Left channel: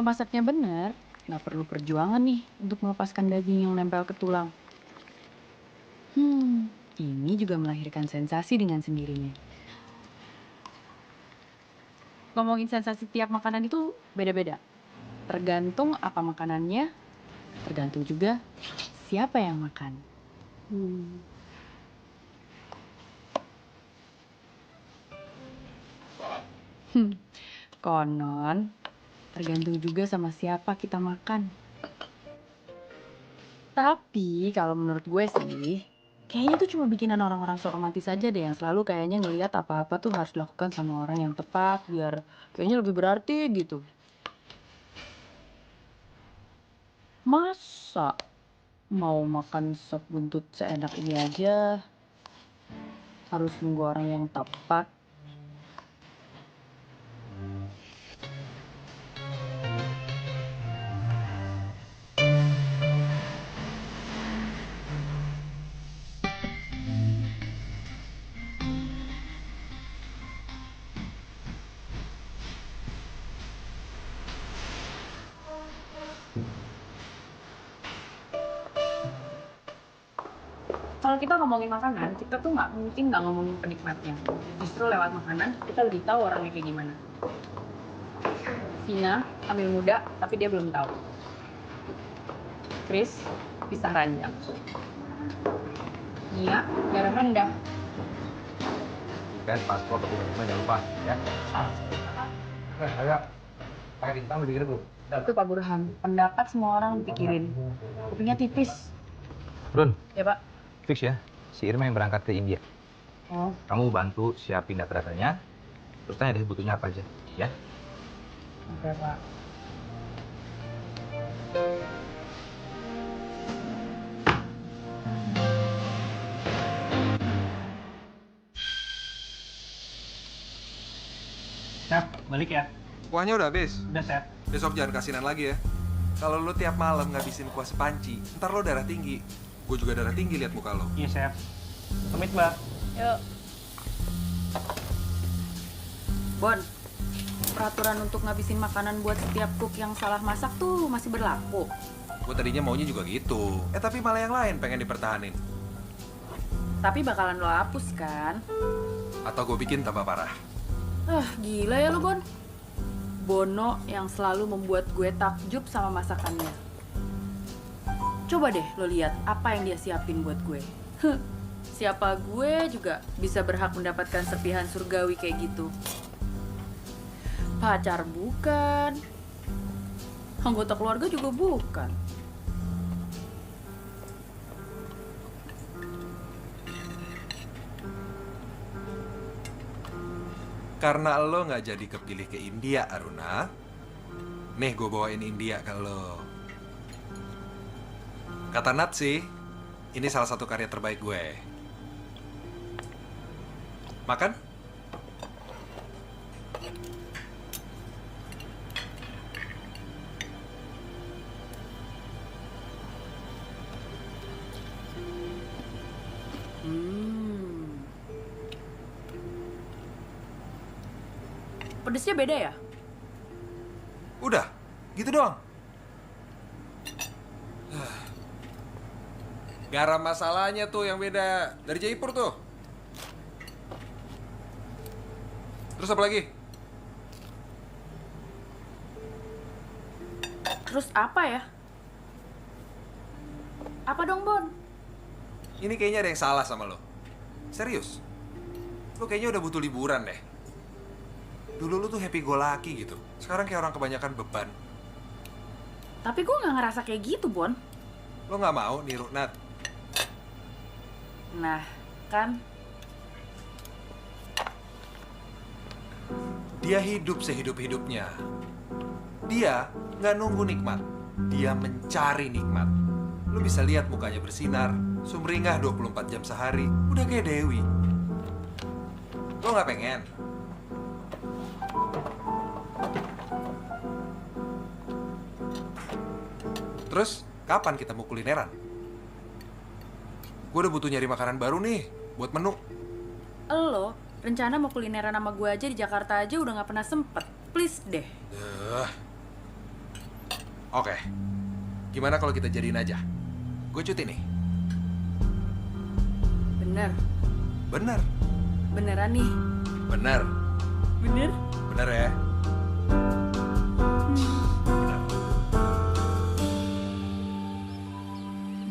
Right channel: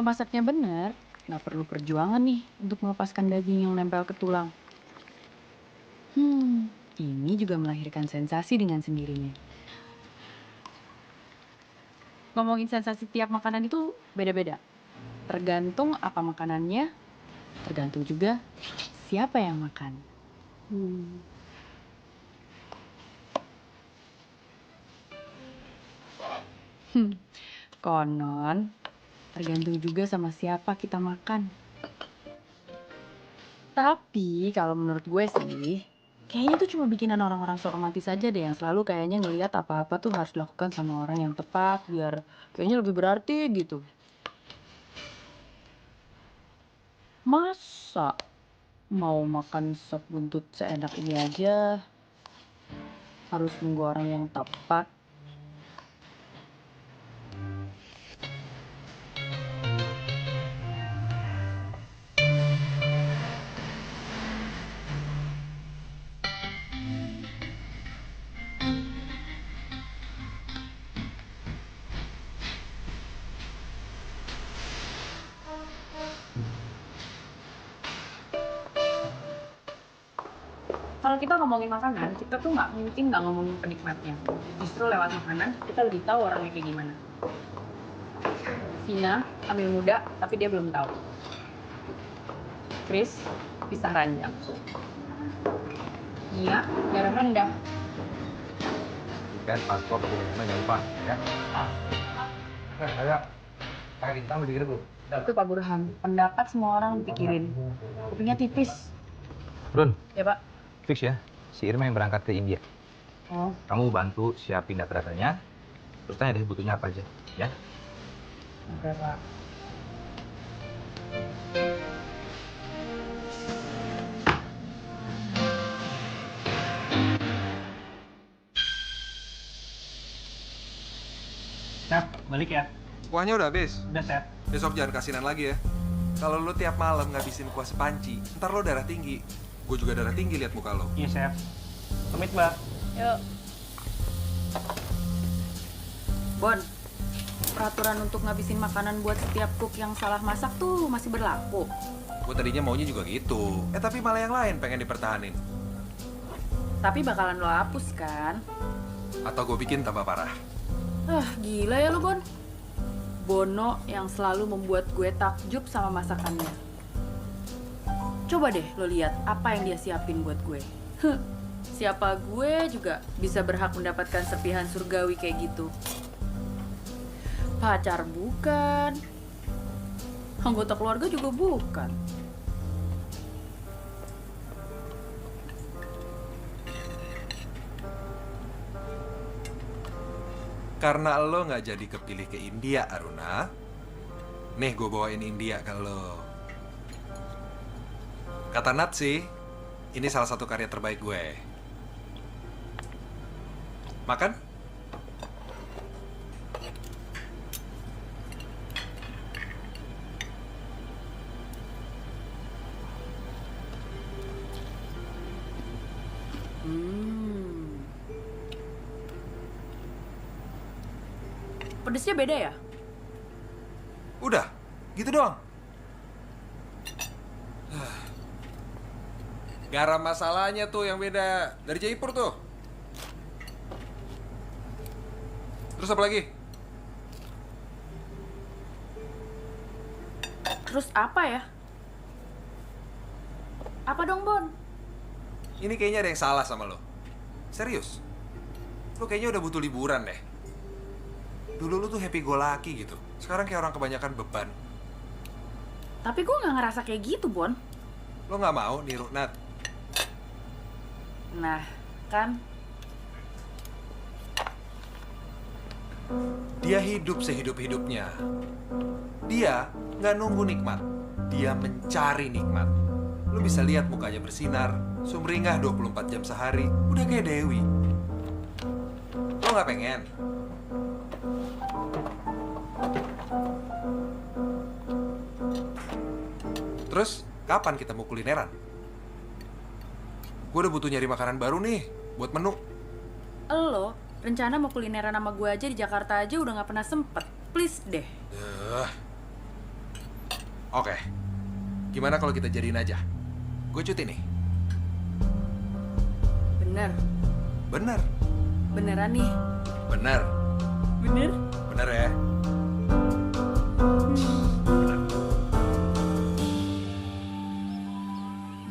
Kalau masaknya benar, nggak perlu perjuangan nih untuk melepaskan daging yang nempel ke tulang. Ini juga melahirkan sensasi dengan sendirinya. Ngomongin sensasi tiap makanan itu beda-beda. Tergantung apa makanannya, tergantung juga siapa yang makan. Konon, tergantung juga sama siapa kita makan. Tapi kalau menurut gue sih, kayaknya tuh cuma bikinan orang-orang sok romantis aja deh yang selalu kayaknya ngelihat apa-apa tuh harus dilakukan sama orang yang tepat biar kayaknya lebih berarti gitu. Masa mau makan sop buntut seenak ini aja harus nunggu orang yang tepat? Kalau kita ngomongin makanan, kita tuh nggak ngomongin penikmatnya. Justru lewat makanan, kita lebih tahu orangnya kayak gimana. Vina, ambil muda, tapi dia belum tahu. Chris, pisang ranjang. Nia, garam rendah. Ikan, paspor, dokumen jangan lupa ya. Ayo, pakai bintang lebih gitu. Itu Pak Burhan, pendapat semua orang dipikirin. Kupingnya tipis. Run, Ya Pak? fix ya, si Irma yang berangkat ke India. Oh, Kamu bantu siapin data-datanya, terus tanya deh butuhnya apa aja, ya. oke Pak. Chef, balik ya? Kuahnya udah habis. Udah, Chef. Besok jangan kasinan lagi ya. Kalau lo tiap malam ngabisin kuah sepanci, ntar lo darah tinggi. Gue juga darah tinggi lihat muka lo. Iya, Chef. Pamit, Mbak. Yuk. Bon, peraturan untuk ngabisin makanan buat setiap cook yang salah masak tuh masih berlaku. Gue tadinya maunya juga gitu. Tapi malah yang lain pengen dipertahanin. Tapi bakalan lo hapus kan? Atau gue bikin tambah parah. Gila ya lo, Bon. Bono yang selalu membuat gue takjub sama masakannya. Coba deh lo lihat apa yang dia siapin buat gue. Siapa gue juga bisa berhak mendapatkan serpihan surgawi kayak gitu. Pacar bukan. Anggota keluarga juga bukan. Karena lo nggak jadi kepilih ke India, Aruna. Nih, gue bawain India ke lo. Kata Nat sih, ini salah satu karya terbaik gue. Makan? Pedesnya beda ya? Udah, gitu doang. Garam masalahnya tuh yang beda. Dari Jaipur tuh. Terus apa lagi? Terus apa ya? Apa dong, Bon? Ini kayaknya ada yang salah sama lo. Serius. Lo kayaknya udah butuh liburan deh. Dulu lu tuh happy go lucky gitu. Sekarang kayak orang kebanyakan beban. Tapi gue nggak ngerasa kayak gitu, Bon. Lo nggak mau niru Nat? Nah, kan? Dia hidup sehidup-hidupnya. Dia nggak nunggu nikmat. Dia mencari nikmat. Lo bisa lihat mukanya bersinar, sumringah 24 jam sehari. Udah kayak Dewi. Lo nggak pengen? Terus, kapan kita mau kulineran? Gue udah butuh nyari makanan baru nih, buat menu. Lo, rencana mau kulineran sama gue aja di Jakarta aja udah nggak pernah sempet. Please deh. Oke. Gimana kalau kita jadiin aja? Gue cuti nih. Bener. Bener. Beneran nih. Bener. Bener? Bener ya? Bener.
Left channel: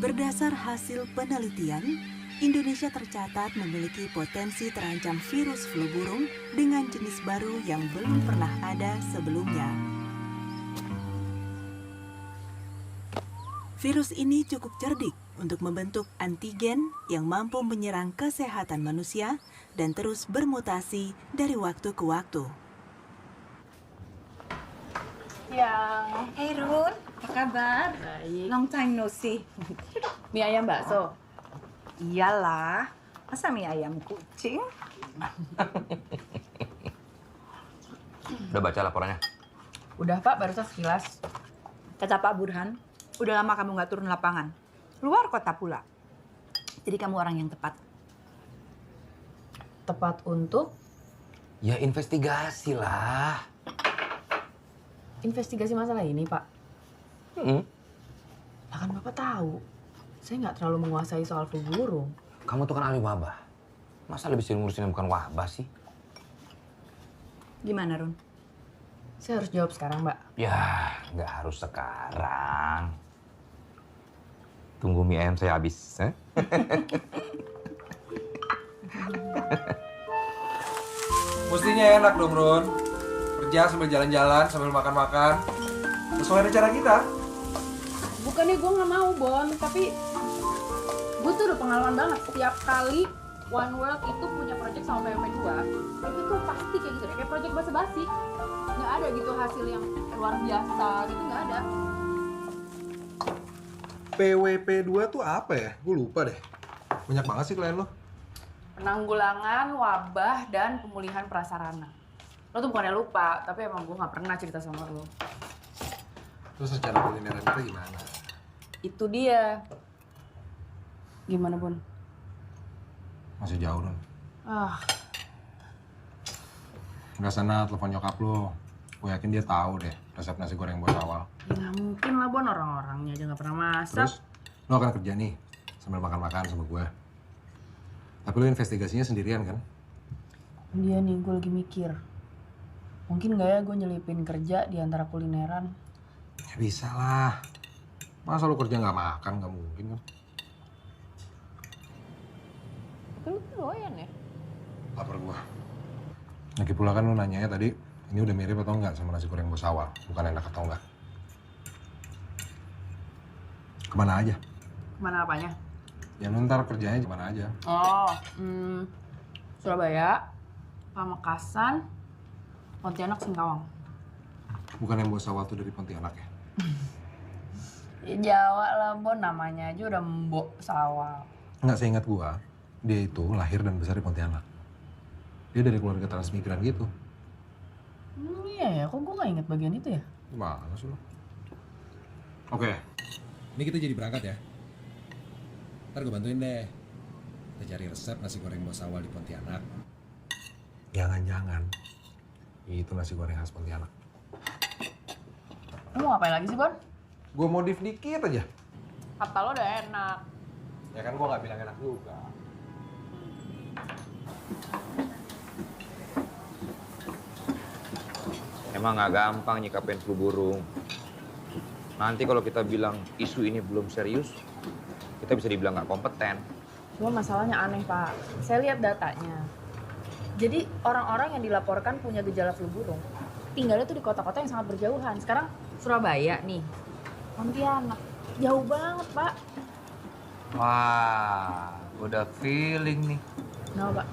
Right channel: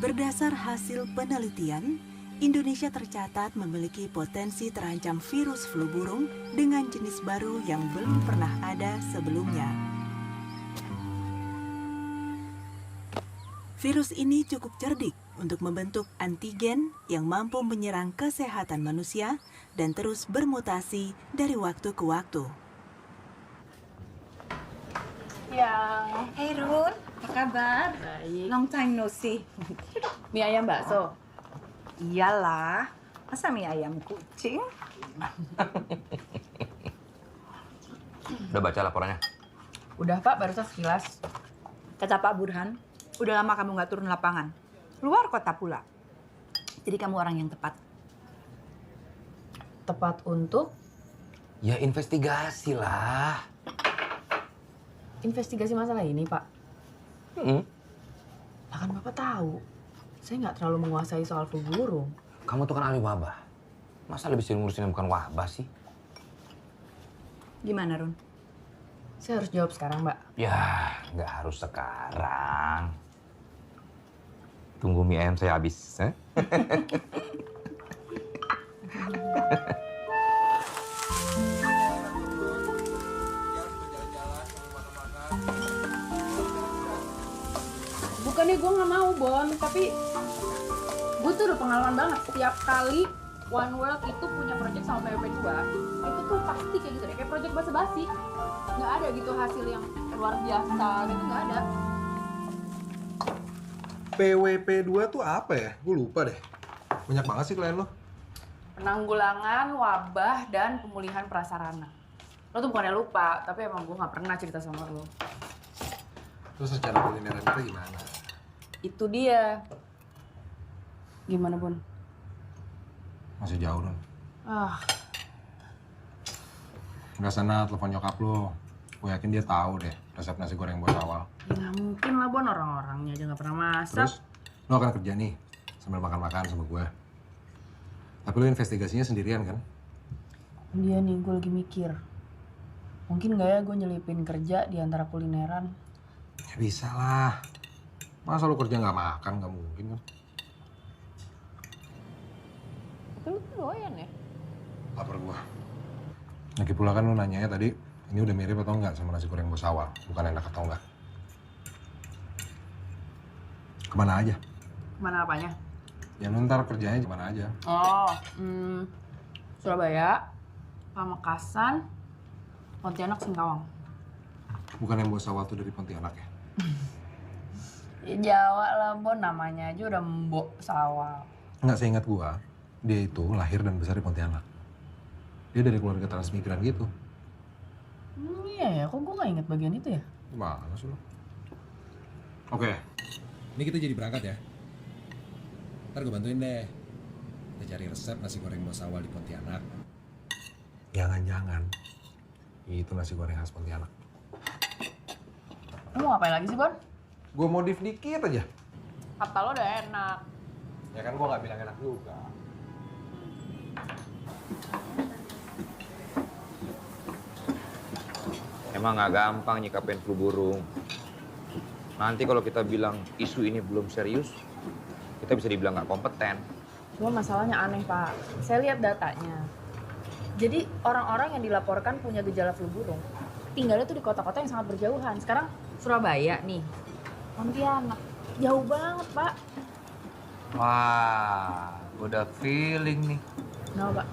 Berdasar hasil penelitian, Indonesia tercatat memiliki potensi terancam virus flu burung dengan jenis baru yang belum pernah ada sebelumnya. Virus ini cukup cerdik untuk membentuk antigen yang mampu menyerang kesehatan manusia dan terus bermutasi dari waktu ke waktu. Hey Run, apa kabar? Baik. Long time no see. Mie ayam bakso. Iyalah, masa mie ayam kucing? Udah baca laporannya? Udah Pak, barusan sekilas. Kata Pak Burhan, udah lama kamu nggak turun lapangan. Luar kota pula. Jadi kamu orang yang tepat. Tepat untuk Ya investigasi lah. investigasi masalah ini Pak. Lah kan Bapak tahu, saya nggak terlalu menguasai soal flu burung. Kamu tuh kan ahli wabah. Masa lebih sering ngurusin yang bukan wabah sih? Gimana Run? Saya harus jawab sekarang Mbak. Ya, nggak harus sekarang. Tunggu mie ayam saya habis. Mestinya enak dong, Ron. Kerja sambil jalan-jalan, sambil makan-makan. Sesuai rencana kita. Bukannya gue nggak mau Bon, tapi gue tuh udah pengalaman banget. Setiap kali One World itu punya project sama PWP 2, itu tuh pasti kayak gitu deh, kayak project basa-basi. Nggak ada gitu hasil yang luar biasa gitu, nggak ada. PWP 2 tuh apa ya? Gue lupa deh. Banyak banget sih klien lo. Penanggulangan wabah dan pemulihan prasarana. Lo tuh bukannya lupa, tapi emang gue nggak pernah cerita sama lo. Terus secara kulineran kita gimana? Itu dia. Gimana Bun? Masih jauh, Ron. Nggak sana telepon nyokap lo. Gue yakin dia tahu deh resep nasi goreng bos awal. Ya nggak mungkin lah Bon, orang-orangnya aja nggak pernah masak. Terus lo akan kerja nih sambil makan-makan sama gue. Tapi lo investigasinya sendirian kan? Dia nih, gue lagi mikir. Mungkin nggak ya gue nyelipin kerja di antara kulineran? Ya bisa lah. Masa lo kerja nggak makan? Nggak mungkin kan? Tapi lu tuh doyan ya? Lapar gue. Lagi pula kan lo nanyanya tadi, ini udah mirip atau enggak sama nasi goreng bos awal? Bukan enak atau enggak? Kemana aja? Kemana apanya? Ya lu ntar kerjanya kemana aja? Oh, Surabaya, Pamekasan, Pontianak, Singkawang. Bukan yang bos awal tuh dari Pontianak ya? Ya Jawa lah Bon, namanya aja udah Mbok Sawal. Enggak, seingat gua, dia itu lahir dan besar di Pontianak. Dia dari keluarga transmigran gitu. Iya ya, kok gue gak inget bagian itu ya? Gimana sih lo? Oke, ini kita jadi berangkat ya. Ntar gue bantuin deh. Kita cari resep nasi goreng bos awal di Pontianak. Jangan-jangan itu nasi goreng khas Pontianak. Lu mau ngapain lagi sih Bon? Gue modif dikit aja. Kata lo udah enak. Ya kan gue nggak bilang enak juga. Emang nggak gampang nyikapin flu burung. Nanti kalau kita bilang isu ini belum serius, kita bisa dibilang nggak kompeten. Cuma masalahnya aneh Pak. Saya lihat datanya. Jadi orang-orang yang dilaporkan punya gejala flu burung, tinggalnya tuh di kota-kota yang sangat berjauhan. Sekarang Surabaya nih, Pontianak, jauh banget Pak. Wah, udah feeling nih. Kenapa Pak?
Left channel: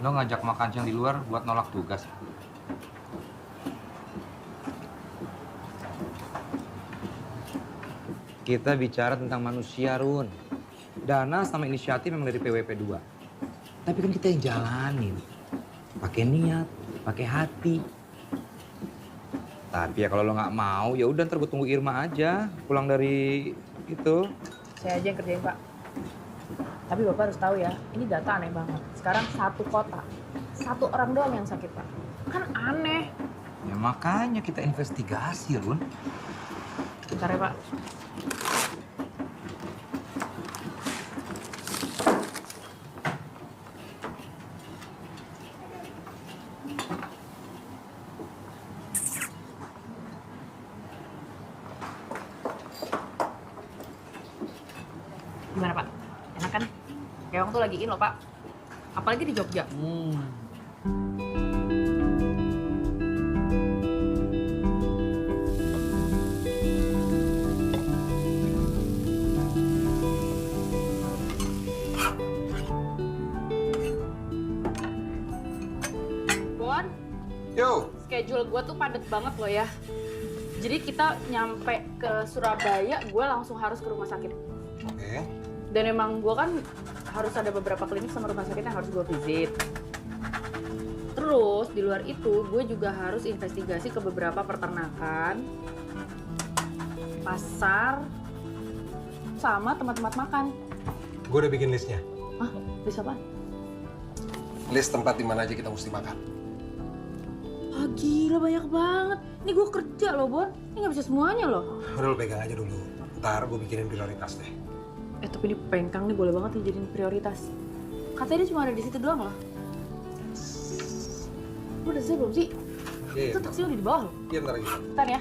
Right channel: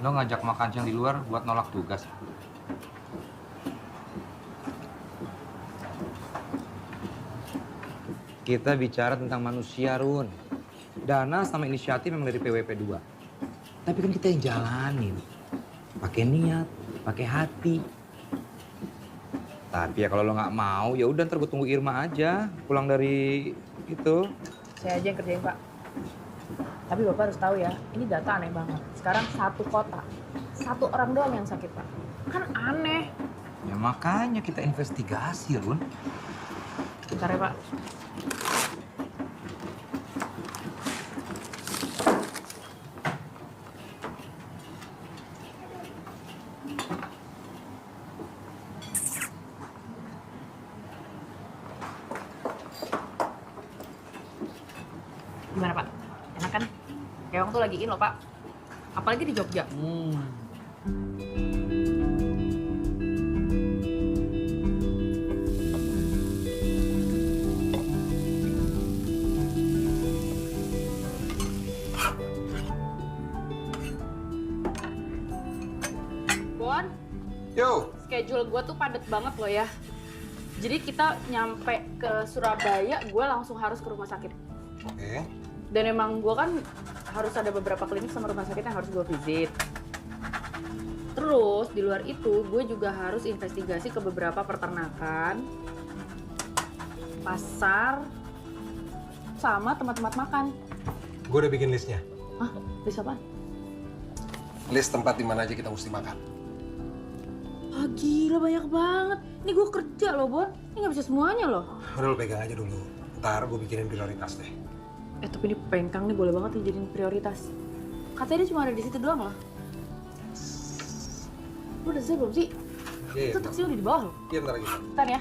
Lo ngajak makan siang di luar buat nolak tugas. Kita bicara tentang manusia, Run. Dana sama inisiatif memang dari PWP 2. Tapi kan kita yang jalanin. Pakai niat, pakai hati. Tapi ya kalau lo nggak mau, ya udah ntar gue tunggu Irma aja pulang dari itu. Saya aja yang kerjain Pak. Tapi Bapak harus tahu ya, ini data aneh banget. Sekarang satu kota, satu orang doang yang sakit Pak. Kan aneh. Ya makanya kita investigasi, Run. Bentar ya, Pak. Gimana, Pak? Enak kan? Keong tuh lagi in loh, Pak. Apalagi di Jogja. Bon, Yo, schedule gue tuh padet banget loh ya. Jadi kita nyampe ke Surabaya, gue langsung harus ke rumah sakit. oke. Dan emang gue kan harus ada beberapa klinik sama rumah sakit yang harus gue visit. Terus di luar itu gue juga harus investigasi ke beberapa peternakan, pasar, sama tempat-tempat makan. Gue udah bikin listnya. Hah? Bisa apa? List tempat di mana aja kita mesti makan. Ah gila banyak banget. Ini gue kerja loh Bon. Ini nggak bisa semuanya loh. Udah lu pegang aja dulu. Ntar gue bikinin prioritas deh. Tapi ini pengkang nih boleh banget dijadiin prioritas. Katanya dia cuma ada di situ doang loh. Lu udah selesai belum sih? Iya, Itu taksi udah di bawah loh. Iya, bentar lagi. Bentar ya.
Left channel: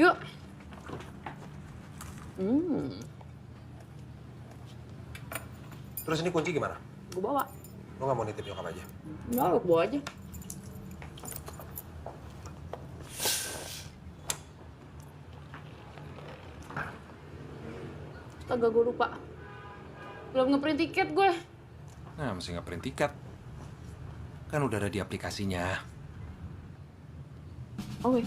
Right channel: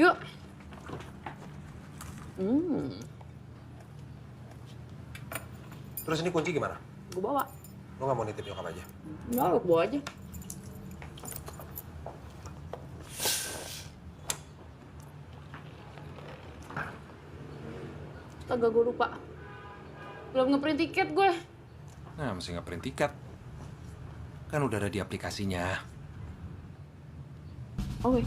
Yuk. Terus ini kunci gimana? Gue bawa. Lo nggak mau nitip nyokap aja? Enggak, gue bawa aja. Astaga, gue lupa. Belum ngeprint tiket gue. Nah, mesti nge-print tiket. Kan udah ada di aplikasinya. Oke.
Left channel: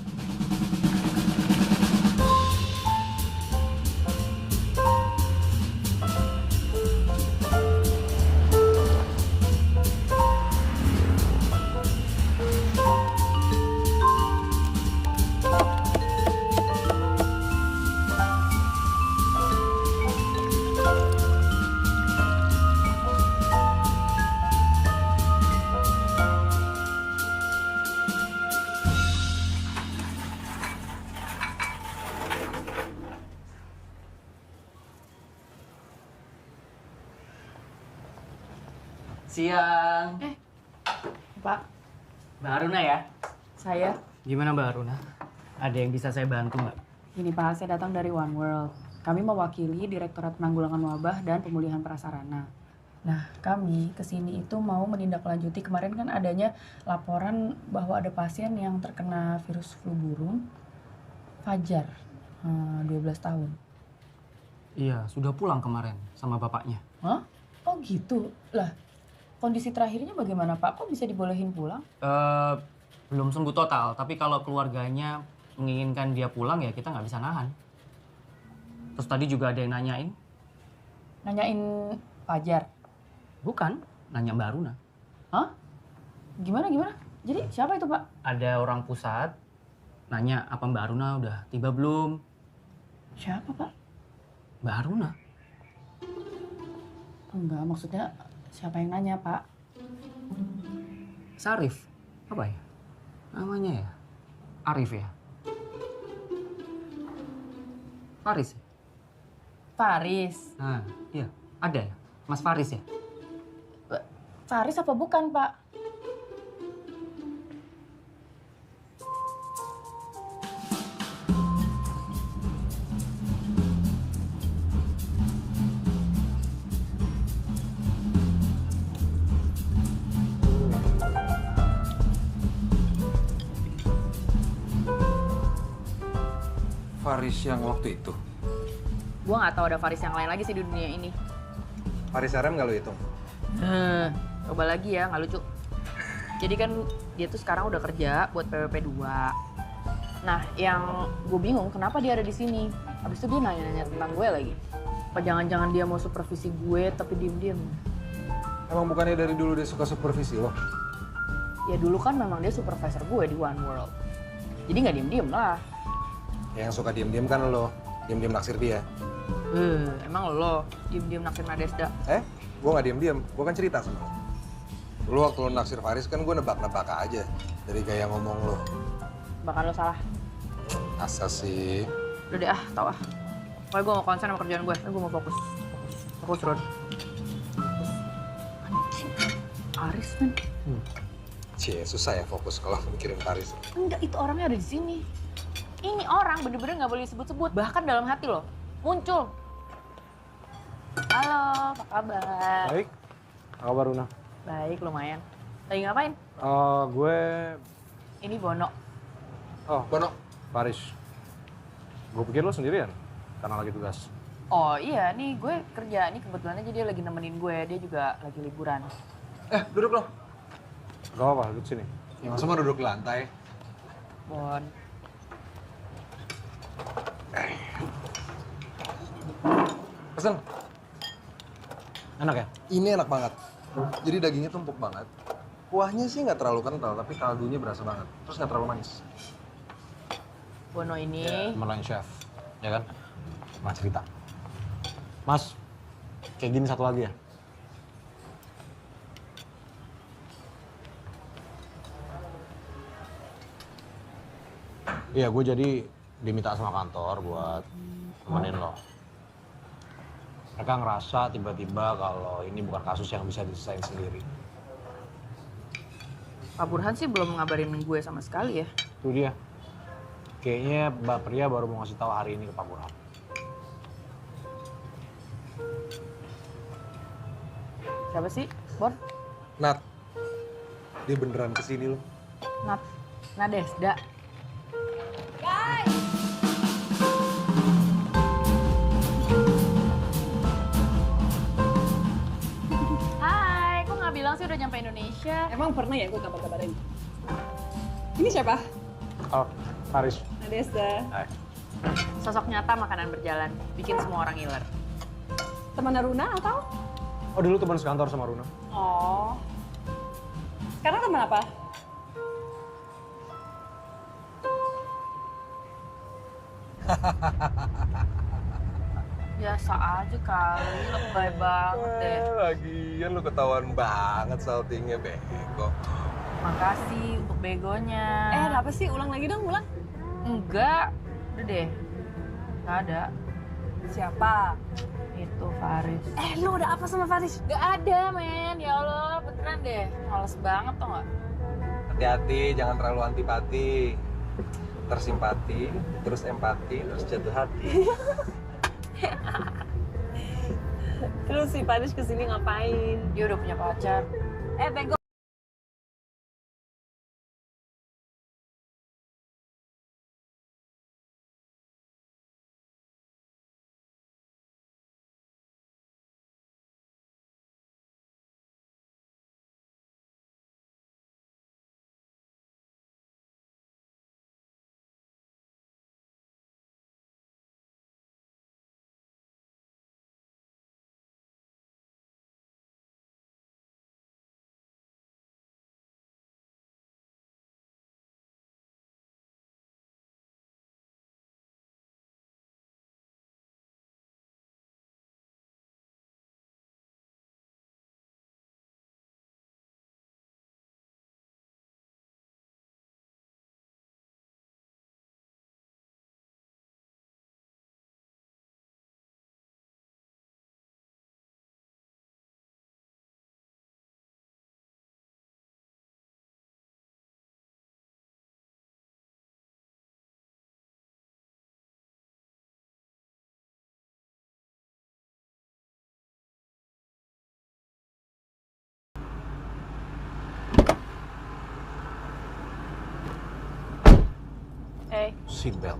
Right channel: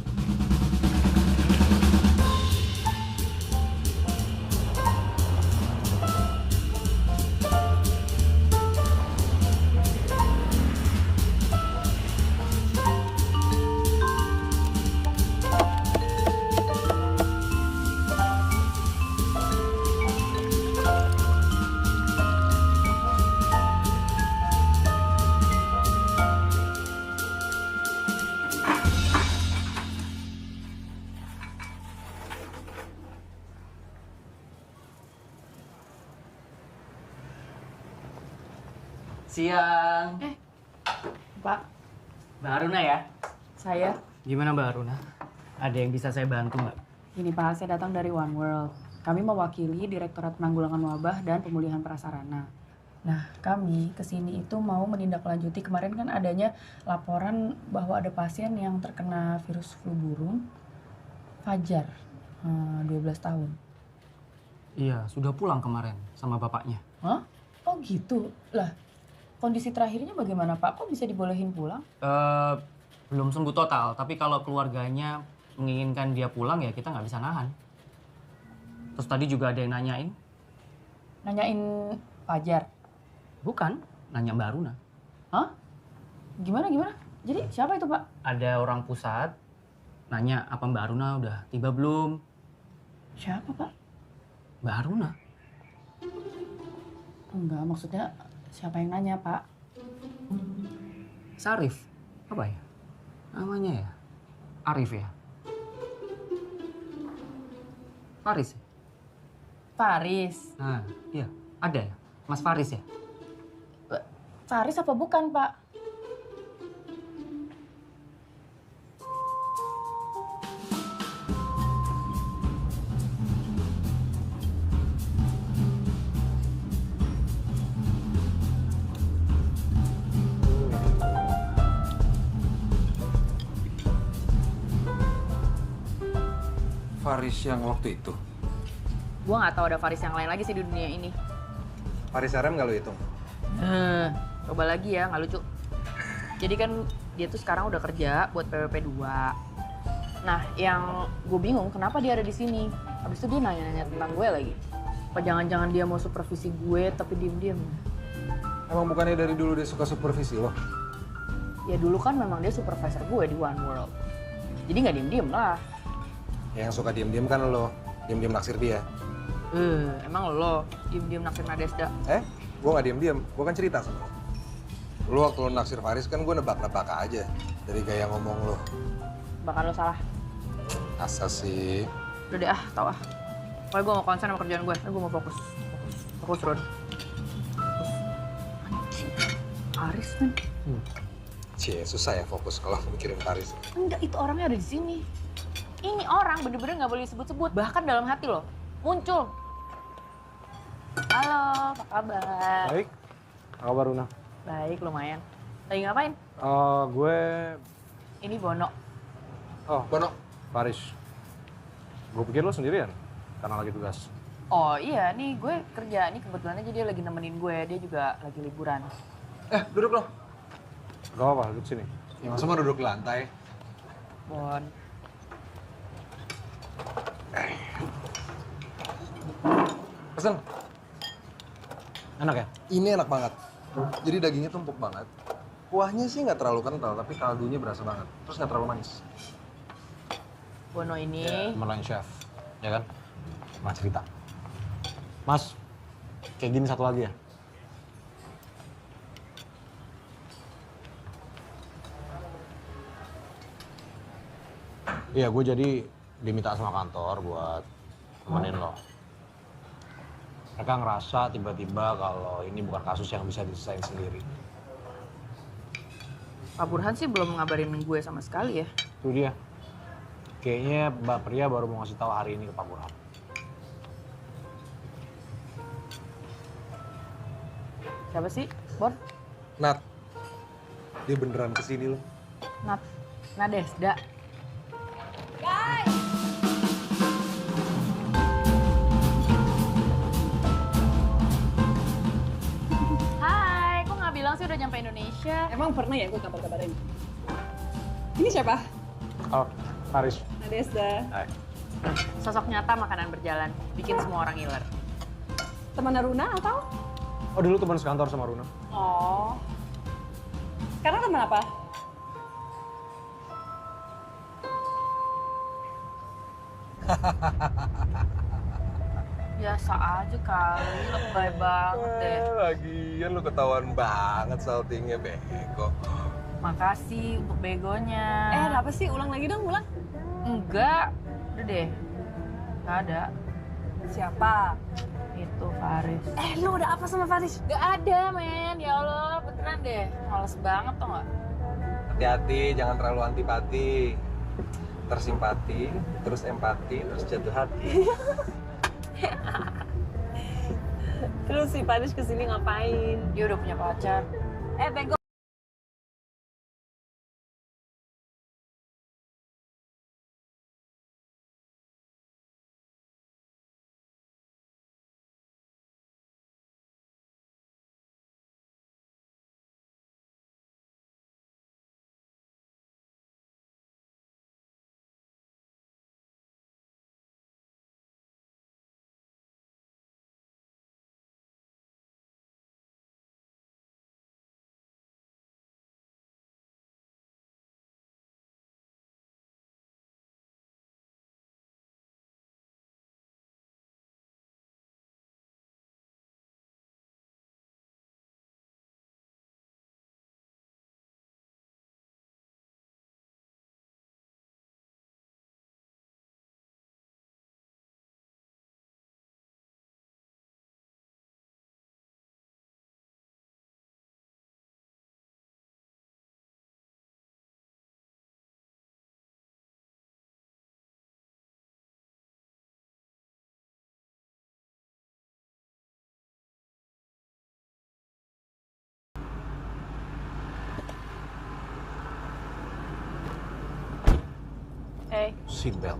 Siang. Pak, Mbak Aruna ya? saya. Gimana Mbak Aruna? Ada yang bisa saya bantu Mbak? Ini Pak, saya datang dari One World. Kami mewakili Direktorat Penanggulangan Wabah dan Pemulihan Prasarana. Nah, kami kesini itu mau menindaklanjuti kemarin kan adanya laporan bahwa ada pasien yang terkena virus flu burung, Fajar, 12 tahun. Iya, sudah pulang kemarin sama bapaknya. Hah? Oh gitu? Lah, kondisi terakhirnya bagaimana Pak? Kok bisa dibolehin pulang? Belum sembuh total, tapi kalau keluarganya menginginkan dia pulang ya kita nggak bisa nahan. Terus tadi juga ada yang nanyain. Nanyain Fajar? Bukan, nanya Mbak Aruna. Hah? Gimana? Jadi siapa itu Pak? Ada orang pusat nanya apa Mbak Aruna udah tiba belum? Siapa Pak? Mbak Aruna. Enggak, maksudnya siapa yang nanya Pak? Sarif. Apa ya? Namanya ya? Arif ya? Faris ya? Faris. Nah, iya. Ada ya? Mas Faris ya? Faris apa bukan Pak? Faris yang waktu itu. Gua nggak tahu ada Faris yang lain lagi sih di dunia ini. Faris RM nggak lo hitung? Coba lagi ya, nggak lucu. Jadi kan dia tuh sekarang udah kerja buat PWP 2. Nah, yang gue bingung kenapa dia ada di sini. Habis itu dia nanya-nanya tentang gue lagi. Apa jangan-jangan dia mau supervisi gue tapi diem-diem? Emang bukannya dari dulu dia suka supervisi lo? Ya dulu kan memang dia supervisor gue di One World. Jadi nggak diem-diem lah. Yang suka diem-diem kan lo. Diem-diem naksir dia. Emang lo diem-diem naksir Nadesda? Gue gak diem-diem, gue kan cerita sama lo. Lo waktu lo naksir Faris kan gue nebak-nebak aja dari gaya ngomong lo. Bahkan lo salah. Asa sih. Udah deh tau ah. Pokoknya gue mau konsen sama kerjaan gue, gue mau fokus. Fokus, Ron. Fokus. Anjing, Aris men. Cie, susah ya fokus kalau mikirin Faris. Enggak, itu orangnya ada di sini. Ini orang bener-bener gak boleh disebut-sebut, bahkan dalam hati lo. Muncul. Halo, apa kabar? Baik. Apa kabar, Una? Baik, lumayan. Lagi ngapain? Gue... Ini Bono. Oh, Bono. Faris. Gue pikir lo sendirian, karena lagi tugas. Oh iya, nih gue kerja. Nih kebetulan aja dia lagi nemenin gue. Dia juga lagi liburan. Duduk lo. Gak apa-apa, duduk sini. Ya, masa mau duduk di lantai? Bon. Pesen. Enak ya? Ini enak banget. Jadi dagingnya tuh empuk banget. Kuahnya sih nggak terlalu kental, tapi kaldunya berasa banget. Terus nggak terlalu manis. Bono ini. Teman lain chef, ya kan? Mas cerita. Mas, kayak gini satu lagi ya? Iya, gue jadi diminta sama kantor buat nemenin lo. Mereka ngerasa tiba-tiba kalau ini bukan kasus yang bisa diselesain sendiri. Pak Burhan sih belum ngabarin gue sama sekali ya. Itu dia. Kayaknya Mbak Pria baru mau ngasih tahu hari ini ke Pak Burhan. Siapa sih, Bon? Nat, dia beneran kesini loh. Nadesda. Hai, kok nggak bilang sih udah nyampe Indonesia? Emang pernah ya gue kabar-kabarin? Ini siapa? Oh, Faris. Nadesda. Hai. Sosok nyata makanan berjalan, bikin semua orang ngiler. Teman Runa atau? Oh, dulu teman sekantor sama Runa. Oh. Sekarang teman apa? Biasa aja kali, lebay banget deh. Lagian lu ketahuan banget saltingnya, bego. Makasih untuk begonya. Apa sih? Ulang lagi dong, ulang. Enggak, udah deh. Nggak ada. Siapa? Itu Faris. Lu udah apa sama Faris? Gak ada, men. Ya Allah, beneran deh. Males banget tau gak? Hati-hati, jangan terlalu antipati. Tersimpati, terus empati, terus jatuh hati. Terus si Faris kesini ngapain? Dia udah punya pacar. Bego. Seatbelt.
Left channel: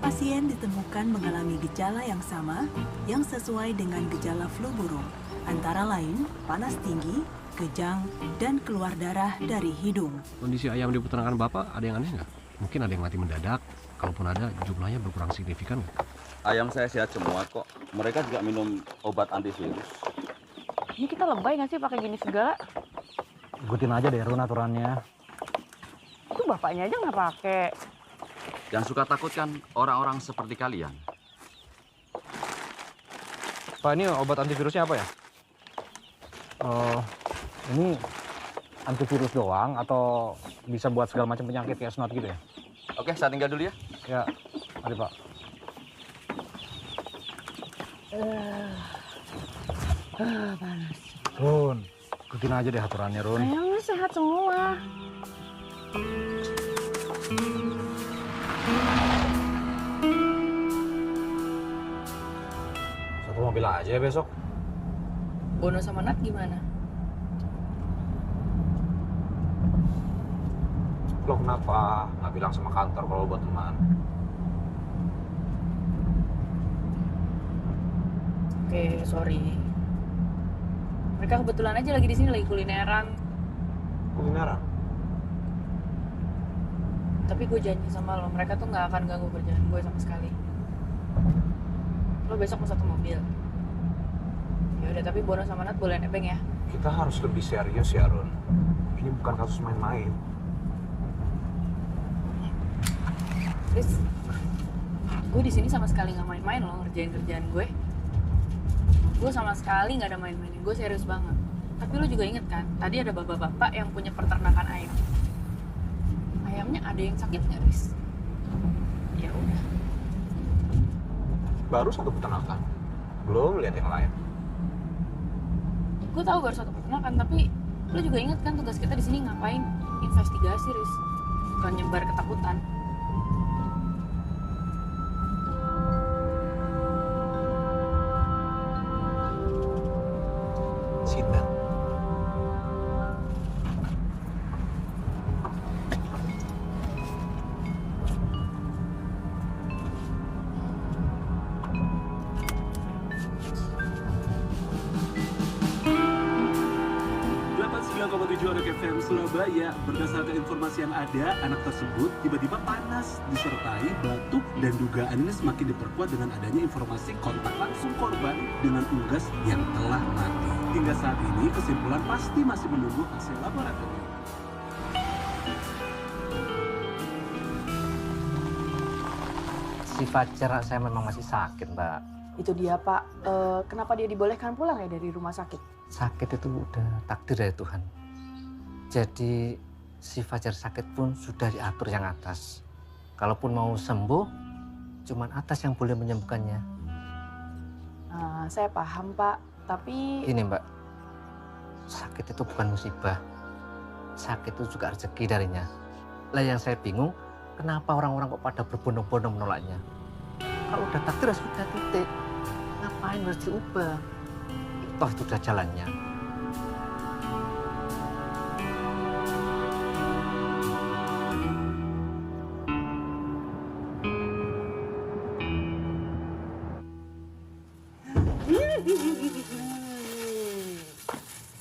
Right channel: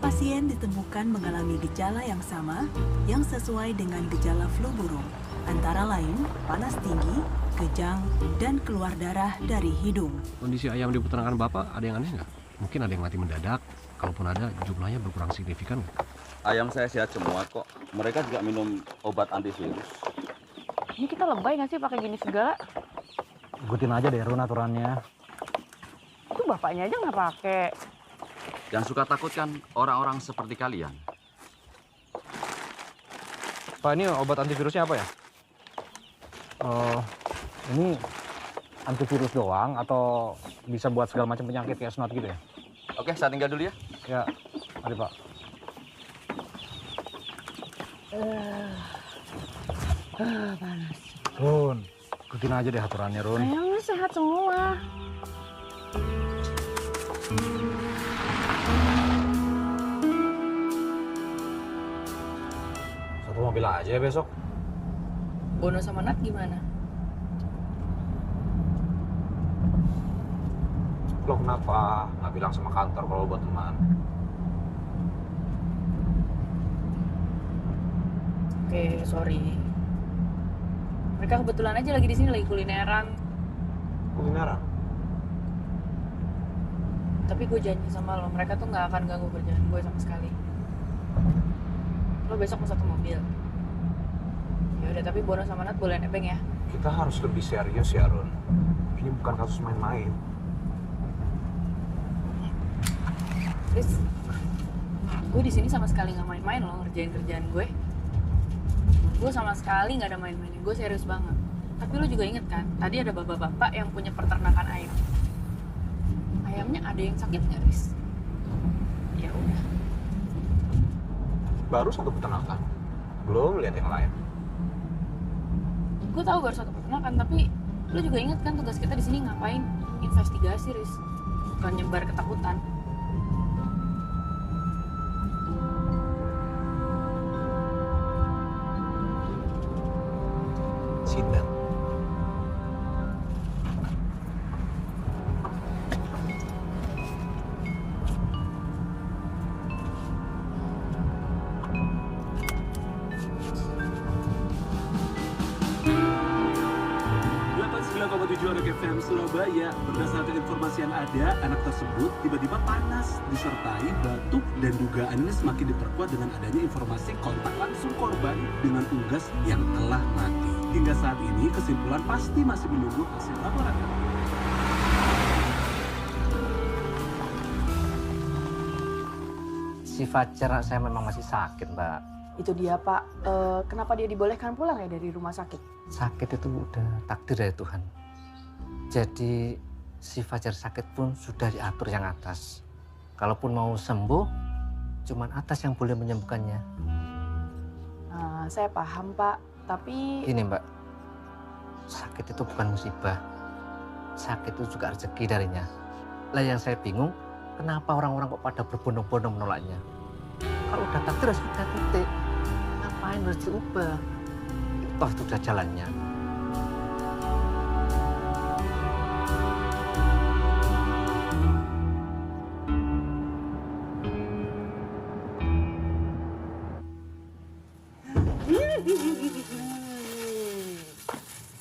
Pasien ditemukan mengalami gejala yang sama yang sesuai dengan gejala flu burung, antara lain panas tinggi, kejang, dan keluar darah dari hidung. Kondisi ayam di peternakan Bapak ada yang aneh nggak? Mungkin ada yang mati mendadak, kalaupun ada jumlahnya berkurang signifikan nggak? Ayam saya sehat semua kok. Mereka juga minum obat antivirus. Ini kita lebay nggak sih pakai gini segala? Ikutin aja deh Run aturannya. Itu bapaknya aja nggak pakai. Yang suka takut kan orang-orang seperti kalian. Pak, ini obat antivirusnya apa ya? Ini antivirus doang atau bisa buat segala macam penyakit kayak snot gitu ya? Oke, saya tinggal dulu ya. Ya, mari Pak. Panas. Run, ikutin aja deh aturannya Run. Ayamnya sehat semua. Satu mobil aja ya besok. Bono sama Nat gimana? Lo kenapa nggak bilang sama kantor kalau buat teman? Oke, sorry. Mereka kebetulan aja lagi di sini lagi kulineran. Kulineran? Tapi gue janji sama lo, mereka tuh nggak akan ganggu kerjaan gue sama sekali. Lo besok mau satu mobil. Ya udah, tapi Bono sama Nat boleh nebeng ya. Kita harus lebih serius ya Run. Ini bukan kasus main-main. Chris, gue di sini sama sekali nggak main-main loh ngerjain kerjaan gue. Gue sama sekali nggak ada main-mainnya, gue serius banget. Tapi lo juga inget kan, tadi ada bapak-bapak yang punya peternakan ayam. Ayamnya ada yang sakit nggak, Riz? Ya udah. Baru satu peternakan, belum lihat yang lain. Gue tahu baru satu peternakan, tapi lo juga inget kan tugas kita di sini ngapain? Investigasi, Riz. Bukan nyebar ketakutan. Sidang. Anak FM Surabaya. Berdasarkan informasi yang ada, anak tersebut tiba-tiba panas, disertai batuk, dan dugaan ini semakin diperkuat dengan adanya informasi kontak langsung korban dengan unggas yang telah mati. Hingga saat ini, kesimpulan pasti masih menunggu hasil laboratorium. Si Fajar saya memang masih sakit, Mbak. Itu dia, Pak. Kenapa dia dibolehkan pulang ya dari rumah sakit? Sakit itu udah takdir dari Tuhan. Jadi si Fajar sakit pun sudah diatur yang atas. Kalaupun mau sembuh, cuman atas yang boleh menyembuhkannya. Saya paham, Pak. Tapi... Ini Mbak, sakit itu bukan musibah. Sakit itu juga rezeki darinya. Lah yang saya bingung, kenapa orang-orang kok pada berbondong-bondong menolaknya? Kalau udah takdir sudah titik. Ngapain harus diubah? Toh itu udah jalannya.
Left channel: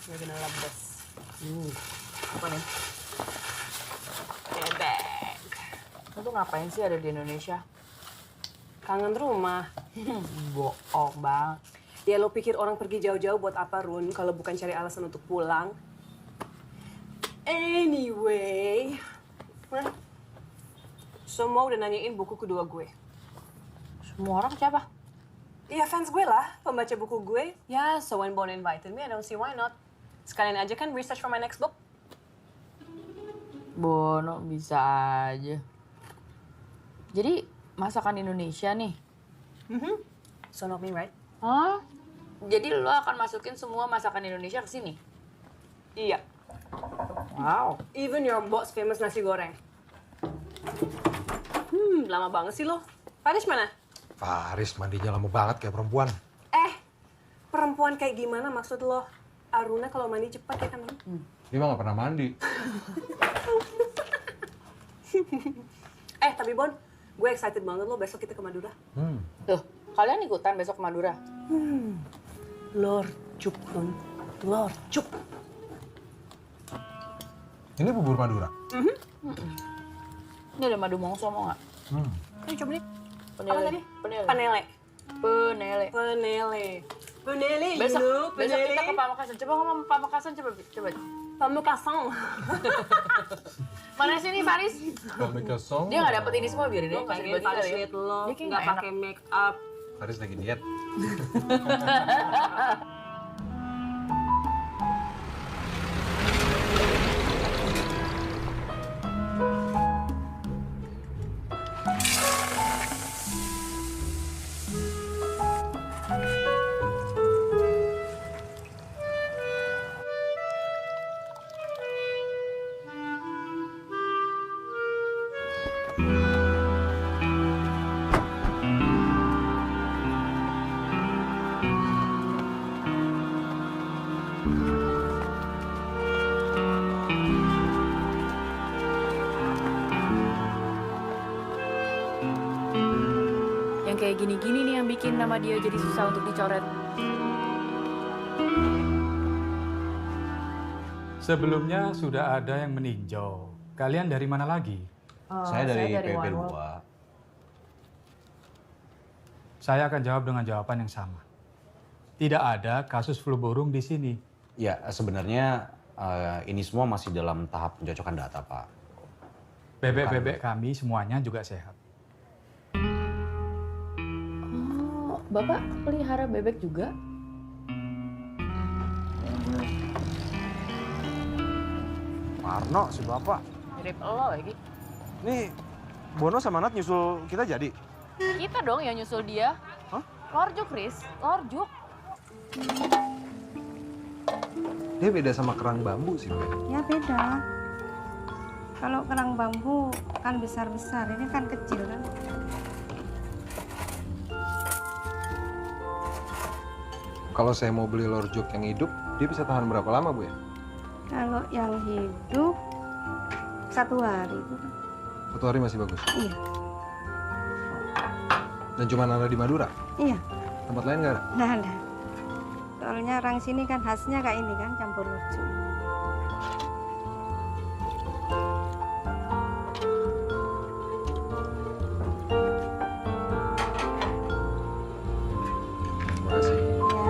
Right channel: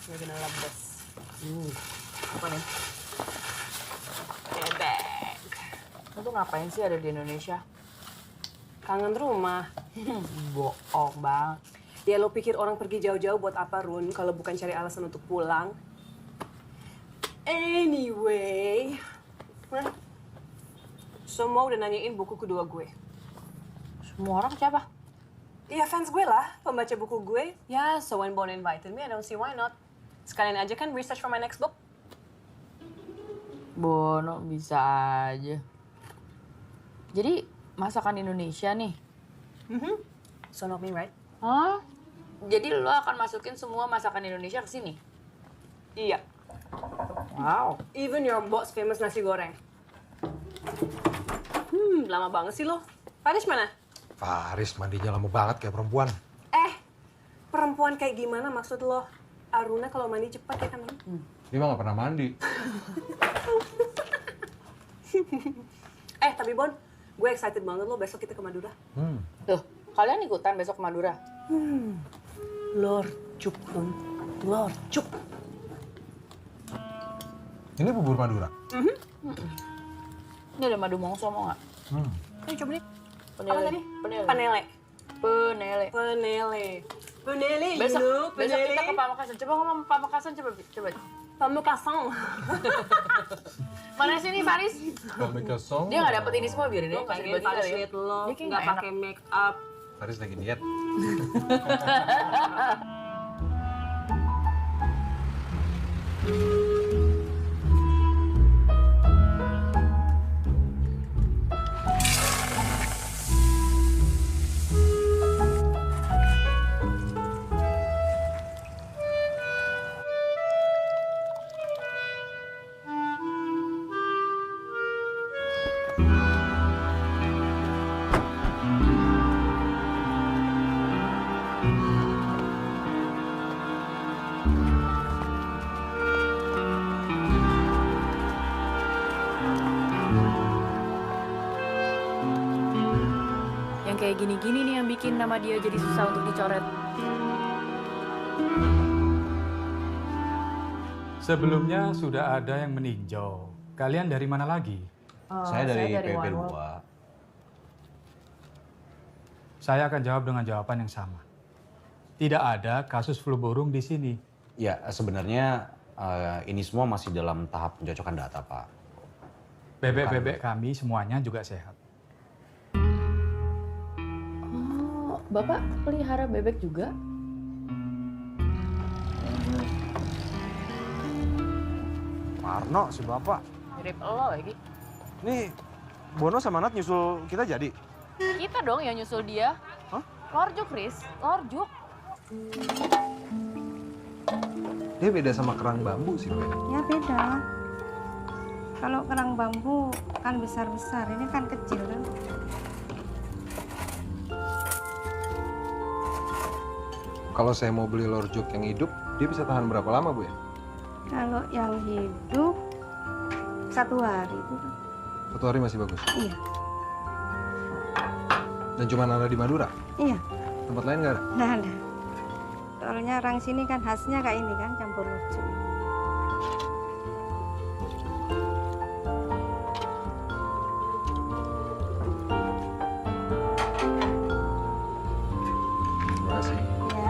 We're gonna love this. Apa nih? Bebek. Lo tuh ngapain sih ada di Indonesia? Kangen rumah. Bohong banget. Ya lo pikir orang pergi jauh-jauh buat apa, Run? Kalau bukan cari alasan untuk pulang. Anyway. Semua udah nanyain buku kedua gue. Semua orang siapa? Iya, fans gue lah, pembaca buku gue. Ya, so when Bon invited me, I don't see why not. Sekalian aja kan research for my next book. Bono bisa aja. Jadi masakan Indonesia nih. So not me, right? Hah? Jadi lo akan masukin semua masakan Indonesia ke sini? Iya. Wow. Even your boss famous nasi goreng. Lama banget sih lo. Faris mana? Faris mandinya lama banget kayak perempuan. Perempuan kayak gimana maksud lo? Aruna kalau mandi cepat ya kan? Dia mah gak pernah mandi. Tapi Bon, gue excited banget lo besok kita ke Madura. Tuh, kalian ikutan besok ke Madura? Lorcuk, Run. Lorcuk. Ini bubur Madura? Ini ada madu mongso, mau nggak? Ayo coba nih. Penele. Apa tadi? Penele. Panele. Penele. Penele. Peneli, Besok Peneli. kita ke Pamekasan. Coba ngomong Pamekasan, coba. Pamekasan. Mana sih nih Faris? Pamekasan. Dia nggak dapet ini semua, biarin Lo aja. Kasih pengen dibagi Faris kali ya. liat lo, Dia kayak nggak nggak pakai make up. Faris lagi diet. Yang kayak gini-gini nih yang bikin nama dia jadi susah untuk dicoret. Sebelumnya sudah ada yang meninjau. Kalian dari mana lagi? Saya dari PP2. Saya akan jawab dengan jawaban yang sama. Tidak ada kasus flu burung di sini. Ya, sebenarnya ini semua masih dalam tahap pencocokan data, Pak. Bebek-bebek kami semuanya juga sehat. Oh, Bapak pelihara bebek juga? Parno, si Bapak. Mirip lo lagi. Nih, Bono sama Nat nyusul kita jadi? Kita dong yang nyusul dia. Hah? Lorjuk, Riz. Lorjuk. Dia beda sama kerang bambu sih, Bu. Ya beda. Kalau kerang bambu kan besar-besar, ini kan kecil kan. Kalau saya mau beli lorjuk yang hidup, dia bisa tahan berapa lama, Bu ya? Kalau yang hidup 1 hari itu kan. 1 hari masih bagus. Iya. Dan cuma ada di Madura? Iya. Tempat lain nggak ada? Nah ada. Soalnya orang sini kan khasnya kayak ini kan, campur lucu. Terima kasih. Ya.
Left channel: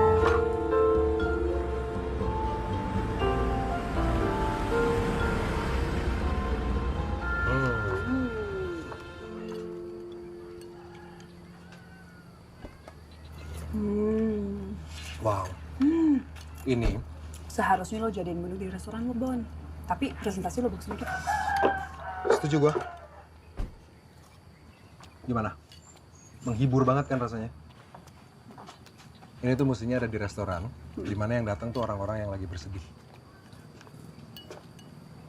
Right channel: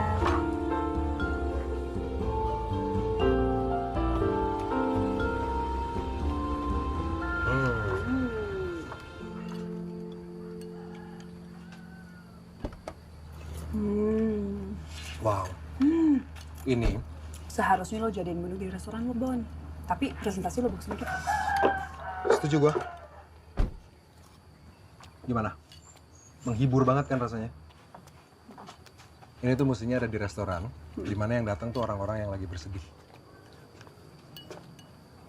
Wow. Ini Seharusnya lo jadiin menu di restoran lo, Bon. Tapi presentasi lo bagus sedikit. setuju gua. Gimana? Menghibur banget kan rasanya? Ini tuh mestinya ada di restoran, di mana yang datang tuh orang-orang yang lagi bersedih.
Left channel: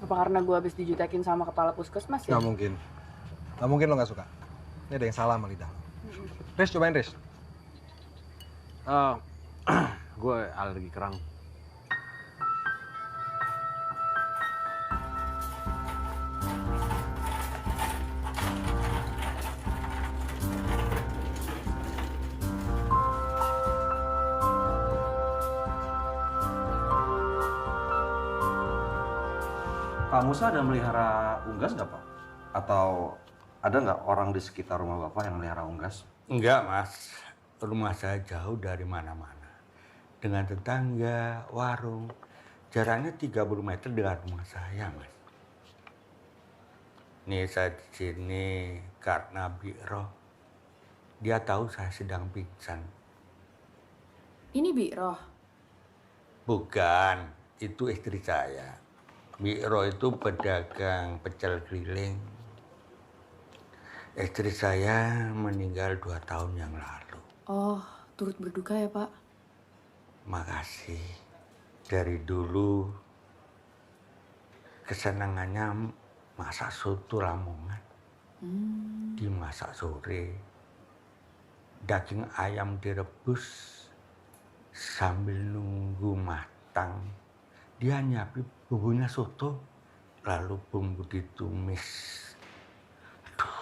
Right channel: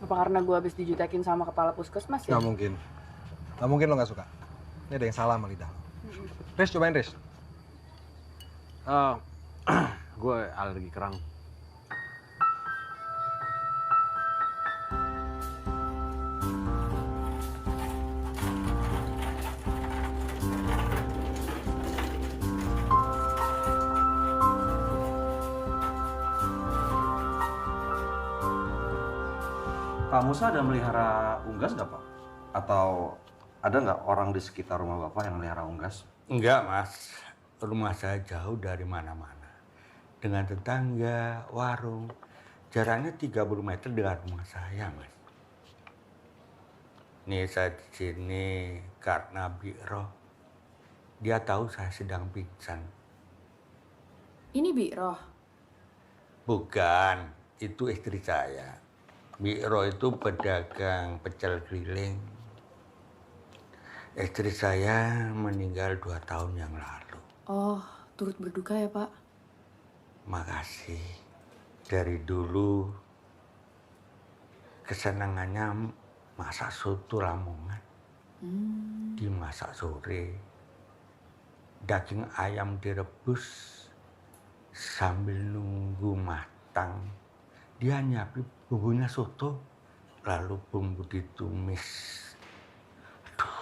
Apa karena gue habis dijutekin sama kepala puskesmas ya? Nggak mungkin. Nggak mungkin lo nggak suka. Ini ada yang salah sama lidah lo. Riz, cobain Riz. Gue alergi kerang. Pak Musa ada melihara unggas nggak, Pak? Atau ada nggak orang di sekitar rumah Bapak yang melihara unggas? Enggak, Mas. Rumah saya jauh dari mana-mana. Dengan tetangga, warung, jaraknya 30 meter dengan rumah saya, Mas. Nih saya di sini karena Bi'roh. Dia tahu saya sedang pingsan. Ini Bi'roh. Bukan, itu istri saya. Bi'roh itu pedagang pecel keliling. Istri saya meninggal 2 tahun yang lalu. Oh, turut berduka ya, Pak? Makasih. Dari dulu kesenangannya masak soto Lamongan. Dimasak sore. Daging ayam direbus sambil nunggu matang. Dia nyiapin bumbunya soto, lalu bumbu ditumis. Aduh,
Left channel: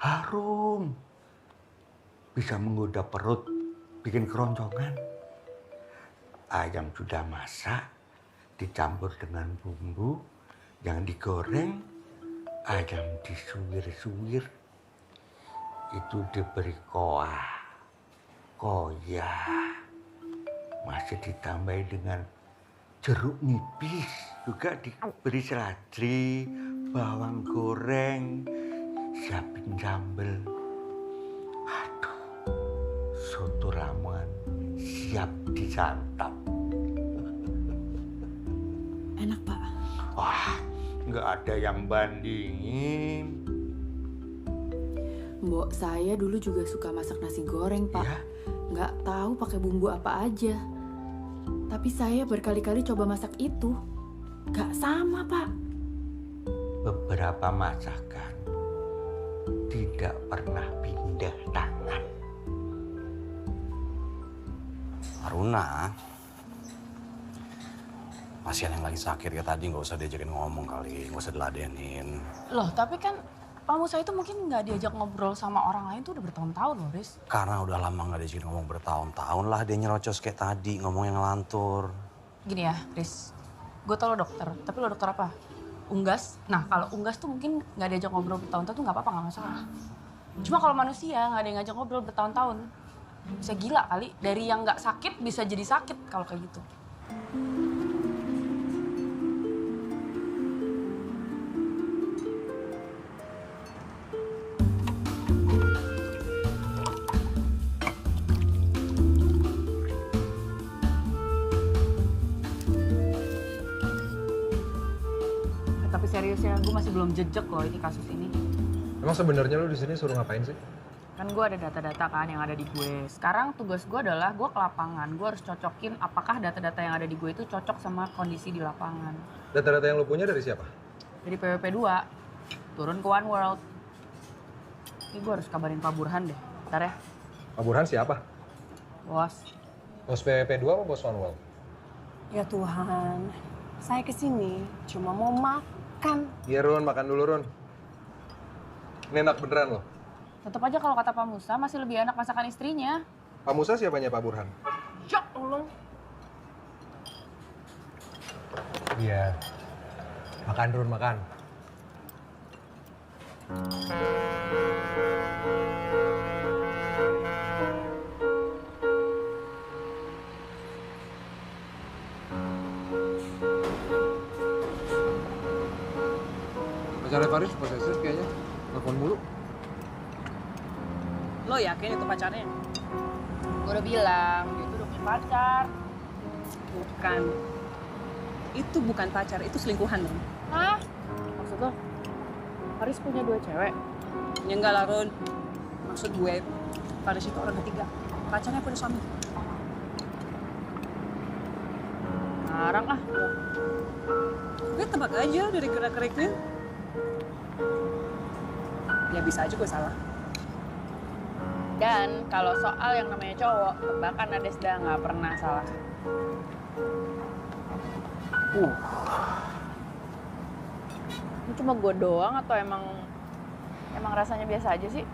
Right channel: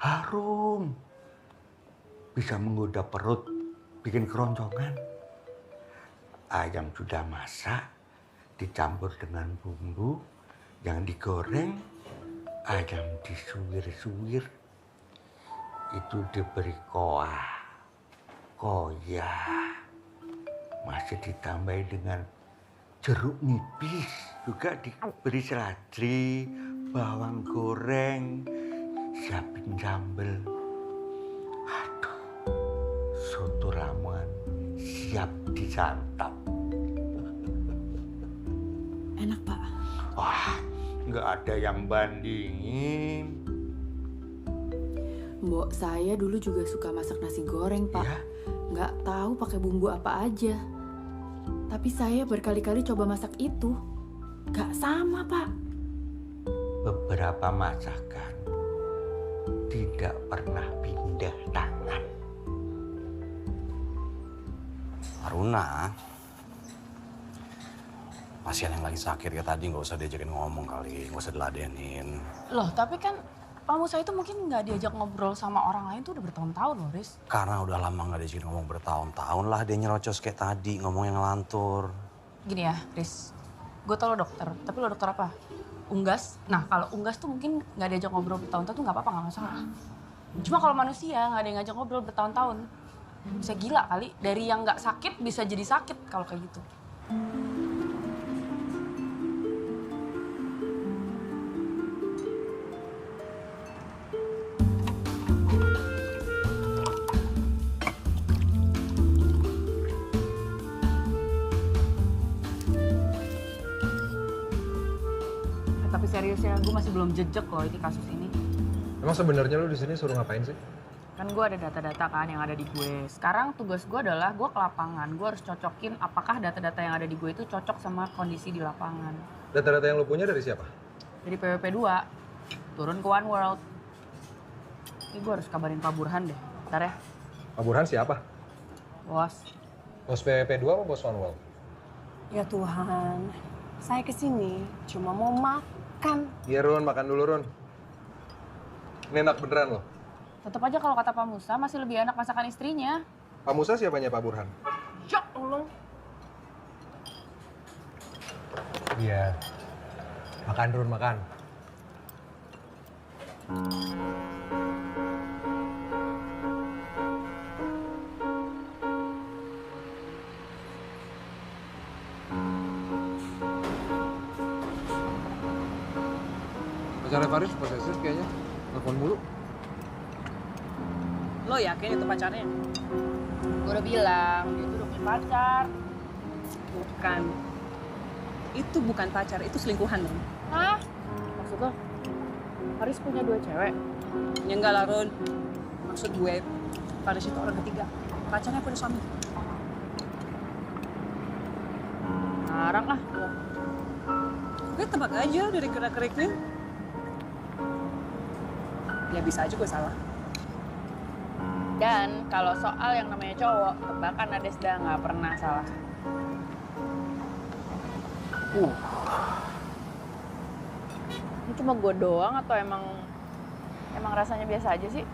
harum. Bisa menggoda perut, bikin keroncongan. Ayam sudah masak, dicampur dengan bumbu, yang digoreng, ayam disuwir-suwir. Itu diberi koah, koya, Masih ditambahi dengan jeruk nipis, juga diberi seladri, bawang goreng, siapin sambel. Aduh, soto Lamongan siap disantap. Enak, Pak. Wah, nggak ada yang bandingin. Mbok saya dulu juga suka masak nasi goreng, Pak. Nggak tahu pakai bumbu apa aja. Tapi saya berkali-kali coba masak itu. Nggak sama, Pak. Beberapa masakan tidak pernah pindah tangan. Aruna, pasien yang lagi sakit ya tadi nggak usah diajakin ngomong kali, nggak usah diladenin. Loh, tapi kan Pak Musa itu mungkin nggak diajak ngobrol sama orang lain tuh udah bertahun-tahun loh, Riz. Karena udah lama nggak diajakin ngomong bertahun-tahun lah dia nyerocos kayak tadi, ngomong yang ngelantur. Gini ya, Riz. Gue tau lo dokter, tapi lo dokter apa? Unggas. Nah, kalau unggas tuh mungkin nggak diajak ngobrol bertahun-tahun tuh nggak apa-apa, nggak masalah. Cuma kalau manusia nggak ada yang ngajak ngobrol bertahun-tahun, bisa gila kali. Dari yang nggak sakit bisa jadi sakit kalau kayak gitu. Tapi seriusnya gue masih belum jejak loh ini kasus ini. Emang sebenarnya lu di sini suruh ngapain sih? Kan gue ada data-data kan yang ada di gue. Sekarang tugas gue adalah gue ke lapangan. Gue harus cocokin apakah data-data yang ada di gue itu cocok sama kondisi di lapangan. Data-data yang lu punya dari siapa? Dari PWP 2, turun ke One World. Ini gue harus kabarin Pak Burhan deh. Bentar ya. Pak Burhan siapa? Bos. Bos PWP 2 apa bos One World? Ya Tuhan, saya kesini cuma mau makan. Iya Run, makan dulu Run. Ini enak beneran loh. Tetep aja kalau kata Pak Musa masih lebih enak masakan istrinya. Pak Musa siapanya Pak Burhan? Ya Allah. Iya. Makan Run, makan. Pacarnya Faris posesif kayaknya. Telepon mulu. Lo yakin itu pacarnya? Gue udah bilang, dia tuh udah punya pacar. Bukan. Itu bukan pacar, itu selingkuhan dong. Hah? Maksud lo? Faris punya 2 cewek? Ya enggak lah, Ron. Maksud gue, Faris itu orang ketiga. Pacarnya punya suami. Ngarang ah. Gue tebak aja dari gerak-geriknya. Ya bisa aja gue salah. Dan kalau soal yang namanya cowok, tebakan Adesda nggak pernah salah. Ini cuma gue doang atau emang rasanya biasa aja sih?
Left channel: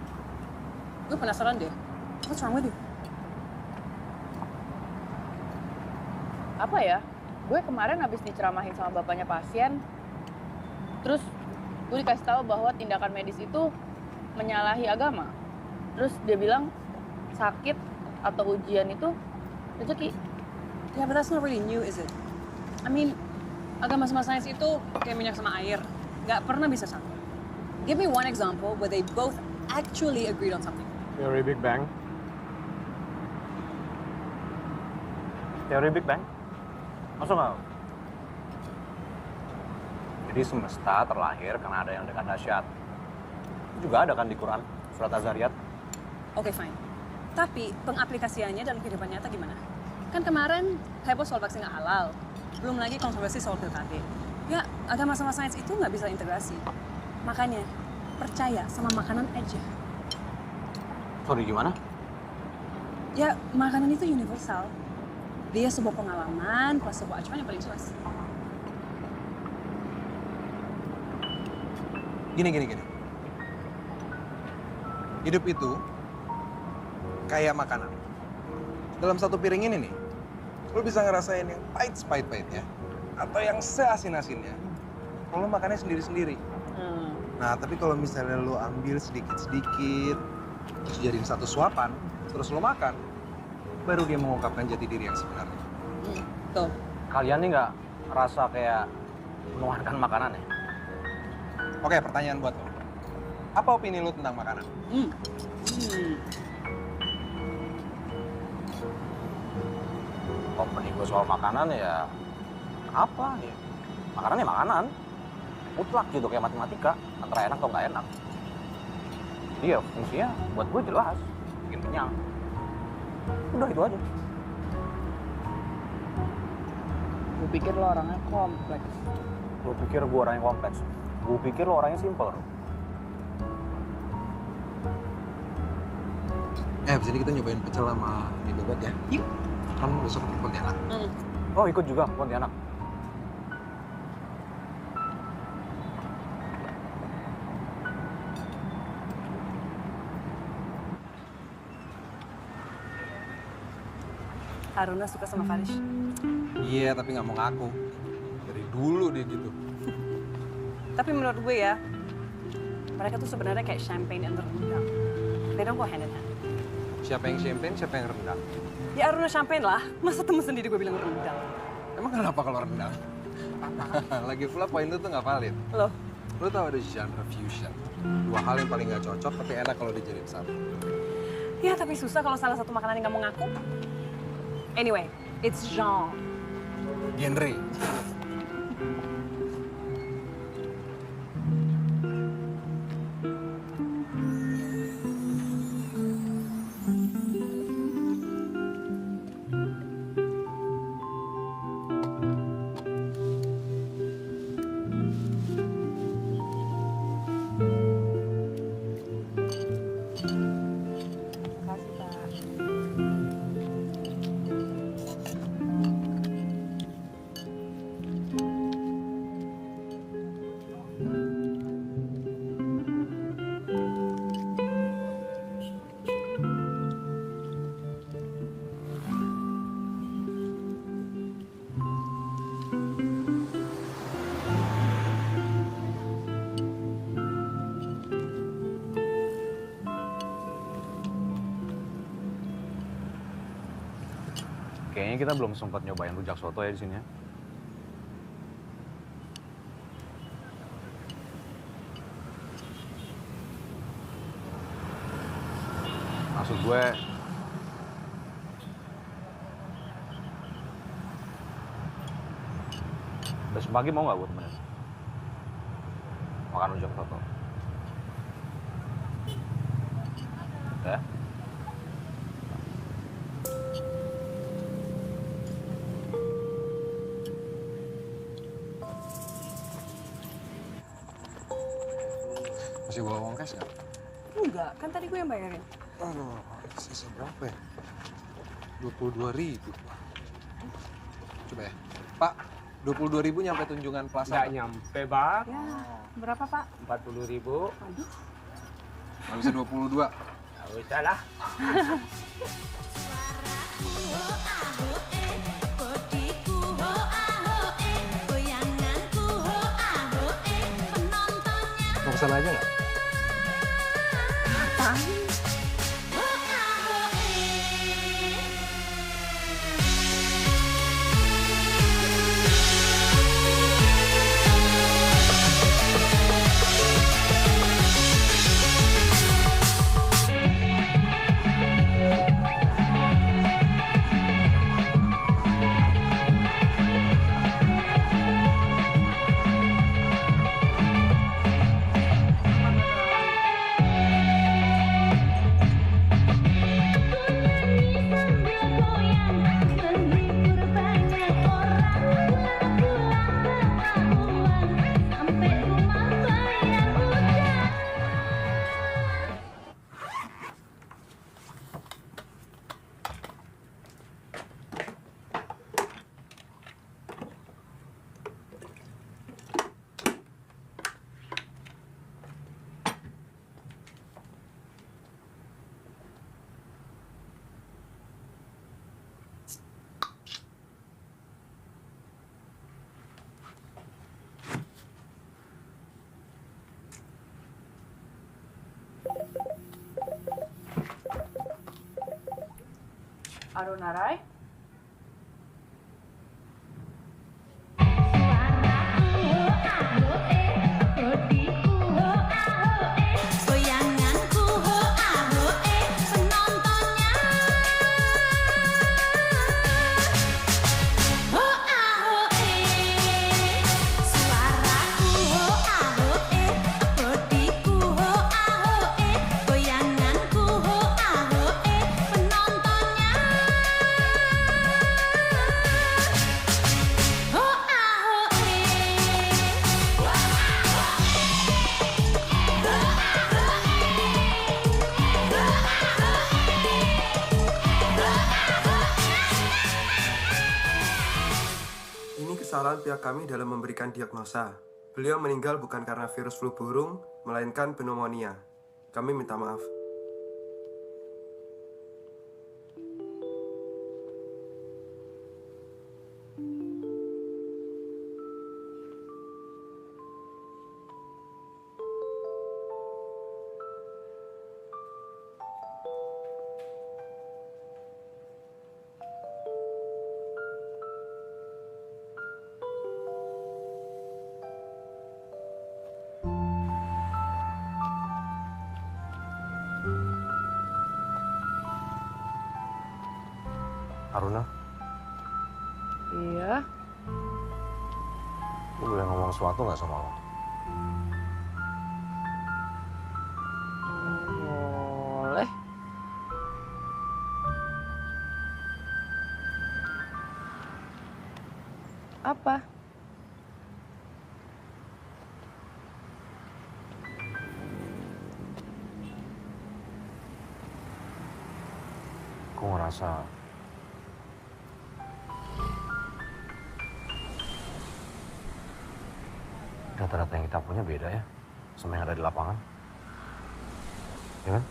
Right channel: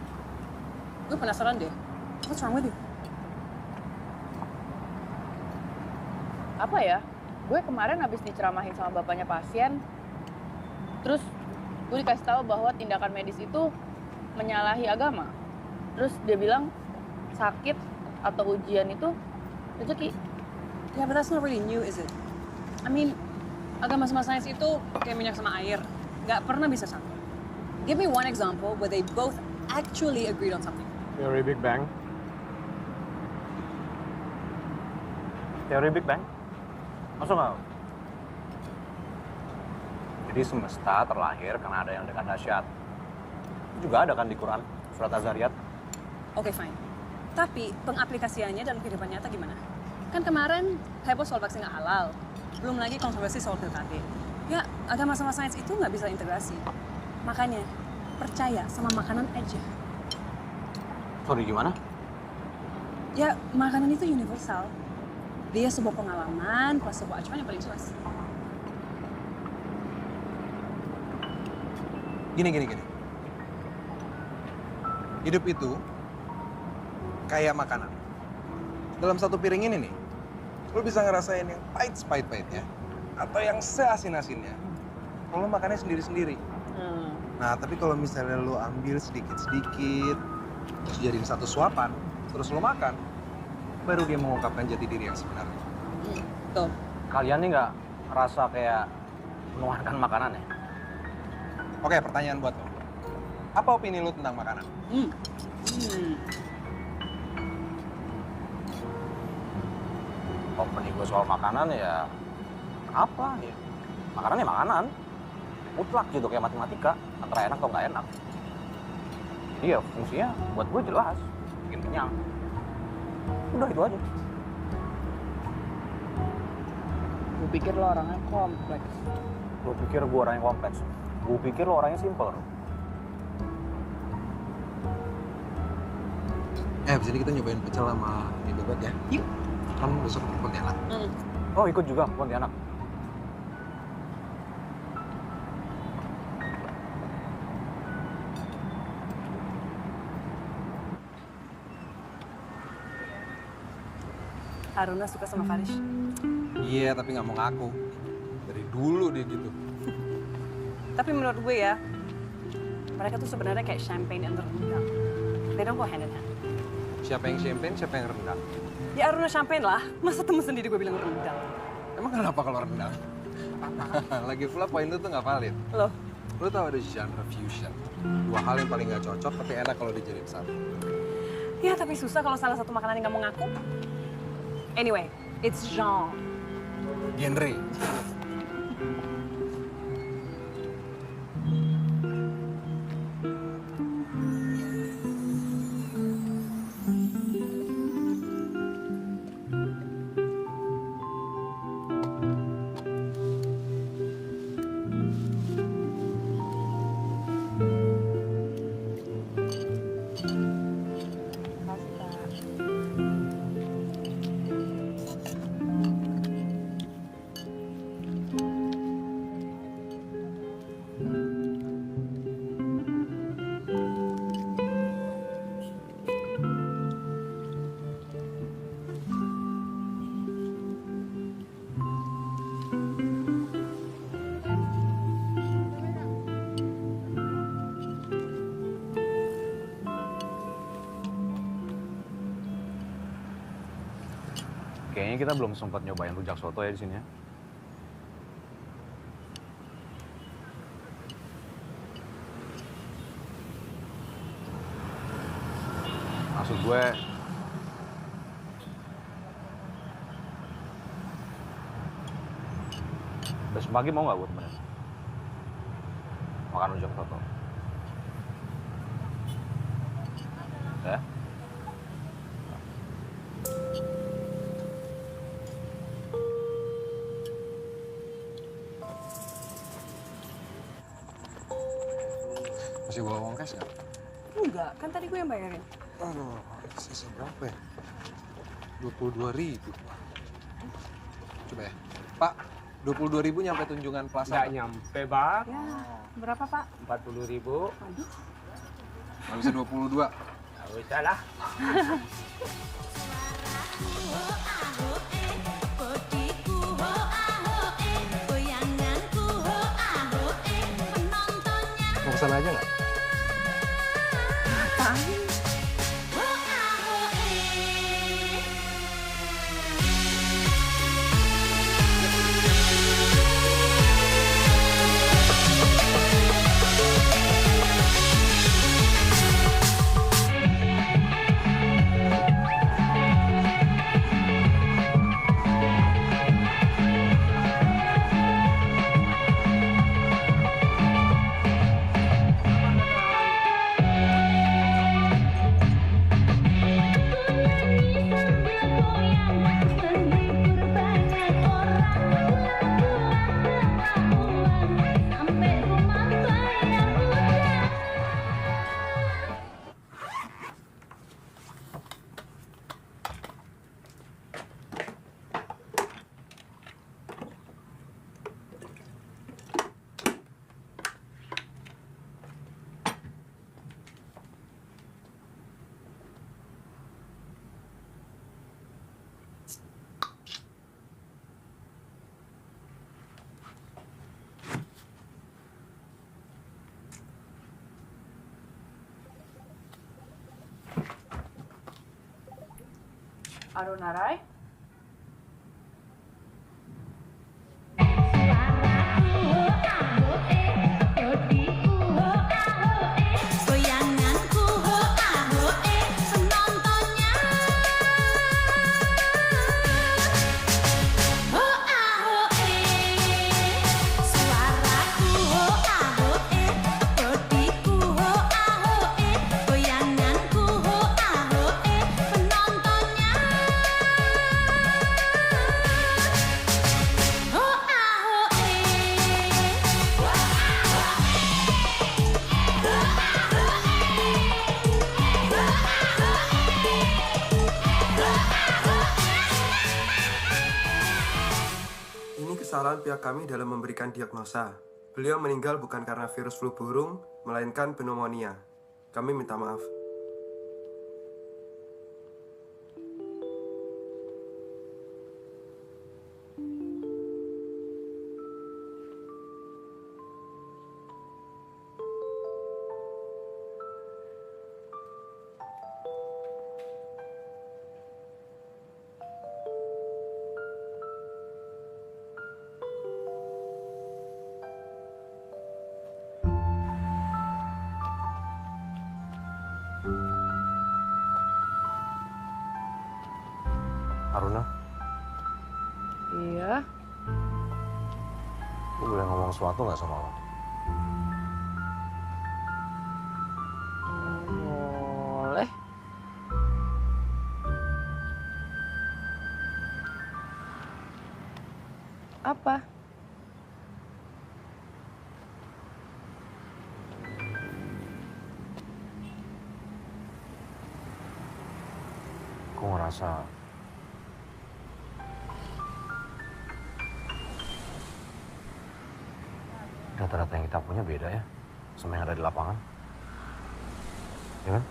Gue penasaran deh. What's wrong with you? Apa ya? Gue kemarin habis diceramahin sama bapaknya pasien. Terus gue dikasih tahu bahwa tindakan medis itu menyalahi agama. Terus dia bilang sakit atau ujian itu rezeki. Yeah, but that's not really new, is it? I mean, agama sama sains itu kayak minyak sama air. Nggak pernah bisa sama. Give me one example where they both actually agreed on something. Teori Big Bang. Teori Big Bang? Masuk nggak? Jadi semesta terlahir karena ada yang dekat dahsyat. Itu juga ada kan di Quran, surat Az-Zariyat. Oke, fine. Tapi pengaplikasiannya dalam kehidupan nyata gimana? Kan kemarin heboh soal vaksin nggak halal. Belum lagi kontroversi soal PKT. Ya, agama sama sains itu nggak bisa integrasi. Makanya, percaya sama makanan aja. Sorry, gimana? Ya, makanan itu universal. Dia sebuah pengalaman plus sebuah acuan yang paling jelas. Gini. Hidup itu kayak makanan. Dalam satu piring ini nih, lo bisa ngerasain yang pahit-pahitnya atau yang seasin-asinnya. Kalau makannya sendiri-sendiri. Nah, tapi kalau misalnya lo ambil sedikit-sedikit, terus jadiin satu suapan, terus lo makan, baru dia mengungkapkan jati diri yang sebenarnya. Tuh. Kalian nih nggak ngerasa kayak menuhankan makanan ya? Oke, pertanyaan buat lo. Apa opini lo tentang makanan? Opini gue soal makanan ya apa ya? Makanan ya makanan. Mutlak gitu kayak matematika, antara enak atau nggak enak. Jadi ya fungsinya buat gue jelas, bikin kenyang. Udah itu aja. Gue pikir lo orangnya kompleks. Lo pikir gue orangnya kompleks? Gue pikir lo orangnya simpel. Abis ini kita nyobain pecel sama mie bebek ya. Yuk. Kan besok ke Pontianak. Oh ikut juga ke Pontianak. Aruna suka sama Farish. Iya, tapi nggak mau ngaku. Dari dulu dia gitu. Tapi menurut gue ya, mereka tuh sebenarnya kayak champagne and rendang. They don't go hand in hand. Siapa yang champagne, siapa yang rendang? Ya Aruna champagne lah. Masa temen sendiri gue bilang rendang? Emang kenapa kalau rendang? Lagi pula poin lu tuh nggak valid. Loh? Lu tau ada genre fusion. Dua hal yang paling nggak cocok, tapi enak kalau dijadiin satu. Ya tapi susah kalau salah satu makanan yang nggak mau ngaku. Anyway, it's genre. Genre. Kayaknya kita belum sempat nyobain rujak soto ya di sini ya. Maksud gue, besok pagi mau nggak gue temenin? Makan rujak soto. Ya? Masih bawa uang cash nggak? Enggak, kan tadi gue yang bayarin. Aduh, sisa berapa ya? 22.000. Coba ya. Pak, 22.000 nyampe Tunjungan Plaza. Nggak nyampe, Bang. Ya, berapa Pak? 40.000. Aduh. Nggak bisa 22. Nggak usah lah. Mau kesana aja nggak? Ngapain? Arunarai? kesalahan pihak kami dalam memberikan diagnosa. Beliau meninggal bukan karena virus flu burung, melainkan pneumonia. Kami minta maaf. Aruna, Iya. gue boleh ngomong sesuatu nggak sama lo? Boleh. Apa? Gue ngerasa data-data yang kita punya beda ya sama yang ada di lapangan. Ya kan?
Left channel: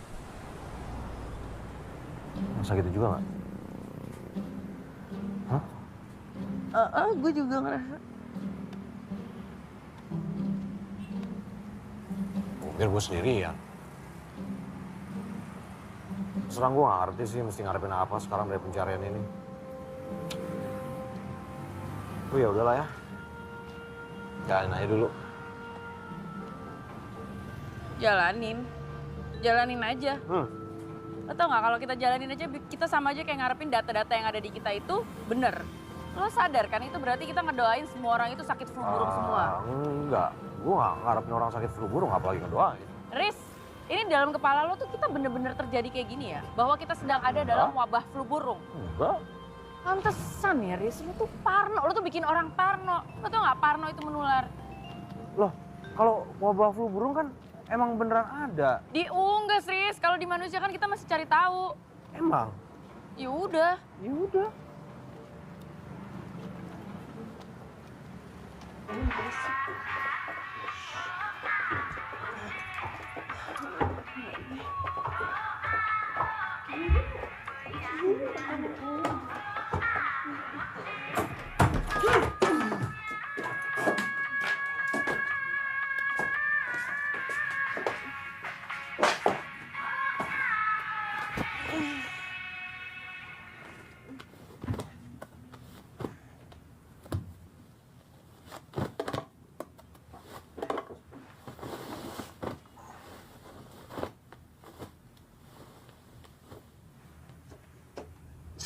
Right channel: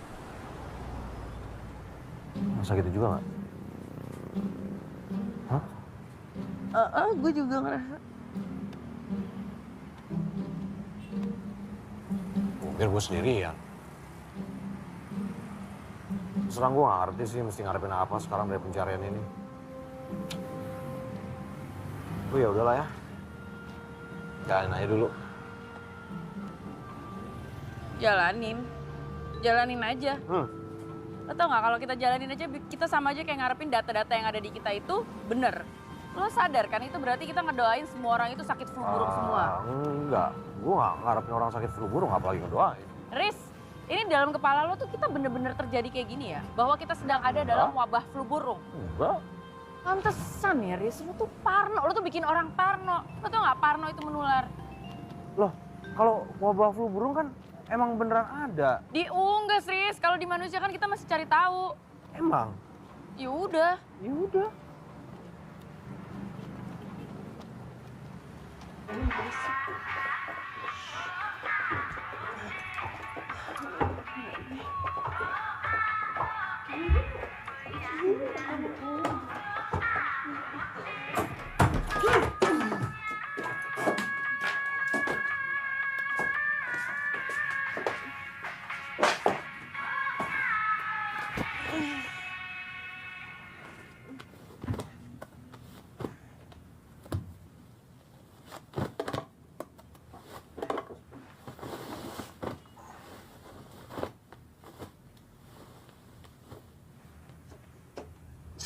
Masa gitu juga nggak? Hah? Gue juga ngerasa. Biar gue sendirian. Serang gue nggak ngerti sih mesti ngarepin apa sekarang dari pencarian ini. Oh ya udahlah ya. Jalanin aja dulu. Jalanin aja. Lo tau nggak kalau kita jalanin aja, kita sama aja kayak ngarepin data-data yang ada di kita itu bener. Lo sadar kan itu berarti kita ngedoain semua orang itu sakit flu burung semua. Enggak, gue nggak ngarepin orang sakit flu burung apalagi ngedoain. Riz, ini dalam kepala lo tuh kita bener-bener terjadi kayak gini ya? Bahwa kita sedang ada dalam wabah flu burung. Enggak. Pantesan ya Riz, lo tuh parno, lo tuh bikin orang parno. Lo tau nggak parno itu menular? Loh, kalau wabah flu burung kan emang beneran ada. Diunggas Riz, kalau di manusia kan kita masih cari tahu. Emang? Ya udah. Ya udah.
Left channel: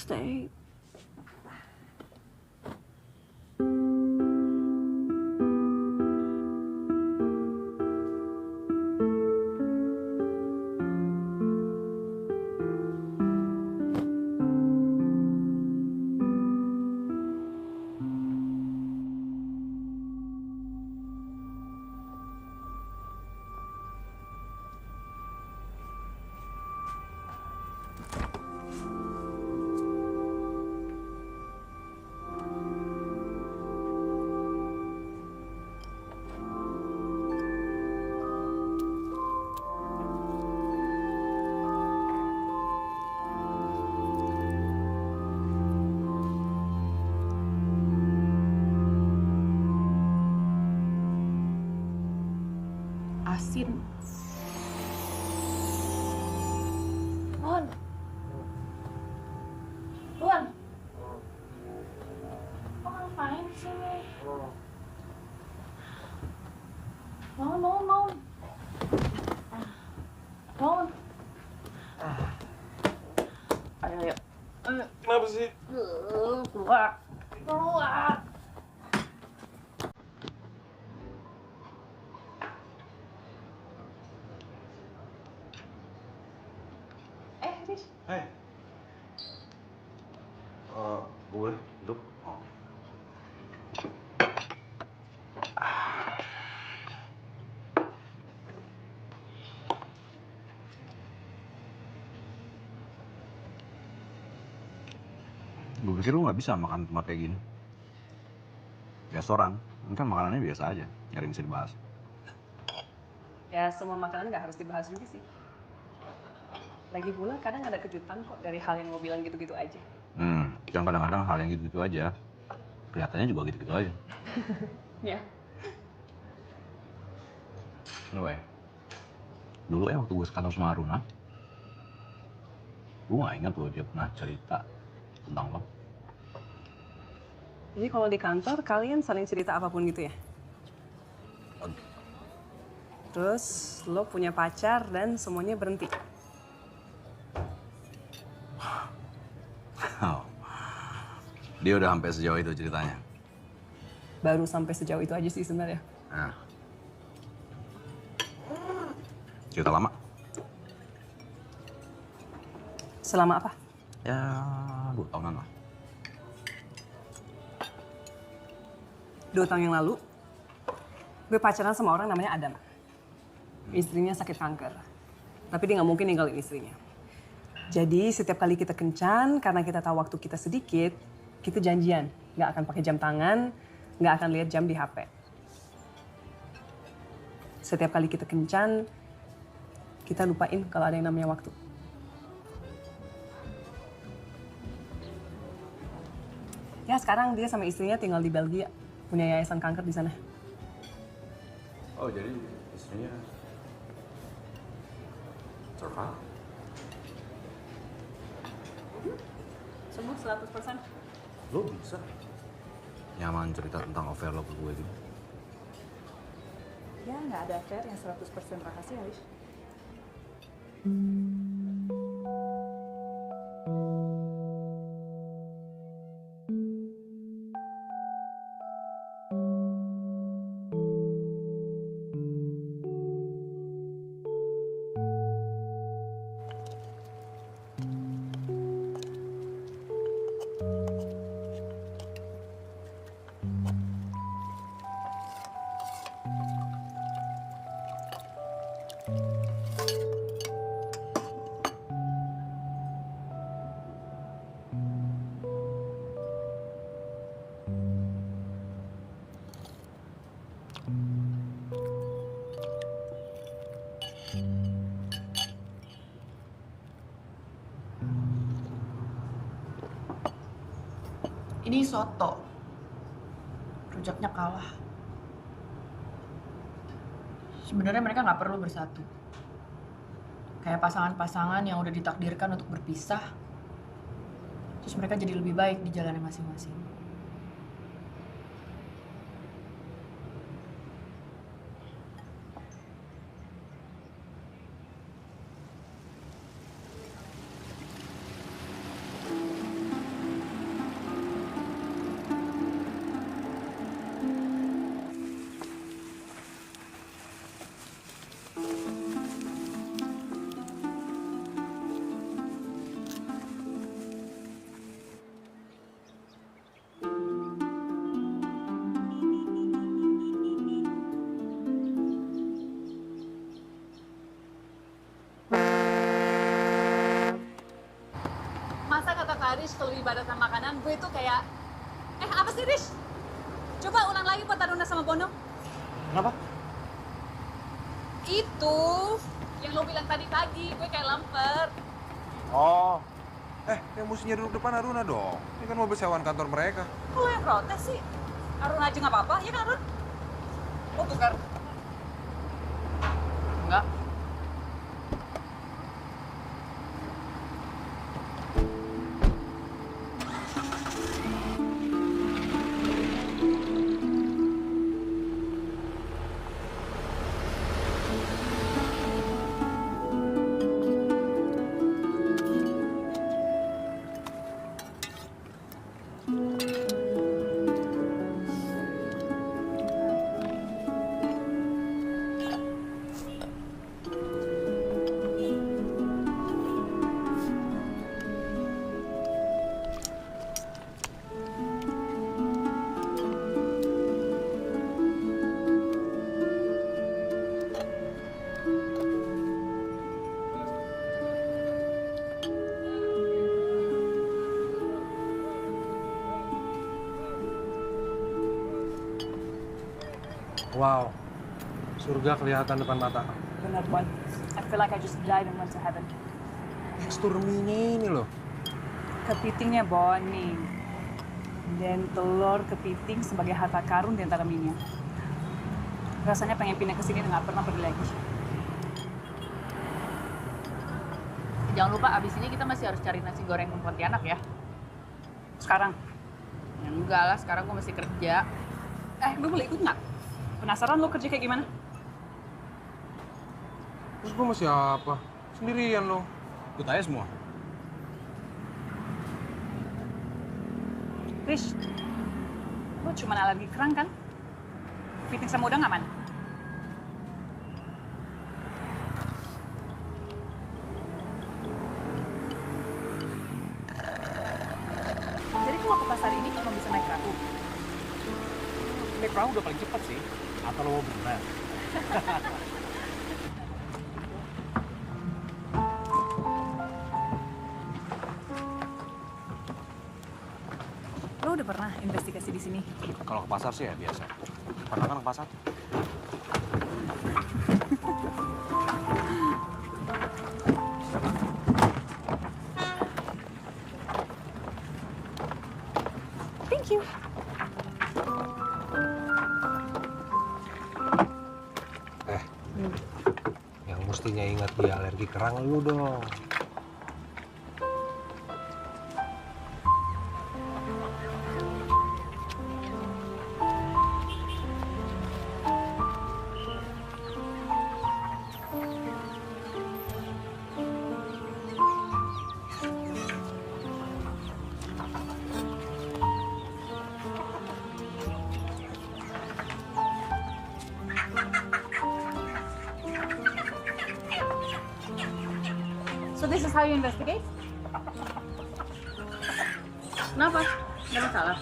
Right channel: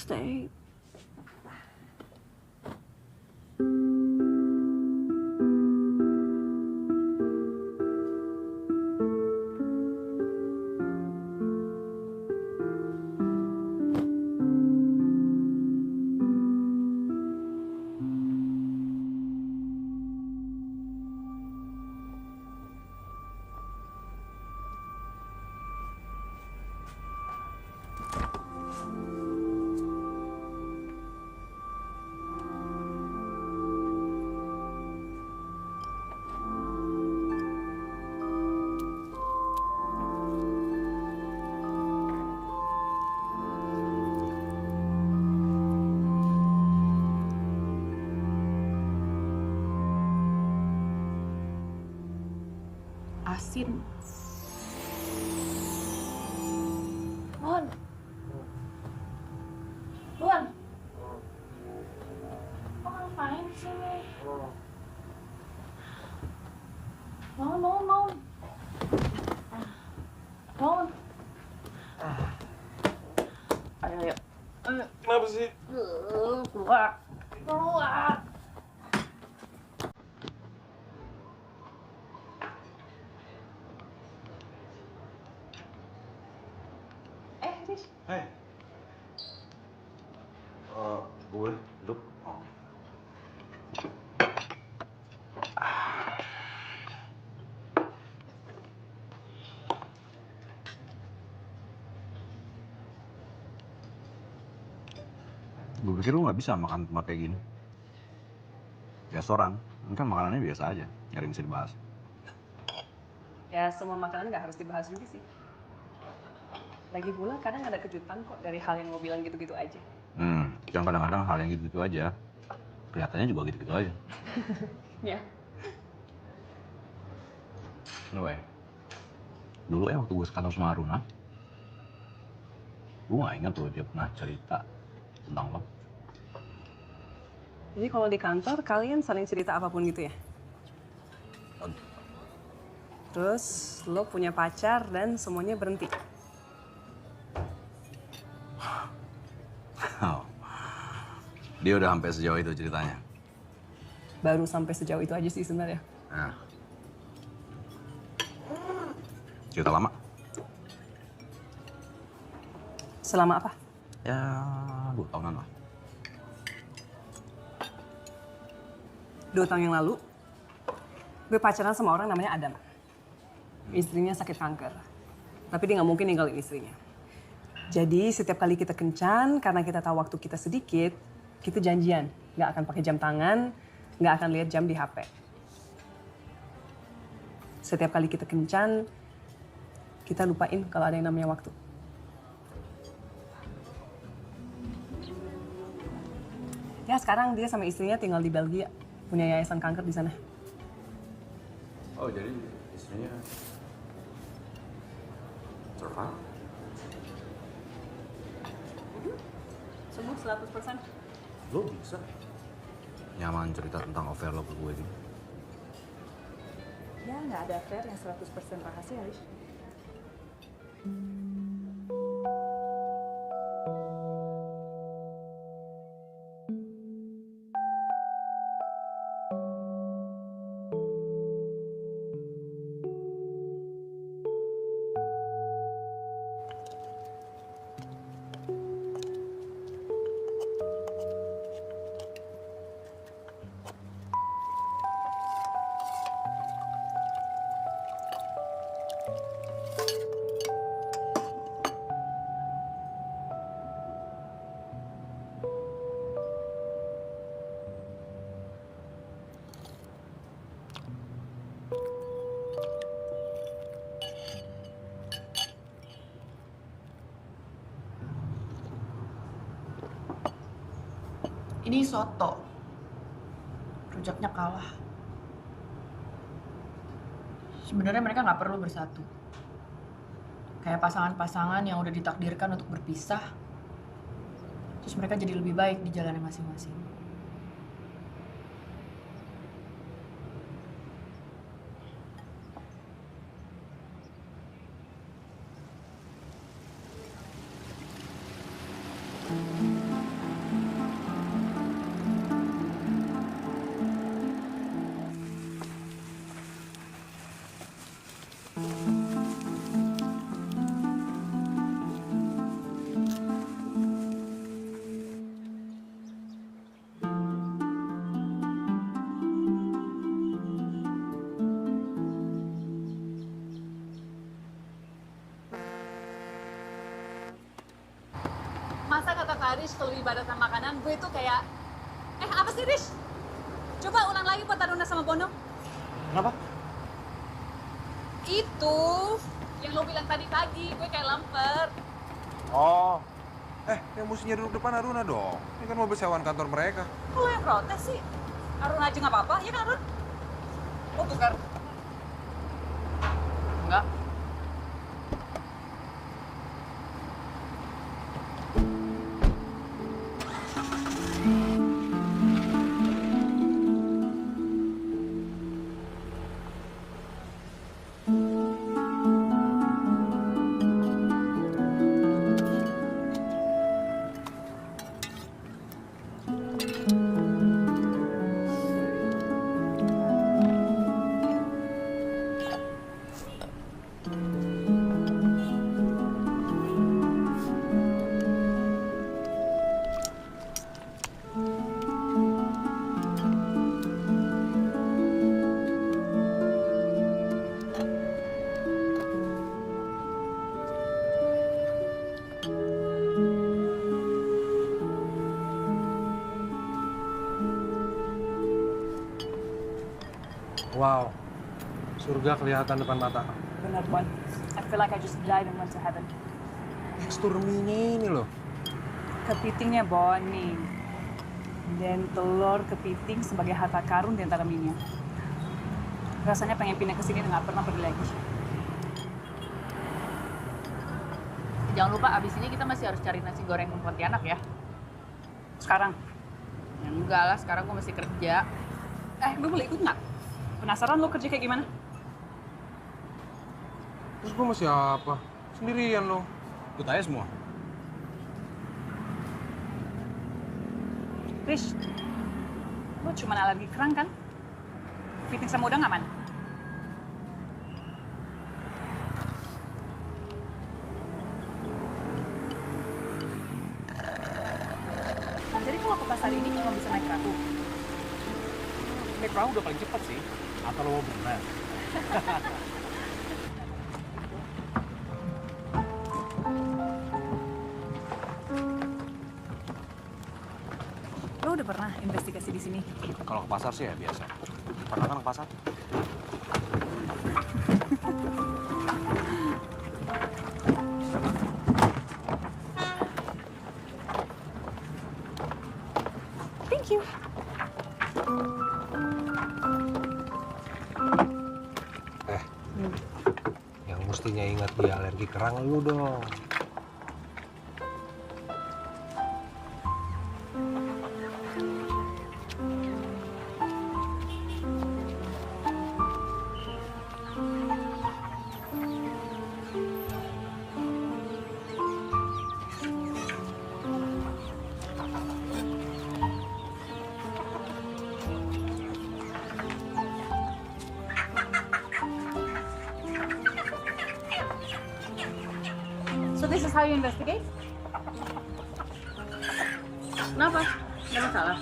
Stay. Asin. Bon. Bon. Kok ngapain sih? Bangun. Bangun. Ayo. Kenapa sih? Keluar. Hei. Gue duduk. Gue pikir lu nggak bisa makan tempat kayak gini. restoran. Ini kan makanannya biasa aja, nggak ada yang bisa dibahas. Ya semua makanan nggak harus dibahas juga sih. Lagi pula kadang ada kejutan kok dari hal yang lo bilang gitu-gitu aja. Yang kadang-kadang hal yang gitu-gitu aja. Kelihatannya juga gitu-gitu aja. Ya. Anyway, dulu ya waktu gue sekantor sama Aruna, gue gak ingat loh dia pernah cerita tentang lo. Jadi kalau di kantor kalian saling cerita apapun gitu ya? Terus lo punya pacar dan semuanya berhenti. Oh. Dia udah sampai sejauh itu ceritanya. Baru sampai sejauh itu aja sih sebenarnya. Nah. Cerita lama. Selama apa? Ya, 2 tahunan lah. 2 tahun yang lalu, gue pacaran sama orang namanya Adam. Istrinya sakit kanker. Tapi dia nggak mungkin ninggalin istrinya. Jadi setiap kali kita kencan, karena kita tahu waktu kita sedikit, kita janjian. Nggak akan pakai jam tangan, nggak akan lihat jam di HP. Setiap kali kita kencan, kita lupain kalau ada yang namanya waktu. Ya sekarang dia sama istrinya tinggal di Belgia, punya yayasan kanker di sana. Oh, jadi istrinya survive? Sembuh 100%. Lo bisa nyaman cerita tentang affair lo ke gue gitu? Ya nggak ada affair yang 100% rahasia, Rish. Ini soto. Rujaknya kalah. Sebenarnya mereka nggak perlu bersatu. Kayak pasangan-pasangan yang udah ditakdirkan untuk berpisah. Terus mereka jadi lebih baik di jalannya masing-masing. Masa kata Kak Rish kalau ibadah sama makanan, gue tuh kayak... apa sih Rish? Coba ulang lagi buat Aruna sama Bono. Kenapa? Itu yang lo bilang tadi pagi, gue kayak lamper. Oh. Yang mestinya duduk depan Aruna dong. Ini kan mobil sewaan kantor mereka. Kok lo yang protes sih? Aruna aja nggak apa-apa, ya kan Arun? Lo tukar. Enggak. Wow, surga kelihatan depan mata. Benar, Bon. I feel like I just died and went to heaven. Tekstur mie ini loh. Kepitingnya, Bon, nih. Dan telur kepiting sebagai harta karun di antara mie-nya. Rasanya pengen pindah ke sini dan nggak pernah pergi lagi. Jangan lupa abis ini kita masih harus cari nasi goreng Pontianak ya. Sekarang? Ya enggak lah, sekarang gue masih kerja. Gue boleh ikut nggak? Penasaran lo kerja kayak gimana? Terus gue masih apa? Sendirian lo. Ikut aja semua. Rish, lo cuma alergi kerang kan? Kepiting sama udang aman? Jadi kalau ke pasar ini cuma bisa naik perahu. Naik perahu udah paling cepat sih. Atau lo mau berenang? Lo udah pernah investigasi di sini? Kalau ke pasar sih ya biasa. Pernah kan ke pasar? Thank you. Yang mestinya ingat dia alergi kerang lu dong. So this is how you investigate? Kenapa? Nggak masalah.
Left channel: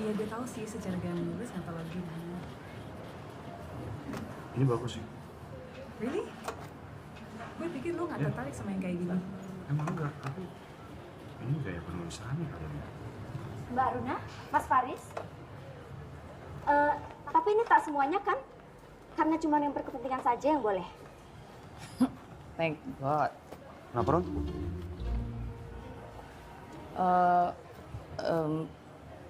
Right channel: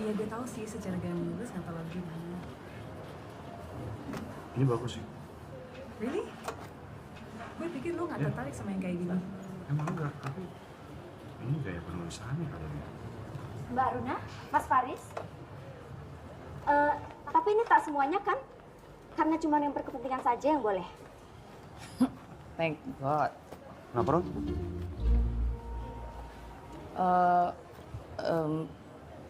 Iya, gue tahu sih secara gaya menulis nggak terlalu gimana. Ini bagus sih. Really? Gue pikir lo nggak tertarik sama yang kayak gini. Emang enggak, tapi ini gaya penulisannya kayaknya. Mbak Runa, Mas Faris. Tapi ini tak semuanya kan? Karena cuma yang berkepentingan saja yang boleh. Thank God. Kenapa, Ron?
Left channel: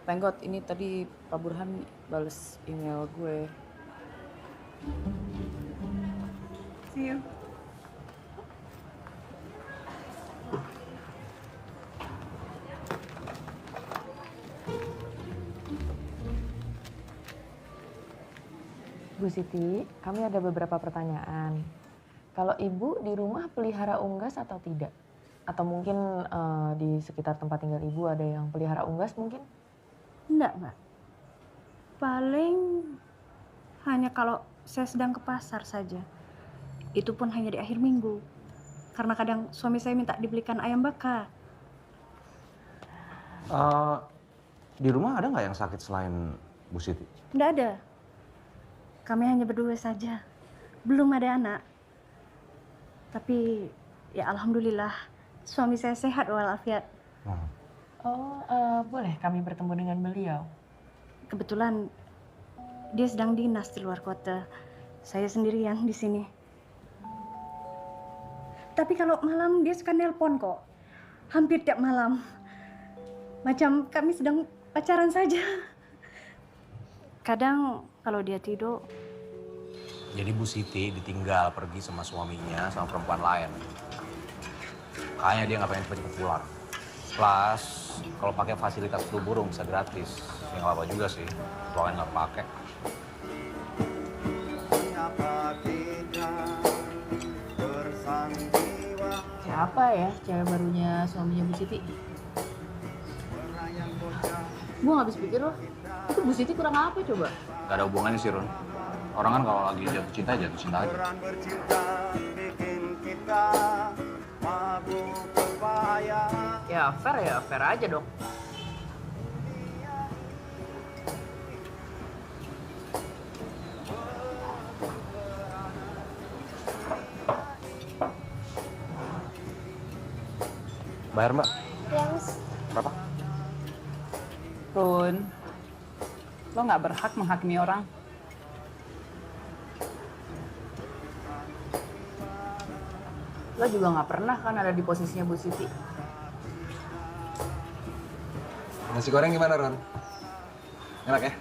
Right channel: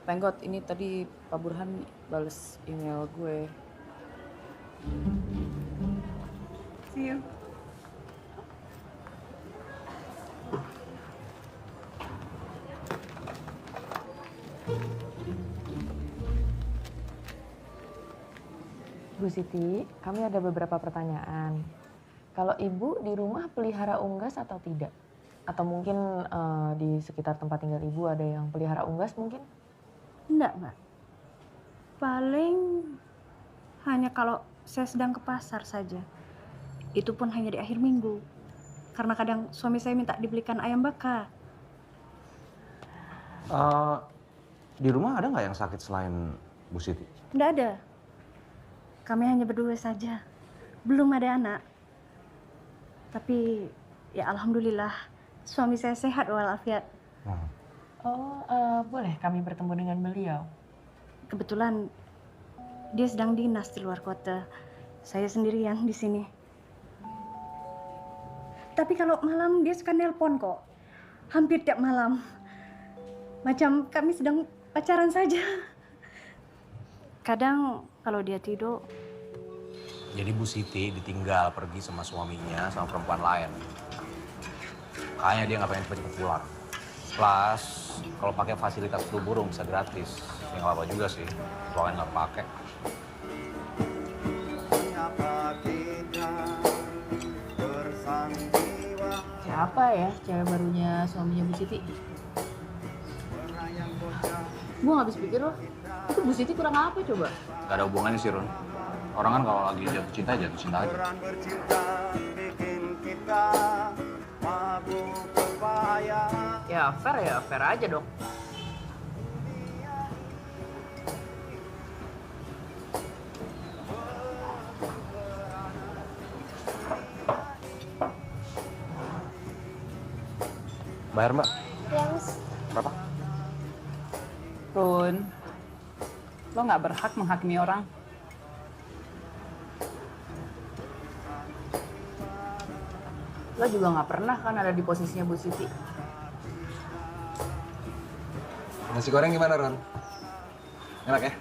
Thank God, ini tadi Pak Burhan bales email gue. See you. Bu Siti, kami ada beberapa pertanyaan. Kalau Ibu di rumah pelihara unggas atau tidak? Atau mungkin di sekitar tempat tinggal Ibu ada yang pelihara unggas mungkin? Enggak, Mbak. Paling hanya kalau saya sedang ke pasar saja. Itu pun hanya di akhir minggu. Karena kadang suami saya minta dibelikan ayam bakar. Di rumah ada nggak yang sakit selain Bu Siti? Enggak ada. Kami hanya berdua saja. Belum ada anak. Tapi ya alhamdulillah suami saya sehat walafiat. Oh, boleh kami bertemu dengan beliau? Kebetulan dia sedang dinas di luar kota. Saya sendirian di sini. Tapi kalau malam dia suka nelpon kok. Hampir tiap malam. Macam kami sedang pacaran saja. Kadang kalau dia tidur. Jadi Bu Siti ditinggal pergi sama suaminya sama perempuan lain. Kayaknya dia nggak pengen cepet-cepet pulang. Plus, kalau pakai fasilitas flu burung bisa gratis. Ya nggak apa juga sih, soalnya nggak pakai. Siapa ya cewek barunya suaminya Bu Siti? Gue gak habis pikir loh, itu Bu Siti kurang apa coba? Gak ada hubungannya sih, Run. Orang kan kalau lagi jatuh cinta aja. Ya fair aja dong. Bayar, Mbak. Ya, Mas. Berapa? Run, lo gak berhak menghakimi orang. Lo juga gak pernah kan ada di posisinya Bu Siti. Nasi goreng gimana, Ron? Enak ya?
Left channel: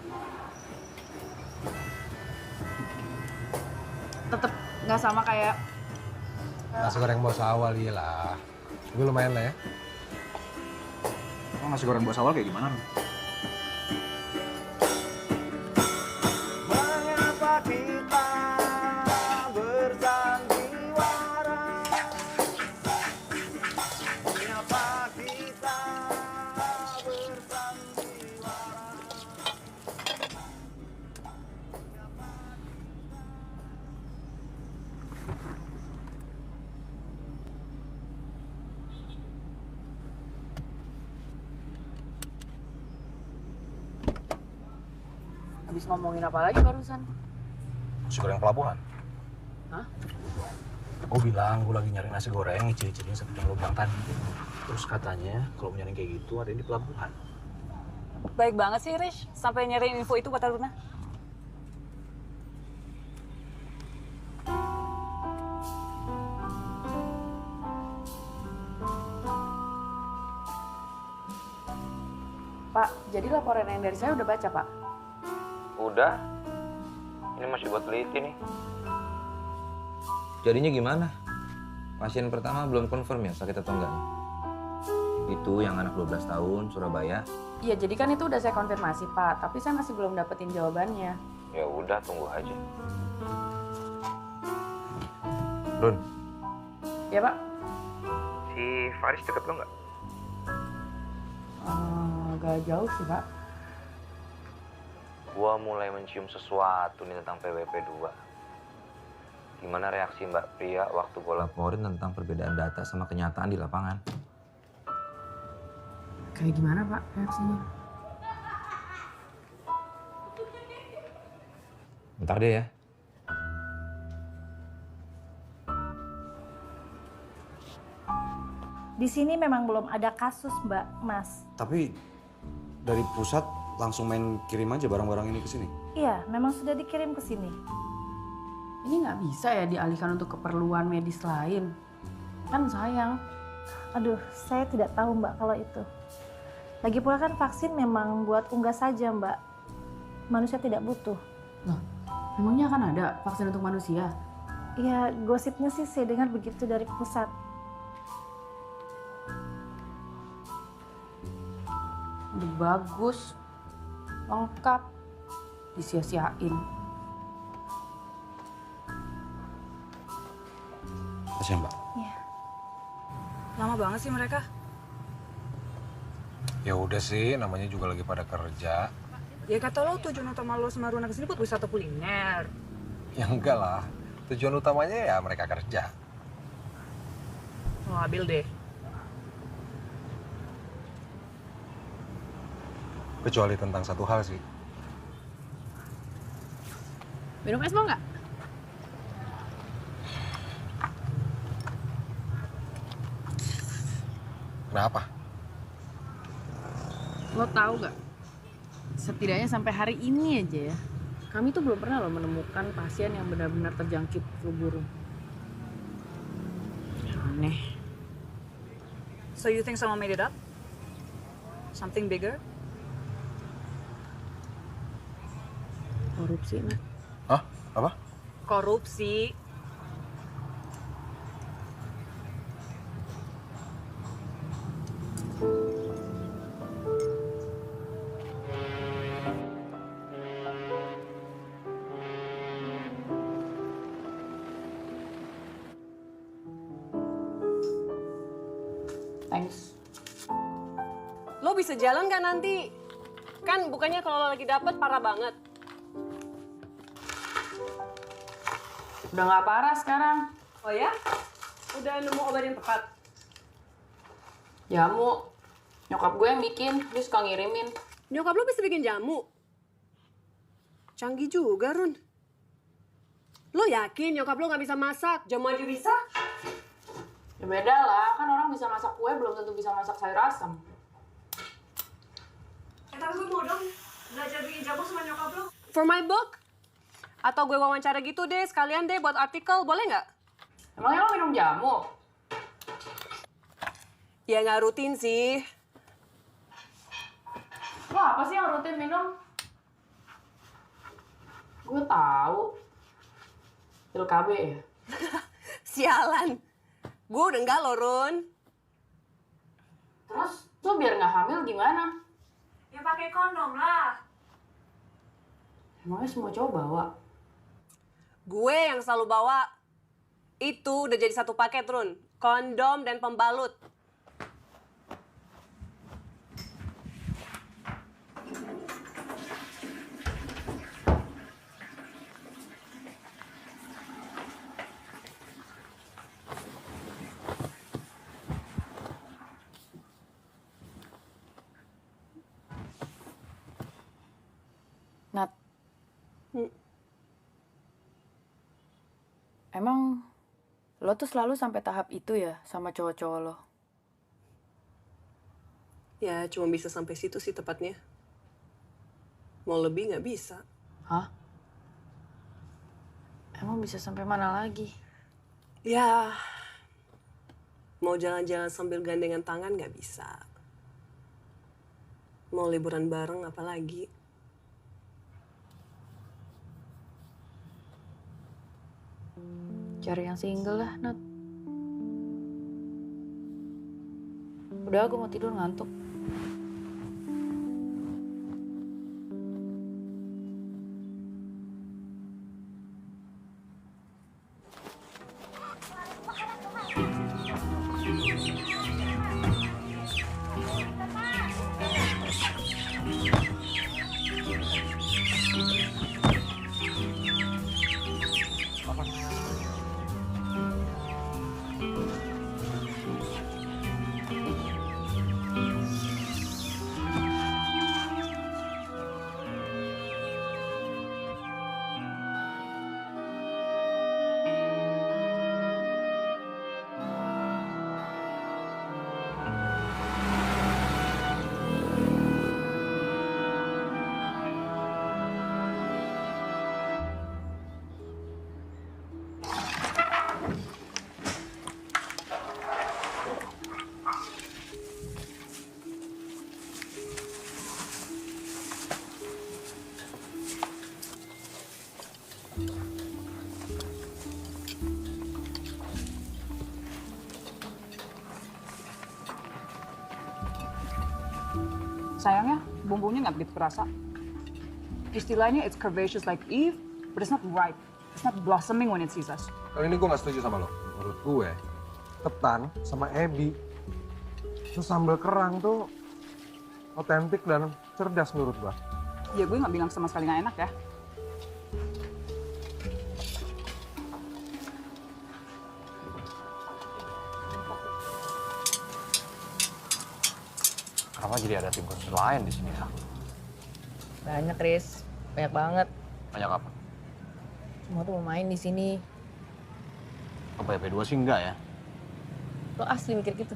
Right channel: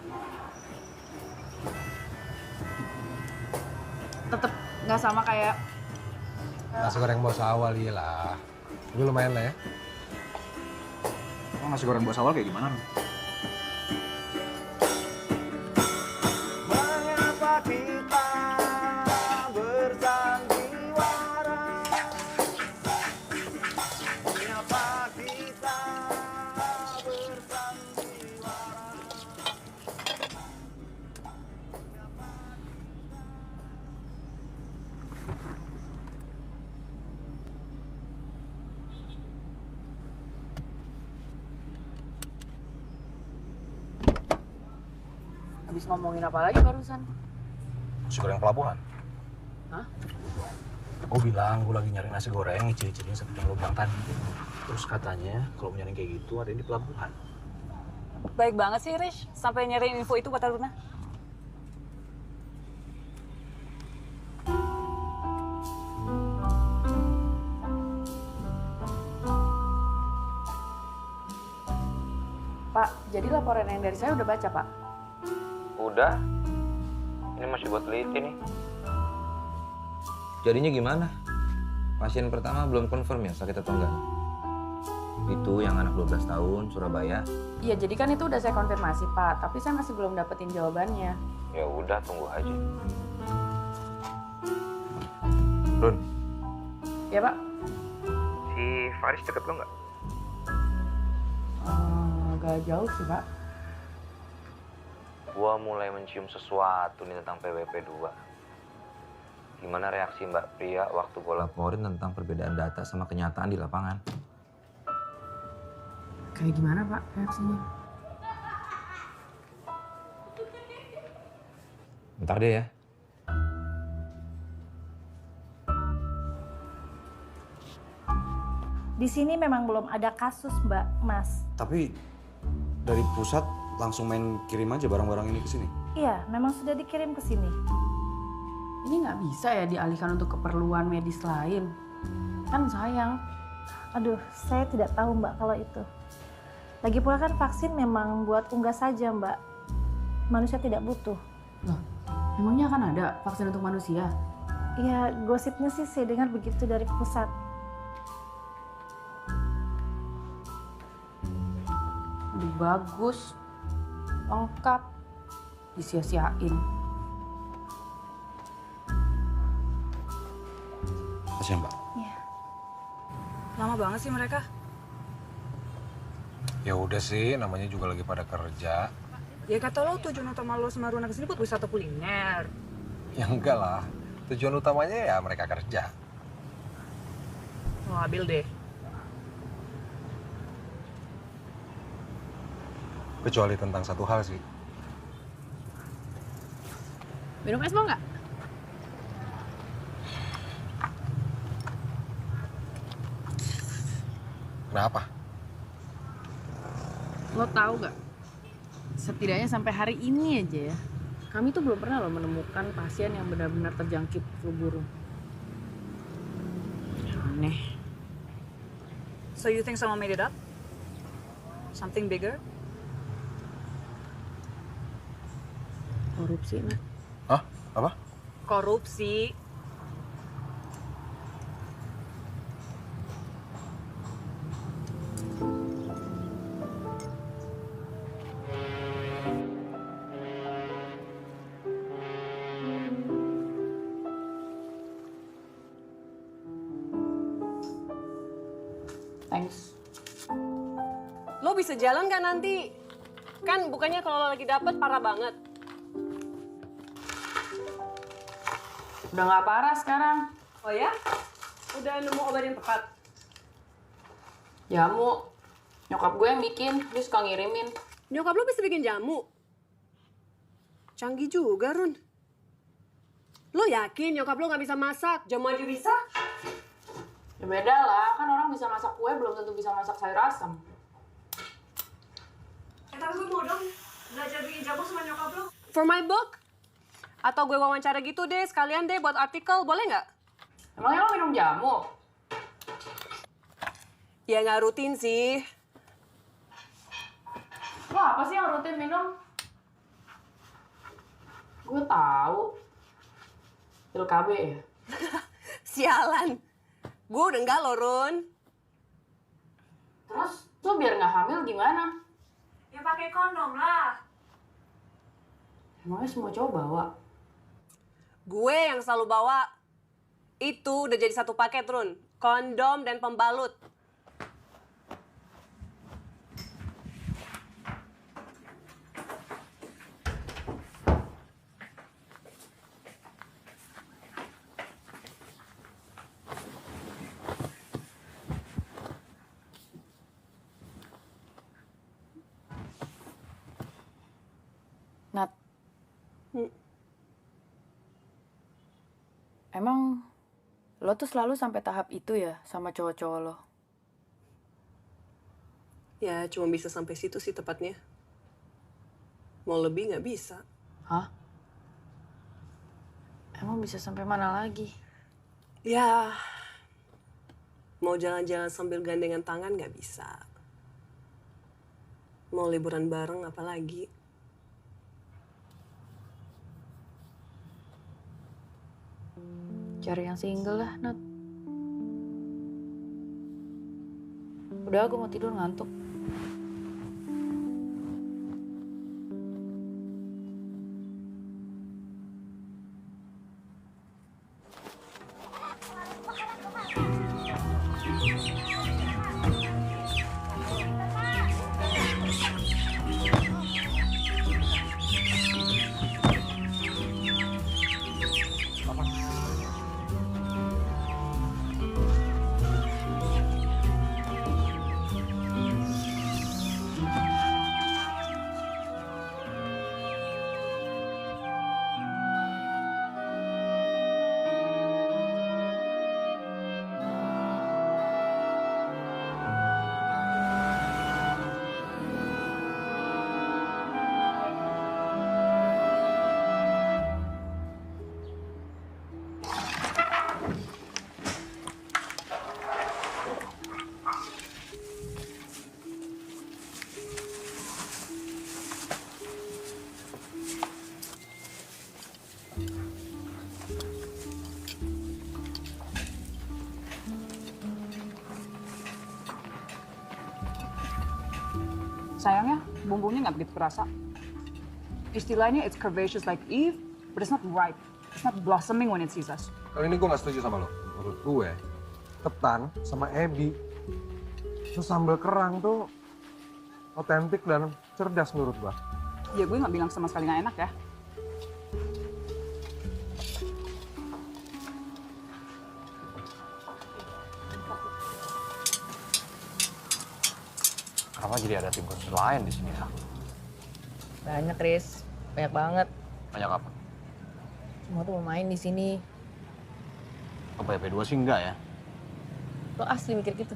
Tetep gak sama kayak Nasi goreng bos awal iya lah. Gue lumayan lah ya. Emang nasi goreng bos awal kayak gimana, Run? Mengapa kita bersandiwara? Mengapa kita bersandiwara? habis ngomongin apa lagi barusan? Nasi goreng pelabuhan. Hah? Gue bilang gue lagi nyari nasi goreng, ciri-cirinya seperti yang lo bilang tadi. Terus katanya kalau nyari kayak gitu ada di pelabuhan. Baik banget sih, Rish. Sampai nyariin info itu buat Aruna. Pak, jadi laporan yang dari saya udah baca, Pak? Udah. Ini masih buat teliti nih. Jadinya gimana? Pasien pertama belum confirm ya sakit atau enggaknya? Itu yang anak 12 tahun, Surabaya. Iya, jadi kan itu udah saya konfirmasi, Pak. Tapi saya masih belum dapetin jawabannya. Ya udah, tunggu aja. Run, Ya, Pak? si Faris deket lo nggak? Agak jauh sih, Pak. Gua mulai mencium sesuatu nih tentang PWP 2. Gimana reaksi Mbak Pria waktu gua laporin tentang perbedaan data sama kenyataan di lapangan? Kayak gimana, Pak, reaksinya? Bentar deh ya. Di sini memang belum ada kasus, Mbak, Mas. Tapi dari pusat langsung main kirim aja barang-barang ini ke sini. Iya, memang sudah dikirim ke sini. Ini nggak bisa ya dialihkan untuk keperluan medis lain. Kan sayang. Aduh, saya tidak tahu, Mbak, kalau itu. Lagi pula kan vaksin memang buat unggas saja, Mbak. Manusia tidak butuh. Loh, memangnya akan ada vaksin untuk manusia? Ya, gosipnya sih saya dengar begitu dari pusat. Udah bagus, lengkap, disia-siain. Kasih Mbak. Iya. Lama banget sih mereka. Ya udah sih, namanya juga lagi pada kerja. Ya kata lo tujuan utama lo sama Runa kesini buat wisata kuliner. Ya enggak lah, tujuan utamanya ya mereka kerja. Lo ambil deh. Kecuali tentang satu hal sih. Minum es mau nggak? Kenapa? Lo tahu gak? Setidaknya sampai hari ini aja ya, kami tuh belum pernah lo menemukan pasien yang benar-benar terjangkit flu burung. Aneh. So you think someone made it up? Something bigger? Korupsi, Nat. Hah? Apa? Korupsi. Thanks. Lo bisa jalan nggak nanti? Kan bukannya kalau lo lagi dapet parah banget. Udah nggak parah sekarang. Oh ya? Udah nemu obat yang tepat? Jamu. Nyokap gue yang bikin, dia suka ngirimin. Nyokap lo bisa bikin jamu? Canggih juga, Run. Lo yakin nyokap lo nggak bisa masak? Jamu aja bisa? Ya beda lah, kan orang bisa masak kue belum tentu bisa masak sayur asam. Tapi gue mau dong belajar bikin jamu sama nyokap lo. For my book? Atau gue wawancara gitu deh, sekalian deh buat artikel, boleh nggak? Emangnya lo minum jamu? Ya nggak rutin sih. Lo apa sih yang rutin minum? Gue tahu. Pil KB ya? Sialan. Gue udah enggak loh, Run. Terus lo biar nggak hamil gimana? Ya pakai kondom lah. Emangnya semua cowok bawa? Gue yang selalu bawa. Itu udah jadi satu paket, Run. Kondom dan pembalut. Nat. Emang lo tuh selalu sampai tahap itu ya sama cowok-cowok lo? Ya cuma bisa sampai situ sih tepatnya. Mau lebih nggak bisa. Hah? Emang bisa sampai mana lagi? Ya, mau jalan-jalan sambil gandengan tangan nggak bisa. Mau liburan bareng apalagi. Cari yang single lah, Nat. Udah, gue mau tidur ngantuk. Sayangnya, bumbunya nggak begitu kerasa. Istilahnya it's curvaceous like Eve, but it's not ripe. It's not blossoming when it sees us. Kali ini gue gak setuju sama lo. Menurut gue, ketan sama ebi, terus sambal kerang tuh otentik dan cerdas menurut gue. Ya gue nggak bilang sama sekali nggak enak ya. Kenapa jadi ada tim khusus lain di sini ya? Banyak, Riz. Banyak banget. Banyak apa? Semua tuh mau main di sini. Apa BP2 sih enggak ya? Lo asli mikir gitu?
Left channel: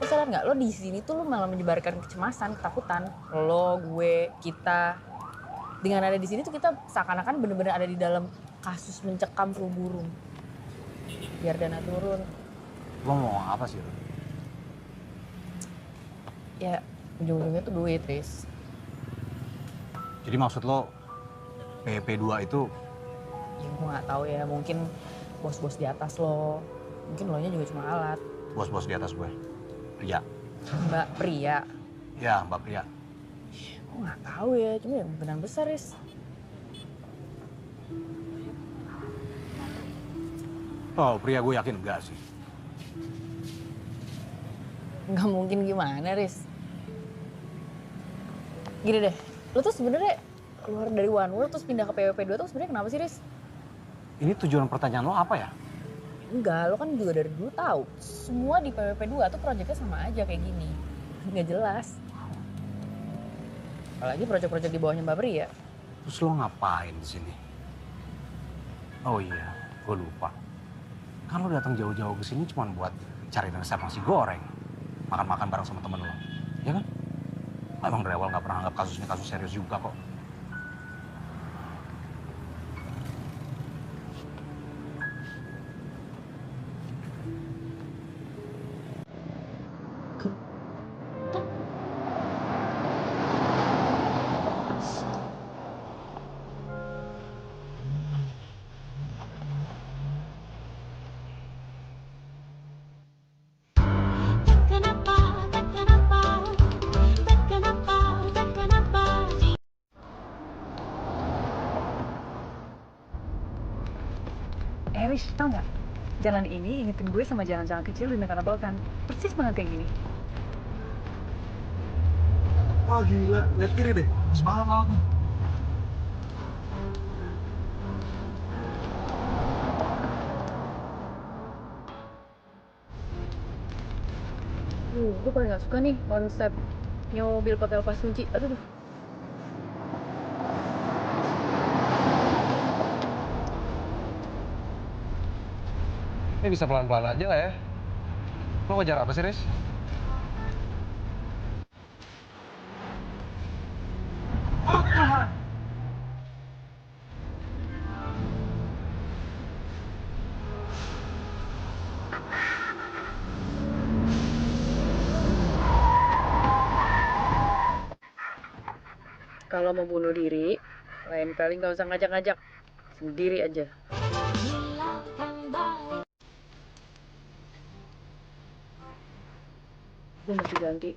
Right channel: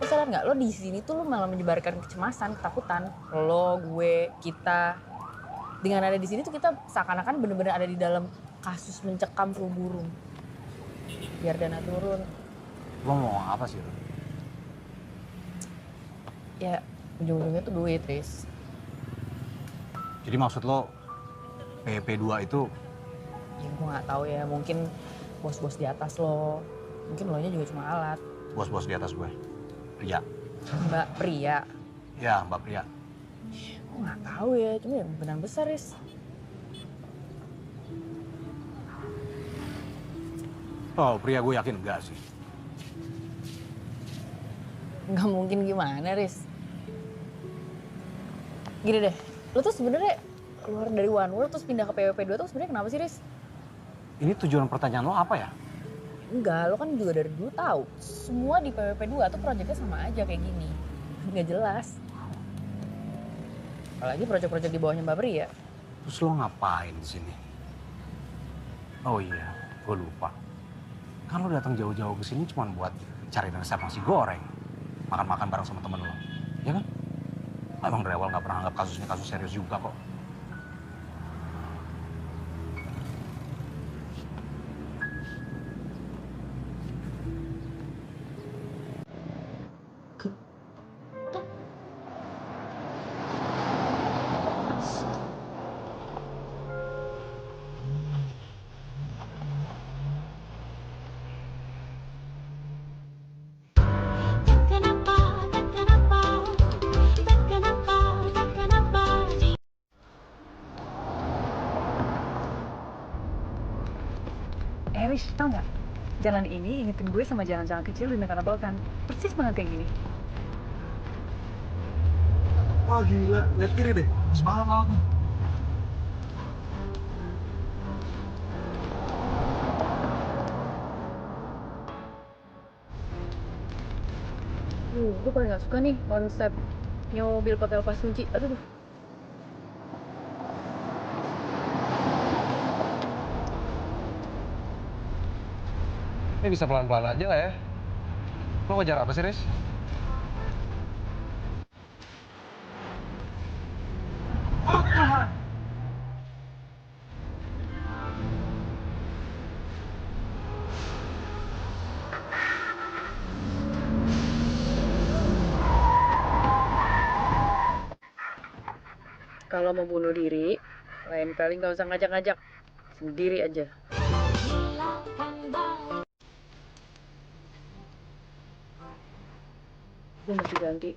Lo sadar nggak? Lo di sini tuh lo malah menyebarkan kecemasan, ketakutan. Lo, gue, kita. Dengan ada di sini tuh kita seakan-akan bener-bener ada di dalam kasus mencekam flu burung. Biar dana turun. Lo mau apa sih lo? Ya ujung-ujungnya tuh duit, Riz. Jadi maksud lo PP2 itu? Ya gue nggak tahu ya, mungkin bos-bos di atas lo. Mungkin lo nya juga cuma alat. Bos-bos di atas gue? Pria? Mbak Pria? Ya, Mbak Pria. Gue nggak tahu ya, cuma ya benar besar, Riz. Oh, Pria gue yakin enggak sih. Nggak mungkin gimana, Riz? Gini deh, lo tuh sebenarnya keluar dari One World terus pindah ke PWP2 tuh sebenarnya kenapa sih, Riz? Ini tujuan pertanyaan lo apa ya? Enggak, lo kan juga dari dulu tahu. Semua di PWP2 tuh proyeknya sama aja kayak gini. Nggak jelas. Apalagi proyek-proyek di bawahnya Mbak Pri ya. Terus lo ngapain di sini? Oh iya, gue lupa. Kan lo datang jauh-jauh ke sini cuma buat cari resep nasi goreng. Makan-makan bareng sama temen lo. Ya kan? Emang dari awal nggak pernah anggap kasus ini kasus serius juga kok. Riz, tau nggak? Jalan ini ingetin gue sama jalan-jalan kecil di negara Balkan. Persis banget kayak gini. Wah gila, lihat kiri deh. Semangat banget. Gue paling gak suka nih konsep nyewa mobil pakai lepas kunci. Aduh. Ini bisa pelan-pelan aja nggak ya? Lo ngejar apa sih, Riz? Kalau mau bunuh diri, lain kali nggak usah ngajak-ngajak. Sendiri aja. Gue mesti ganti.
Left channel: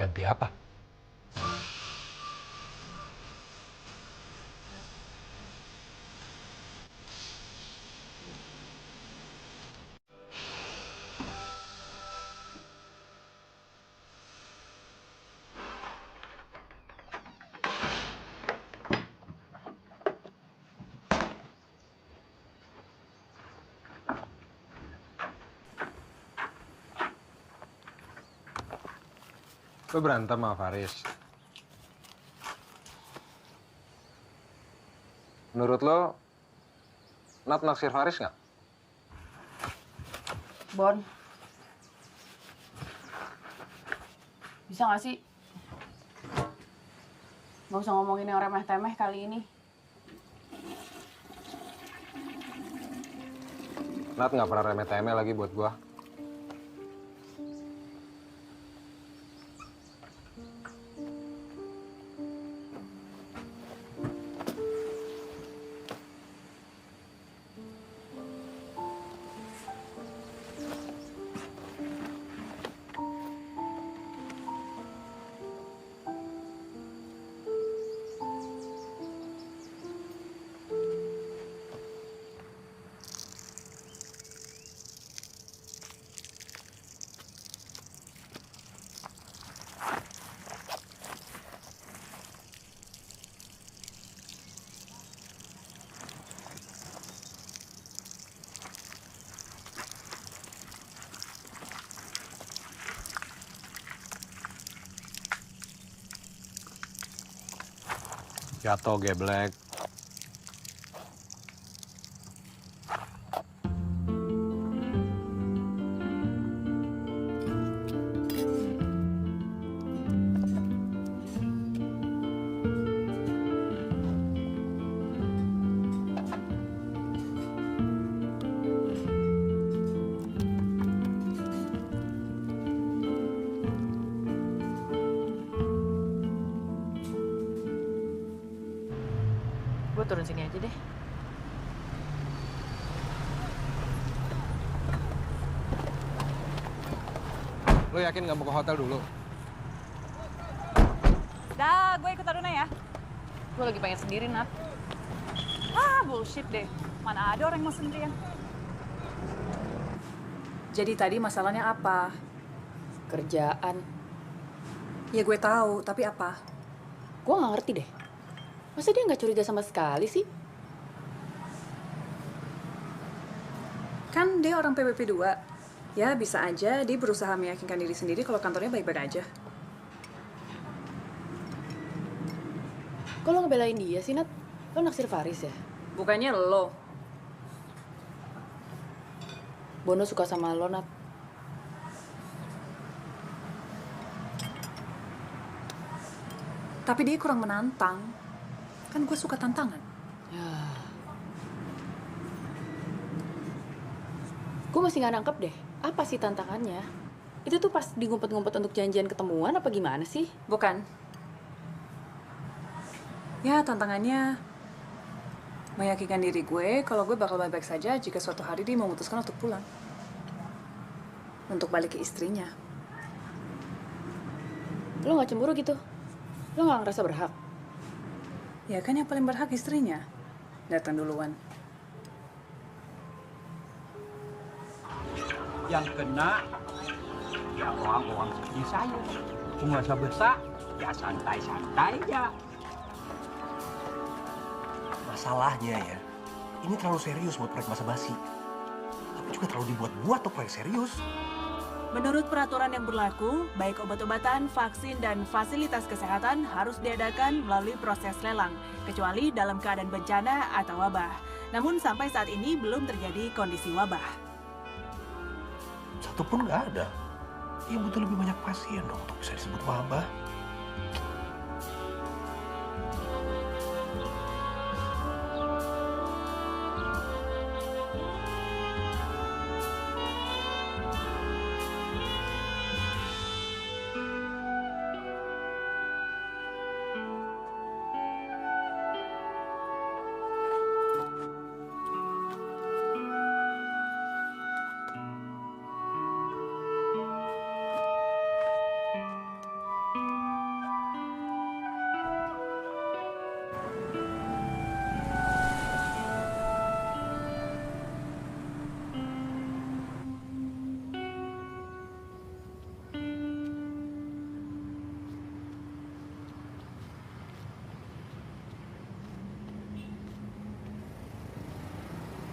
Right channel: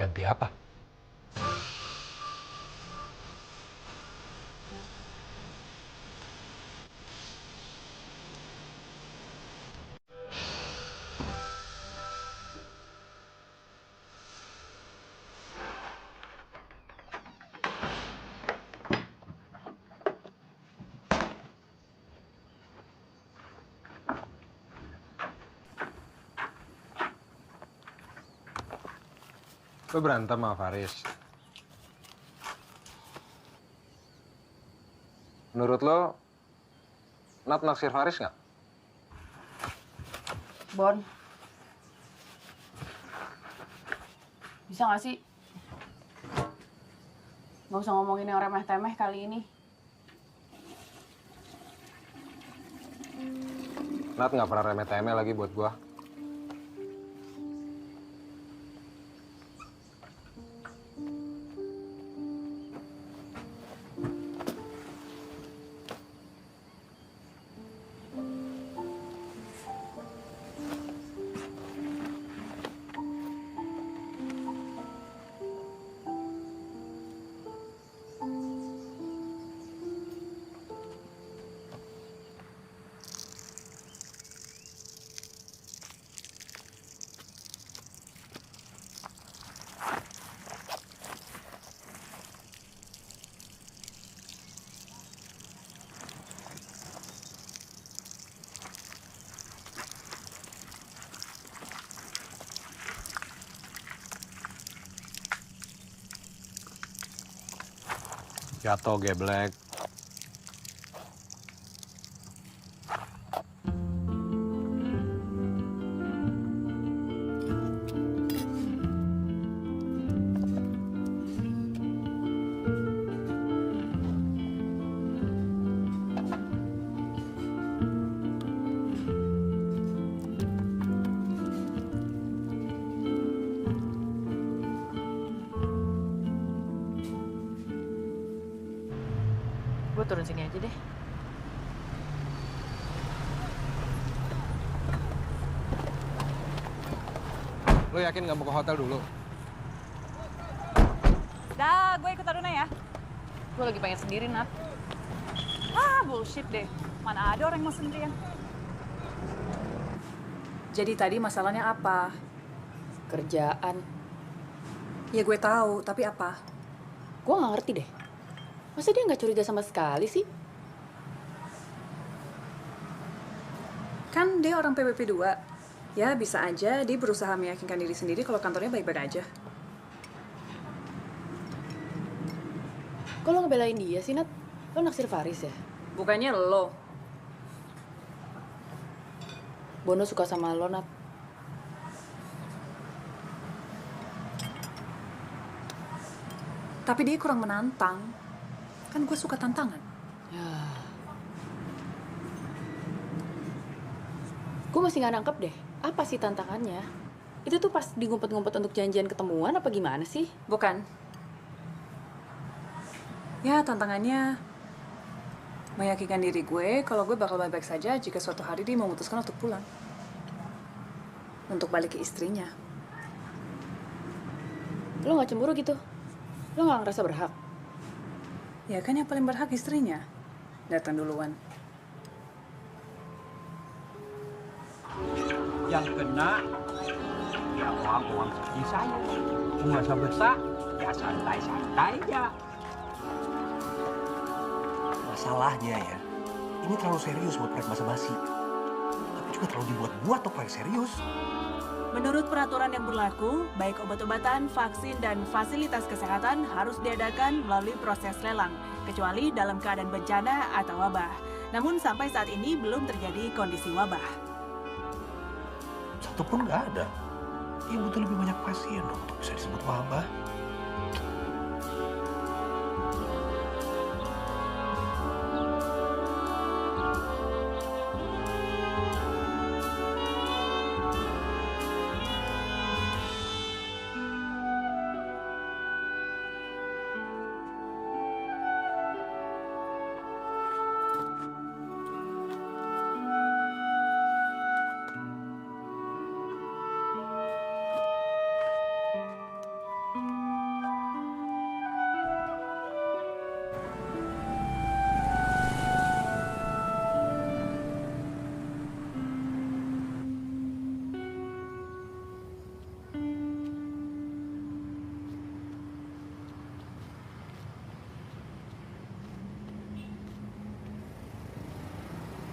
Ganti apa? Lo berantem sama Faris. Menurut lo, Nat naksir Faris nggak? Bon. Bisa nggak sih? Nggak usah ngomongin yang remeh-temeh kali ini. Nat nggak pernah remeh-temeh lagi buat gua. Jatuh geblek. Gue turun sini aja deh. Lo yakin nggak mau ke hotel dulu? Dah, gue ikut Aruna ya. Gue lagi pengen sendiri, Nat. Ah, bullshit deh. Mana ada orang yang mau sendirian. Jadi tadi masalahnya apa? Kerjaan. Ya gue tahu, tapi apa? Gue nggak ngerti deh. Masa dia nggak curiga sama sekali sih? Kan dia orang PWP 2. Ya bisa aja dia berusaha meyakinkan diri sendiri kalau kantornya baik-baik aja. Kok lo ngebelain dia sih, Nat? Lo naksir Faris ya? Bukannya lo. Bono suka sama lo, Nat. Tapi dia kurang menantang. Kan gue suka tantangan. Ya. Gue masih nggak nangkep deh. Apa sih tantangannya? Itu tuh pas digumpet-ngumpet untuk janjian ketemuan apa gimana sih? Bukan. Ya, tantangannya meyakinkan diri gue kalau gue bakal baik-baik saja jika suatu hari dia memutuskan untuk pulang. Untuk balik ke istrinya. Lo nggak cemburu gitu? Lo nggak ngerasa berhak? Ya kan yang paling berhak istrinya. Datang duluan. Yang kena ya orang-orang seperti saya. Merasa besar, ya santai-santai aja. Masalahnya ya, ini terlalu serius buat proyek basa-basi. Tapi juga terlalu dibuat-buat tuh proyek serius. Menurut peraturan yang berlaku, baik obat-obatan, vaksin, dan fasilitas kesehatan harus diadakan melalui proses lelang, kecuali dalam keadaan bencana atau wabah. Namun sampai saat ini belum terjadi kondisi wabah. Satu pun nggak ada. Ya butuh lebih banyak pasien dong untuk bisa disebut wabah.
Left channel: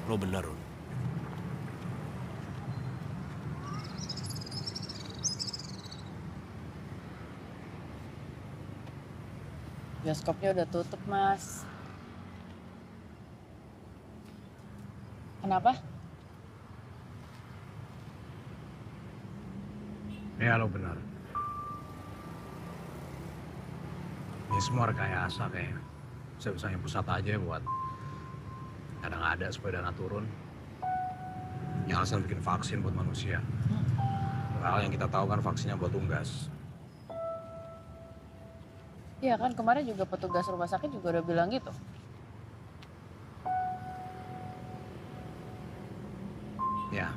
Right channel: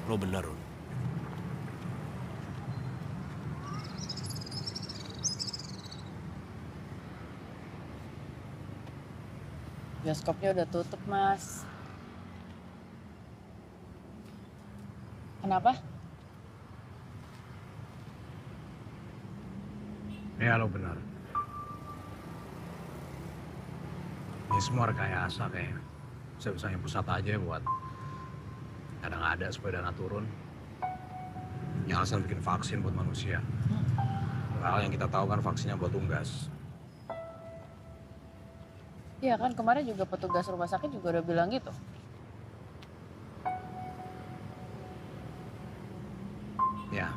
Lo bener, Run. Bioskopnya udah tutup, Mas. Kenapa? Ya, lo benar. Ini semua rekayasa kayaknya. Bisa-bisanya pusat aja buat kadang ada supaya dana turun. Yang alasan bikin vaksin buat manusia. Hal yang kita tahu kan vaksinnya buat unggas. Iya kan, kemarin juga petugas rumah sakit juga udah bilang gitu. Ya.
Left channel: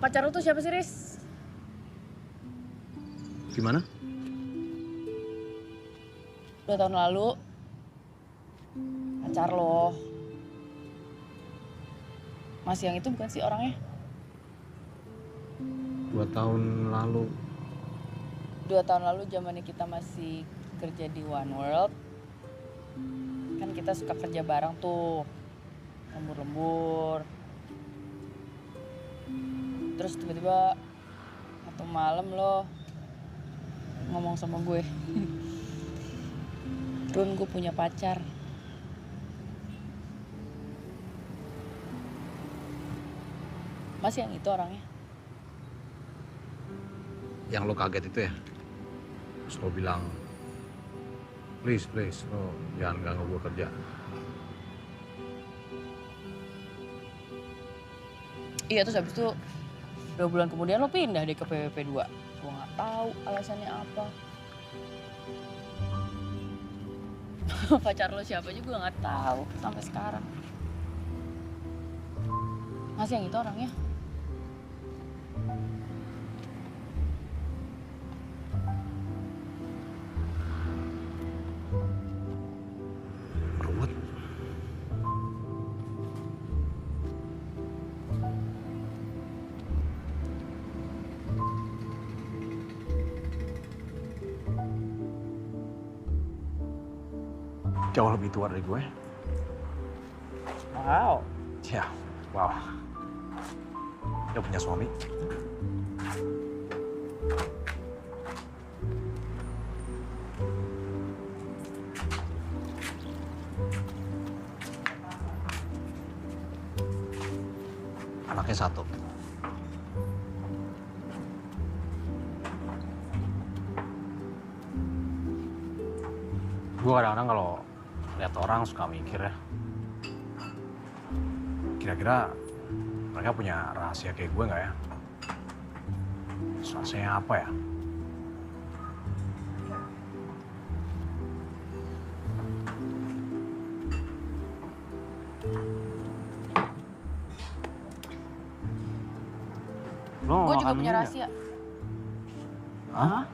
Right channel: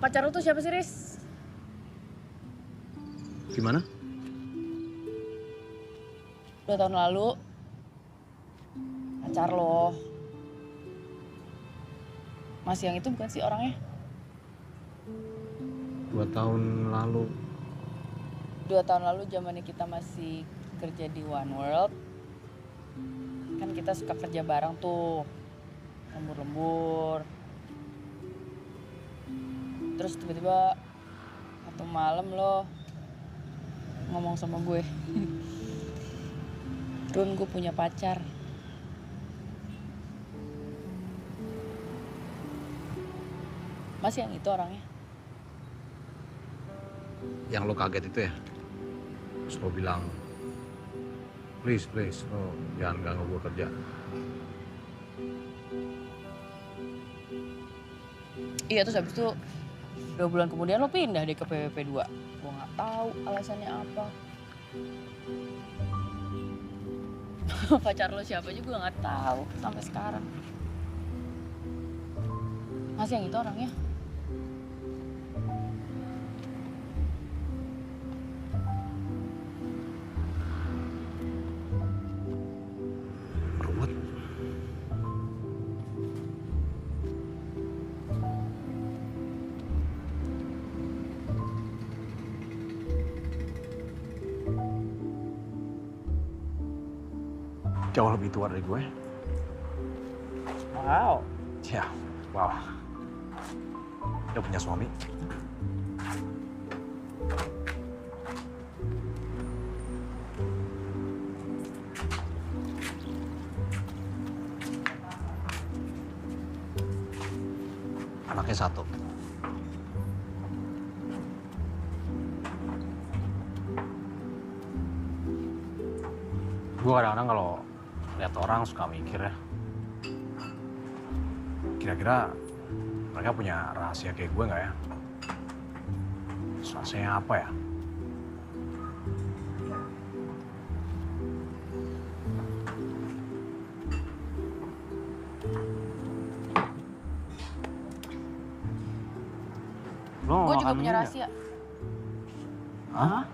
Pacar lu tuh siapa sih, Riz? Gimana? 2 tahun lalu, pacar lo. Mas yang itu bukan sih orangnya? 2 tahun lalu. 2 tahun lalu zamannya kita masih kerja di One World. Kan kita suka kerja bareng tuh. Lembur-lembur. Terus tiba-tiba satu malam lo ngomong sama gue. Run, gue punya pacar. Mas yang itu orangnya? yang lo kaget itu ya. Terus lo bilang, please, lo jangan ganggu gue kerja. Iya, terus habis itu 2 bulan kemudian lo pindah deh ke PWP 2. Gue nggak tahu alasannya apa. Pacar lo siapa juga nggak tahu sampai sekarang. Masih yang itu orangnya? Ruwet. Jauh lebih tua dari gue. Wow. Ya, wow. Dia punya suami. Anaknya 1. Gue kadang-kadang kalau lihat orang suka mikir ya, kira-kira mereka punya rahasia kayak gue nggak ya? Rahasianya apa ya? Gue juga punya rahasia. Hah?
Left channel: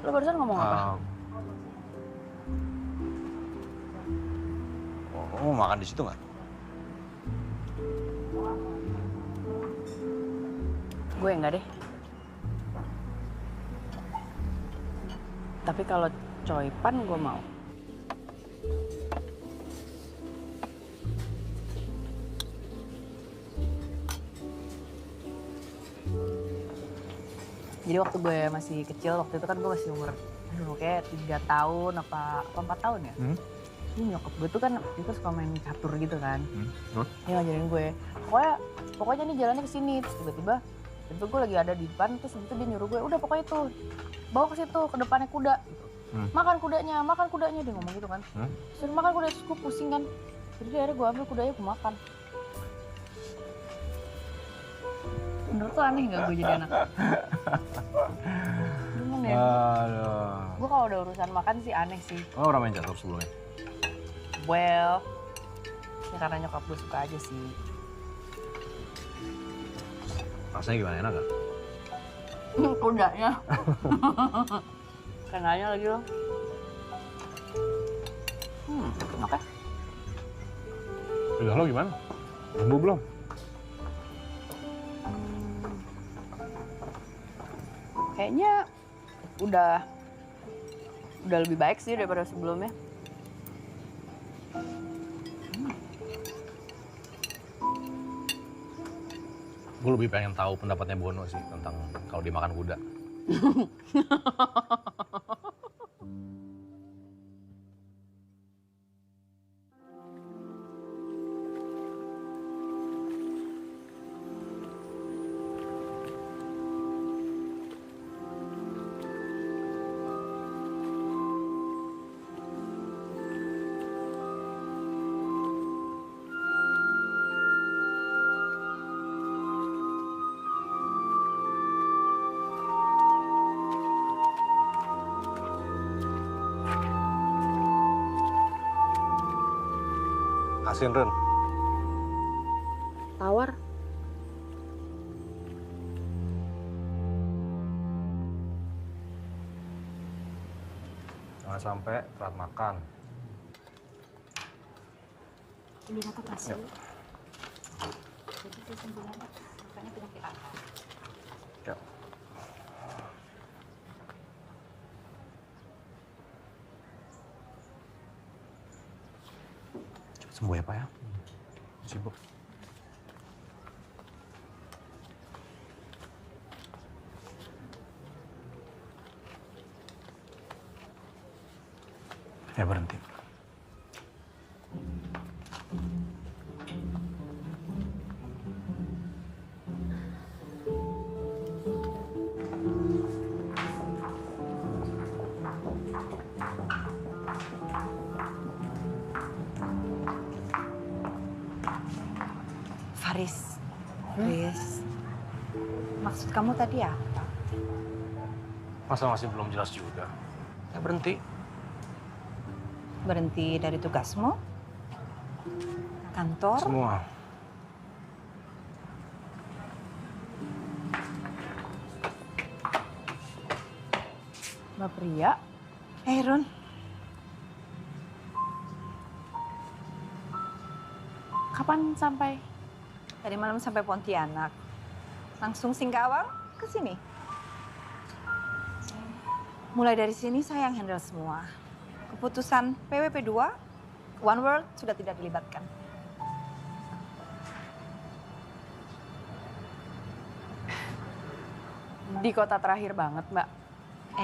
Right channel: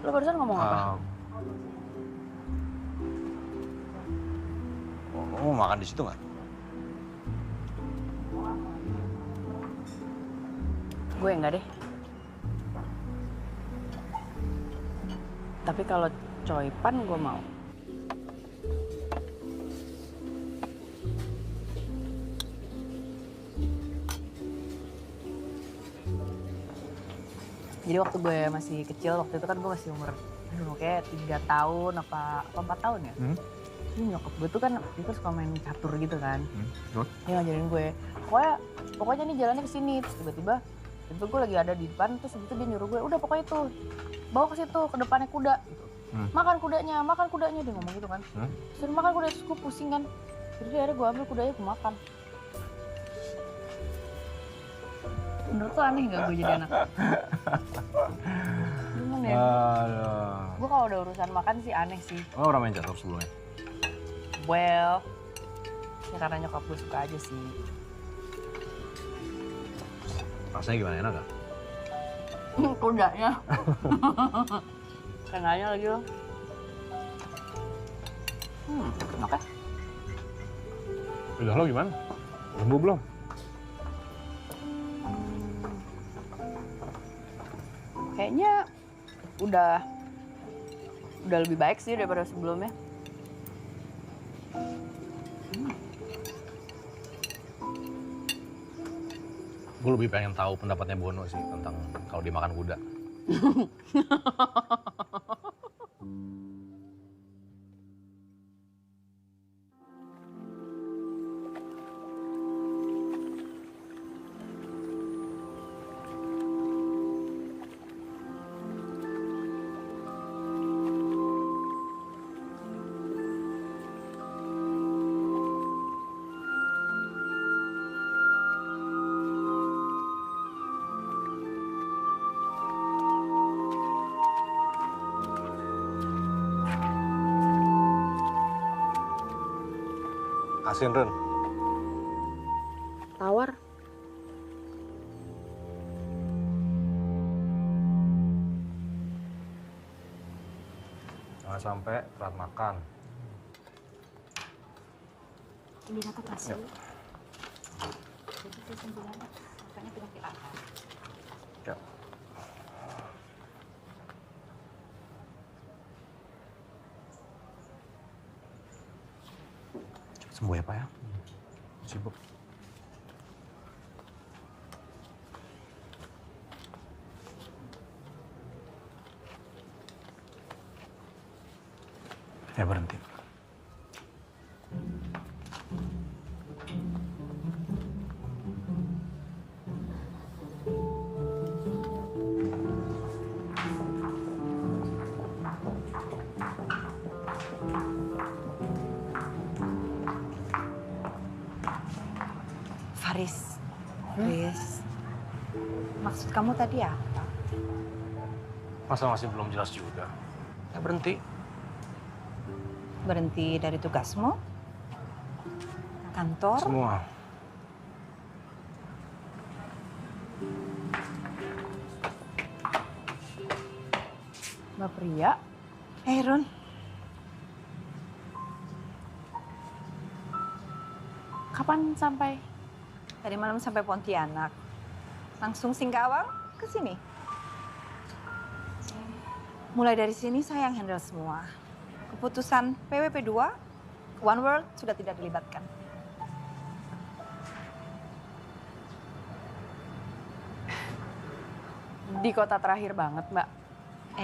Lo barusan ngomong apa? Lo mau makan di situ nggak? Gue enggak deh. Tapi kalau coipan gue mau. Jadi waktu gue masih kecil, waktu itu kan gue masih umur, kayak 3 tahun apa 4 tahun ya. Terus nyokap gue tuh kan itu suka main catur gitu kan. Dia ngajarin gue, pokoknya nih jalannya ke sini. Terus tiba-tiba gue lagi ada di depan, terus itu dia nyuruh gue, udah pokoknya itu bawa ke situ, ke depannya kuda. Gitu. Makan kudanya, dia ngomong gitu kan. Terus makan kuda, terus gue pusing kan. Jadi akhirnya gue ambil kudanya, gue makan. Menurut lo aneh gak gue jadi anak? Gimana ya? Gue kalau udah urusan makan sih aneh sih. Lo pernah main catur sebelumnya? Well, ya karena nyokap gue suka aja sih. Rasanya gimana, enak gak? Kudanya. Kenanya lagi lo. Enak ya? Udah lo gimana? Sembuh belum? Kayaknya udah lebih baik sih daripada sebelumnya. Gue lebih pengen tahu pendapatnya Bono sih tentang kalau dimakan kuda. Asin, Ren. Tawar. Jangan sampai telat makan. Ini aku kasih. Yuk. Jadi itu sembuhan, makanya penyakit apa? Ya. Cepet sembuh ya, Pak ya. Sibuk. Ya berhenti. Riz, Riz, maksud kamu tadi apa? Masa masih belum jelas juga? Ya berhenti. Berhenti dari tugasmu? Kantor? Semua. Mbak Pria? Ron. Kapan sampai? Tadi malam sampai Pontianak. Langsung Singkawang ke sini. Mulai dari sini saya yang handle semua. Keputusan PWP 2, One World sudah tidak dilibatkan. Di kota terakhir banget, Mbak.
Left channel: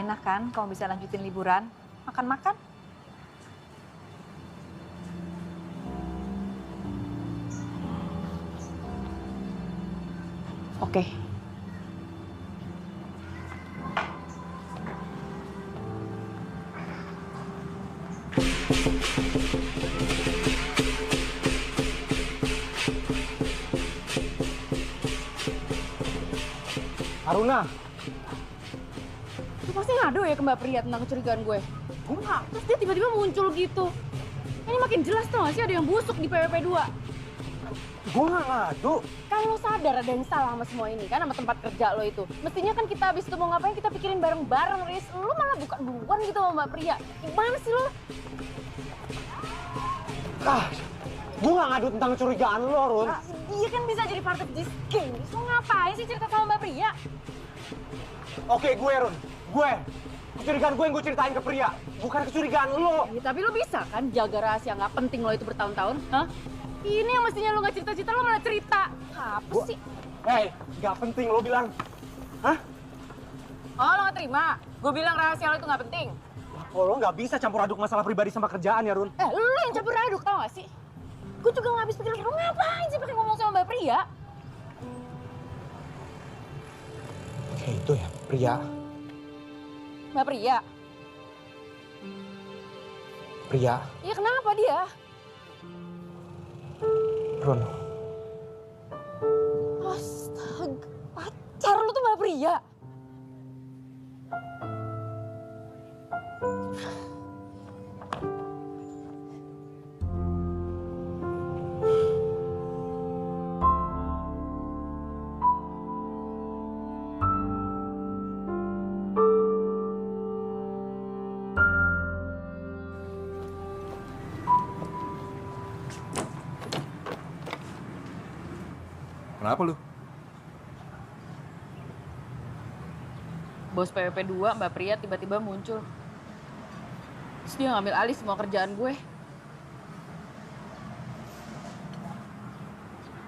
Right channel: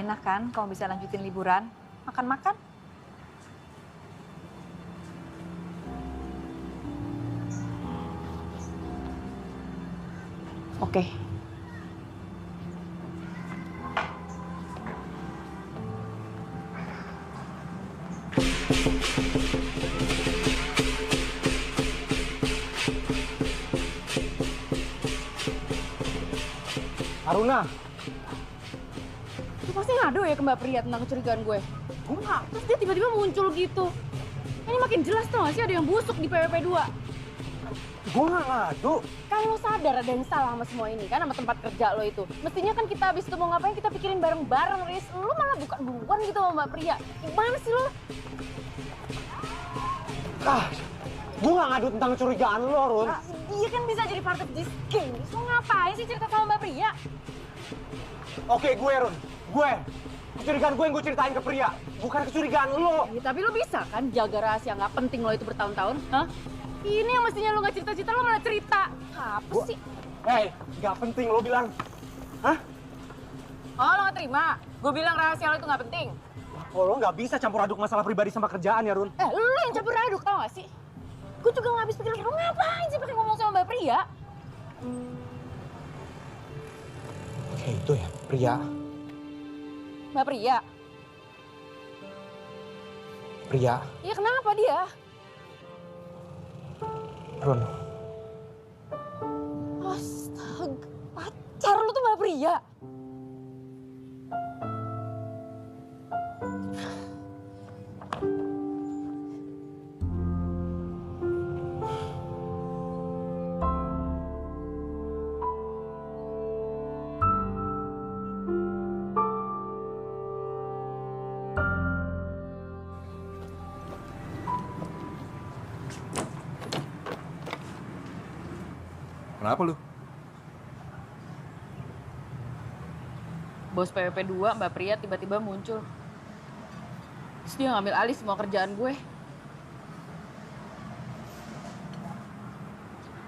Enak kan kamu bisa lanjutin liburan, makan-makan? Oke. Aruna, Lu pasti ngadu ya ke Mbak Pria tentang kecurigaan gue? Enggak. Terus dia tiba-tiba muncul gitu. Ini makin jelas tau gak sih ada yang busuk di PWP 2. gue nggak ngadu. Kan lo sadar ada yang salah sama semua ini kan, sama tempat kerja lo itu. Mestinya kan kita habis itu mau ngapain kita pikirin bareng-bareng, Riz. Lo malah buka duluan gitu sama Mbak Pria. Gimana sih lo? Gue nggak ngadu tentang kecurigaan lo, Run. Dia kan bisa jadi part of this game. Riz, lo ngapain sih cerita sama Mbak Pria? Oke, gue, Run. Gue. Kecurigaan gue yang gue ceritain ke Pria. Bukan kecurigaan lo. Ya, tapi lo bisa kan jaga rahasia nggak penting lo itu bertahun-tahun? Hah? Ini yang mestinya lo nggak cerita-cerita, lo malah cerita. Apa sih? Hei, nggak penting lo bilang. Hah? Oh, lo nggak terima? Gue bilang rahasia lo itu nggak penting. Oh, lo nggak bisa campur aduk masalah pribadi sama kerjaan ya, Run. Lo yang campur aduk, tau gak sih? Gue juga nggak habis pikir, lo ngapain sih pakai ngomong sama Mbak Pria? Oke, itu ya, Pria. Mbak Pria? Pria. Iya kenapa dia? Run. Astaga, pacar lu tuh Mbak Pria? Kenapa lu? Bos PWP 2, Mbak Pria tiba-tiba muncul. Terus dia ngambil alih semua kerjaan gue.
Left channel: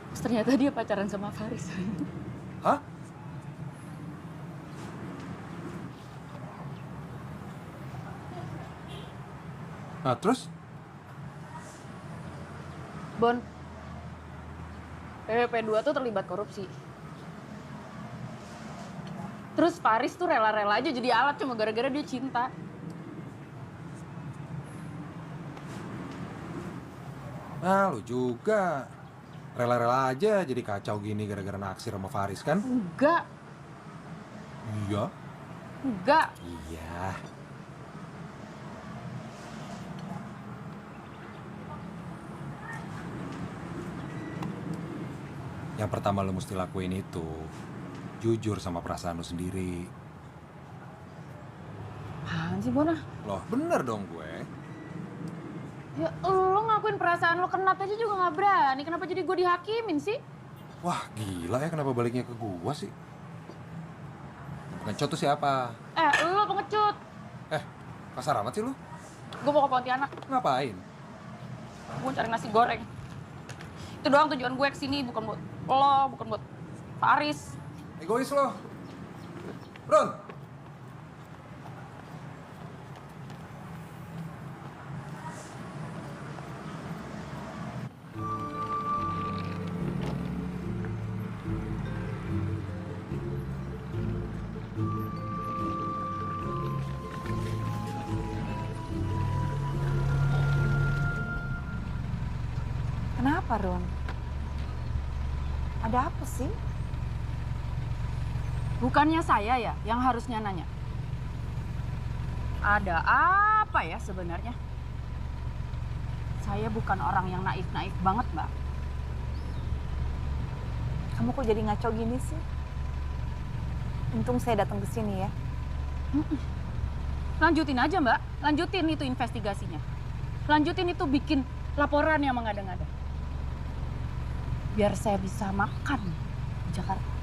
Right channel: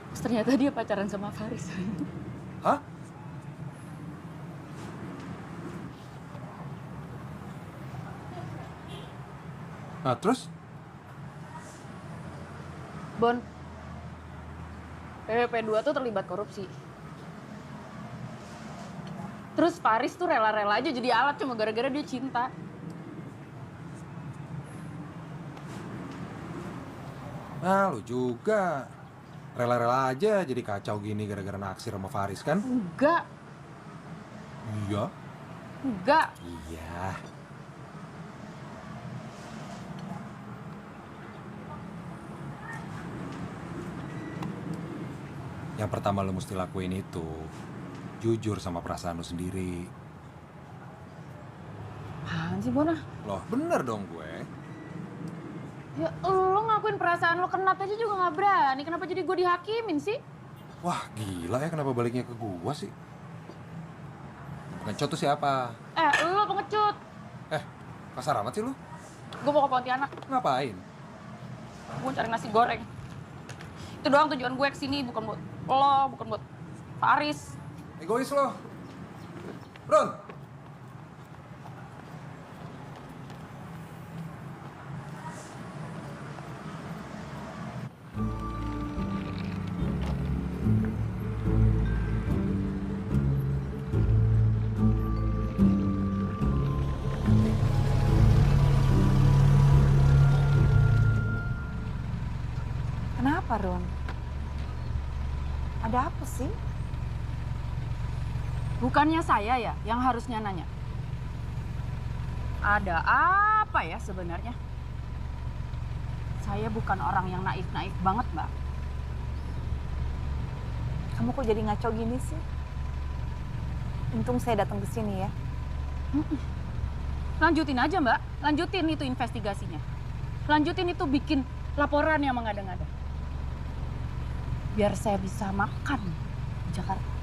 Terus ternyata dia pacaran sama Faris. Hah? Nah, terus? Bon, PWP 2 tuh terlibat korupsi. Terus Faris tuh rela-rela aja jadi alat cuma gara-gara dia cinta. Nah, lu juga. Rela-rela aja jadi kacau gini gara-gara naksir sama Faris kan? Enggak. Iya. Enggak. Iya. Yang pertama lo mesti lakuin itu jujur sama perasaan lo sendiri. Apaan sih, Bona? Loh, bener dong gue. Ya lo ngakuin perasaan lo kenat aja juga nggak berani. Kenapa jadi gue dihakimin sih? Wah, gila ya kenapa baliknya ke gue sih? Pengecut tuh siapa? Lo pengecut. Kasar amat sih lo. Gue mau ke Pontianak. Ngapain? Gue cari nasi goreng. Itu doang tujuan gue kesini, bukan buat lo, bukan buat Faris. Egois lo. Ron. Kenapa, Ron? Ada apa sih? Bukannya saya ya yang harusnya nanya. Ada apa ya sebenarnya? Saya bukan orang yang naif-naif banget, Mbak. Kamu kok jadi ngaco gini sih? Untung saya datang ke sini ya. Lanjutin aja, Mbak. Lanjutin itu investigasinya. Lanjutin itu bikin laporan yang mengada-ngada. Biar saya bisa makan di Jakarta.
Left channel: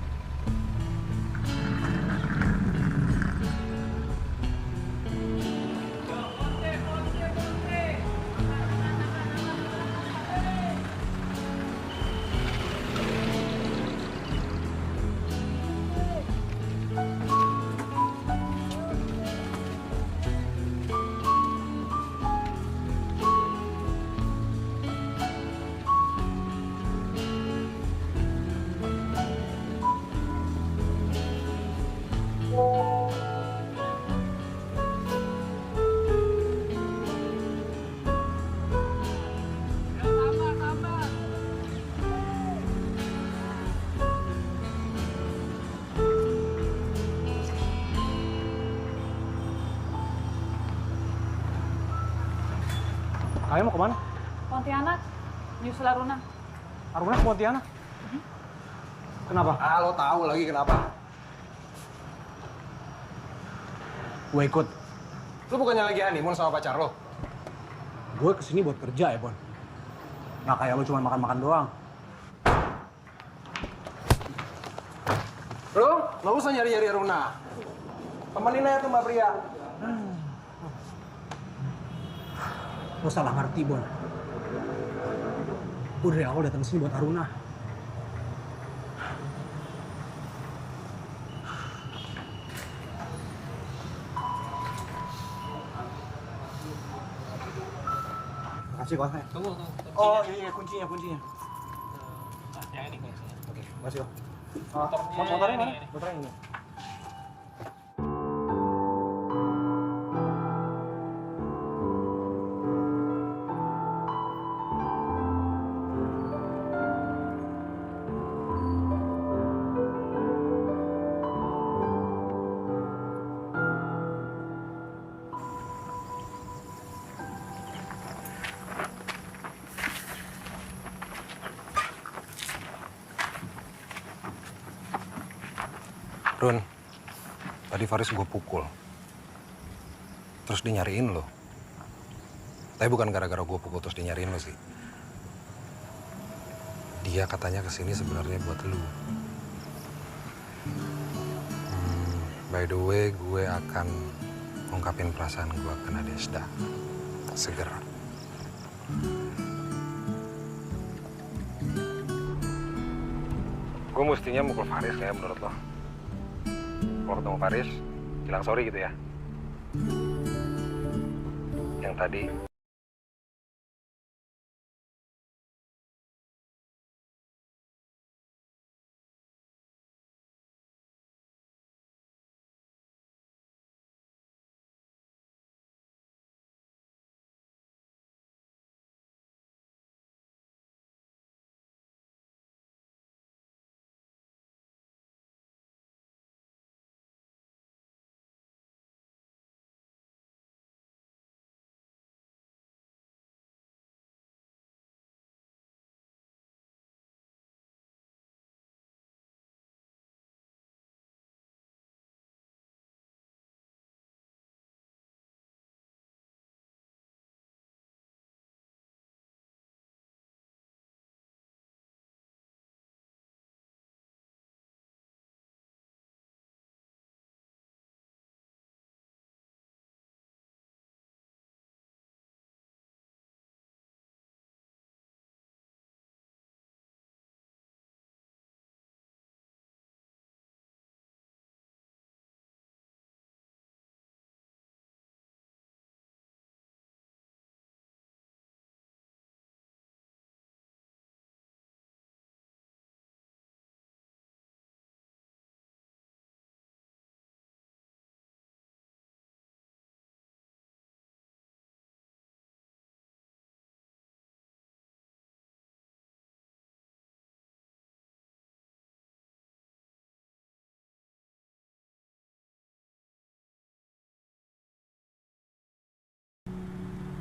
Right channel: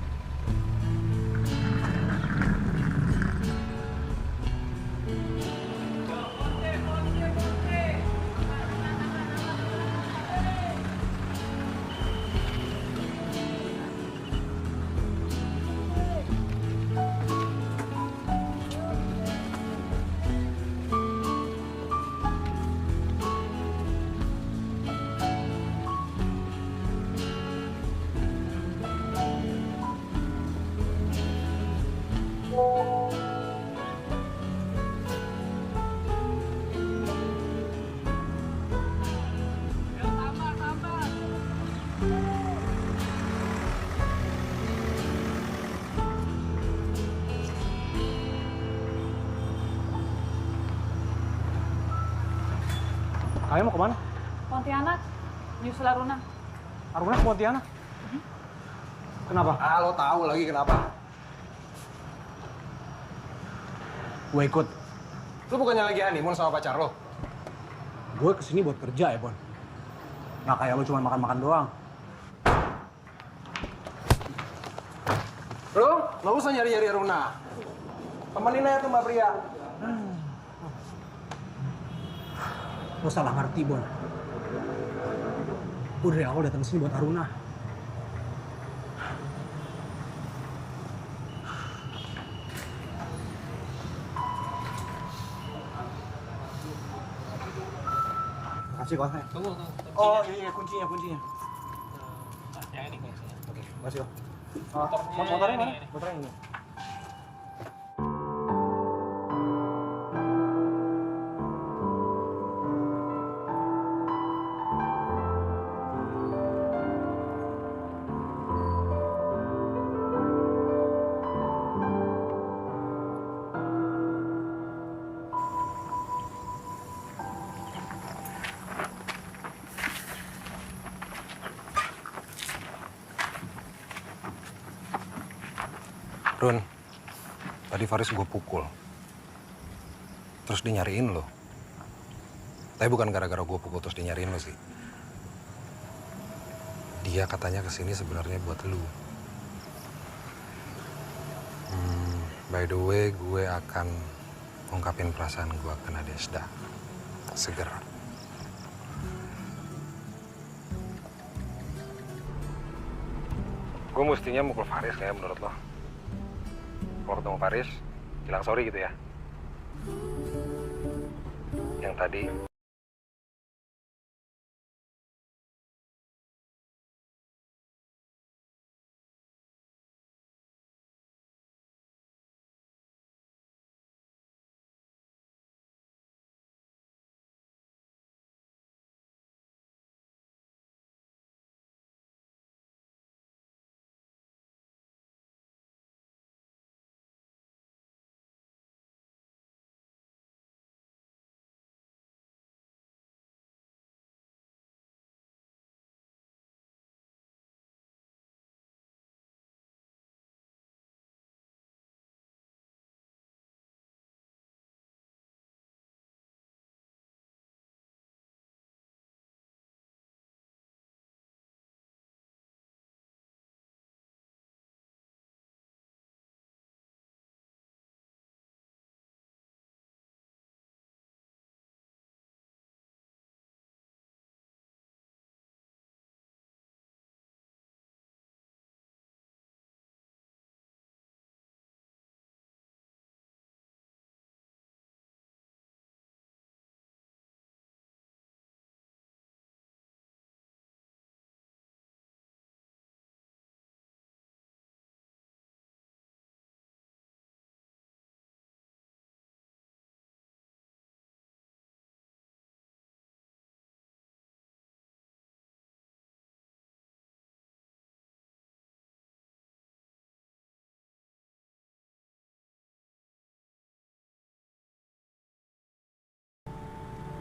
Kalian mau kemana? Pontianak, nyusul Aruna. Aruna ke Pontianak? Kenapa? Ah, lo tahu lagi kenapa? Gue ikut. Lo bukannya lagi honeymoon sama pacar lo? Gue kesini buat kerja ya, Bon. Nggak kayak lo cuma makan-makan doang. Lo nggak usah nyari-nyari Aruna. Temenin aja tuh Mbak Pria. Lo salah ngerti, Bon. Gue dari awal datang sini buat Aruna. Makasih, Kos. Tunggu. Oh, iya, kuncinya. Yang ini kuncinya. Oke, makasih, Kos. Motornya Motornya mana? ini. Motornya ini. Run, tadi Faris gue pukul. Terus dia nyariin lo. Tapi bukan gara-gara gue pukul terus dia nyariin lo sih. Dia katanya kesini sebenarnya buat lo. By the way, gue akan ungkapin perasaan gue ke Nadesda. Segera. Gue mestinya mukul Faris kayak menurut lo. Kalau ketemu Faris, bilang sorry gitu ya. Yang tadi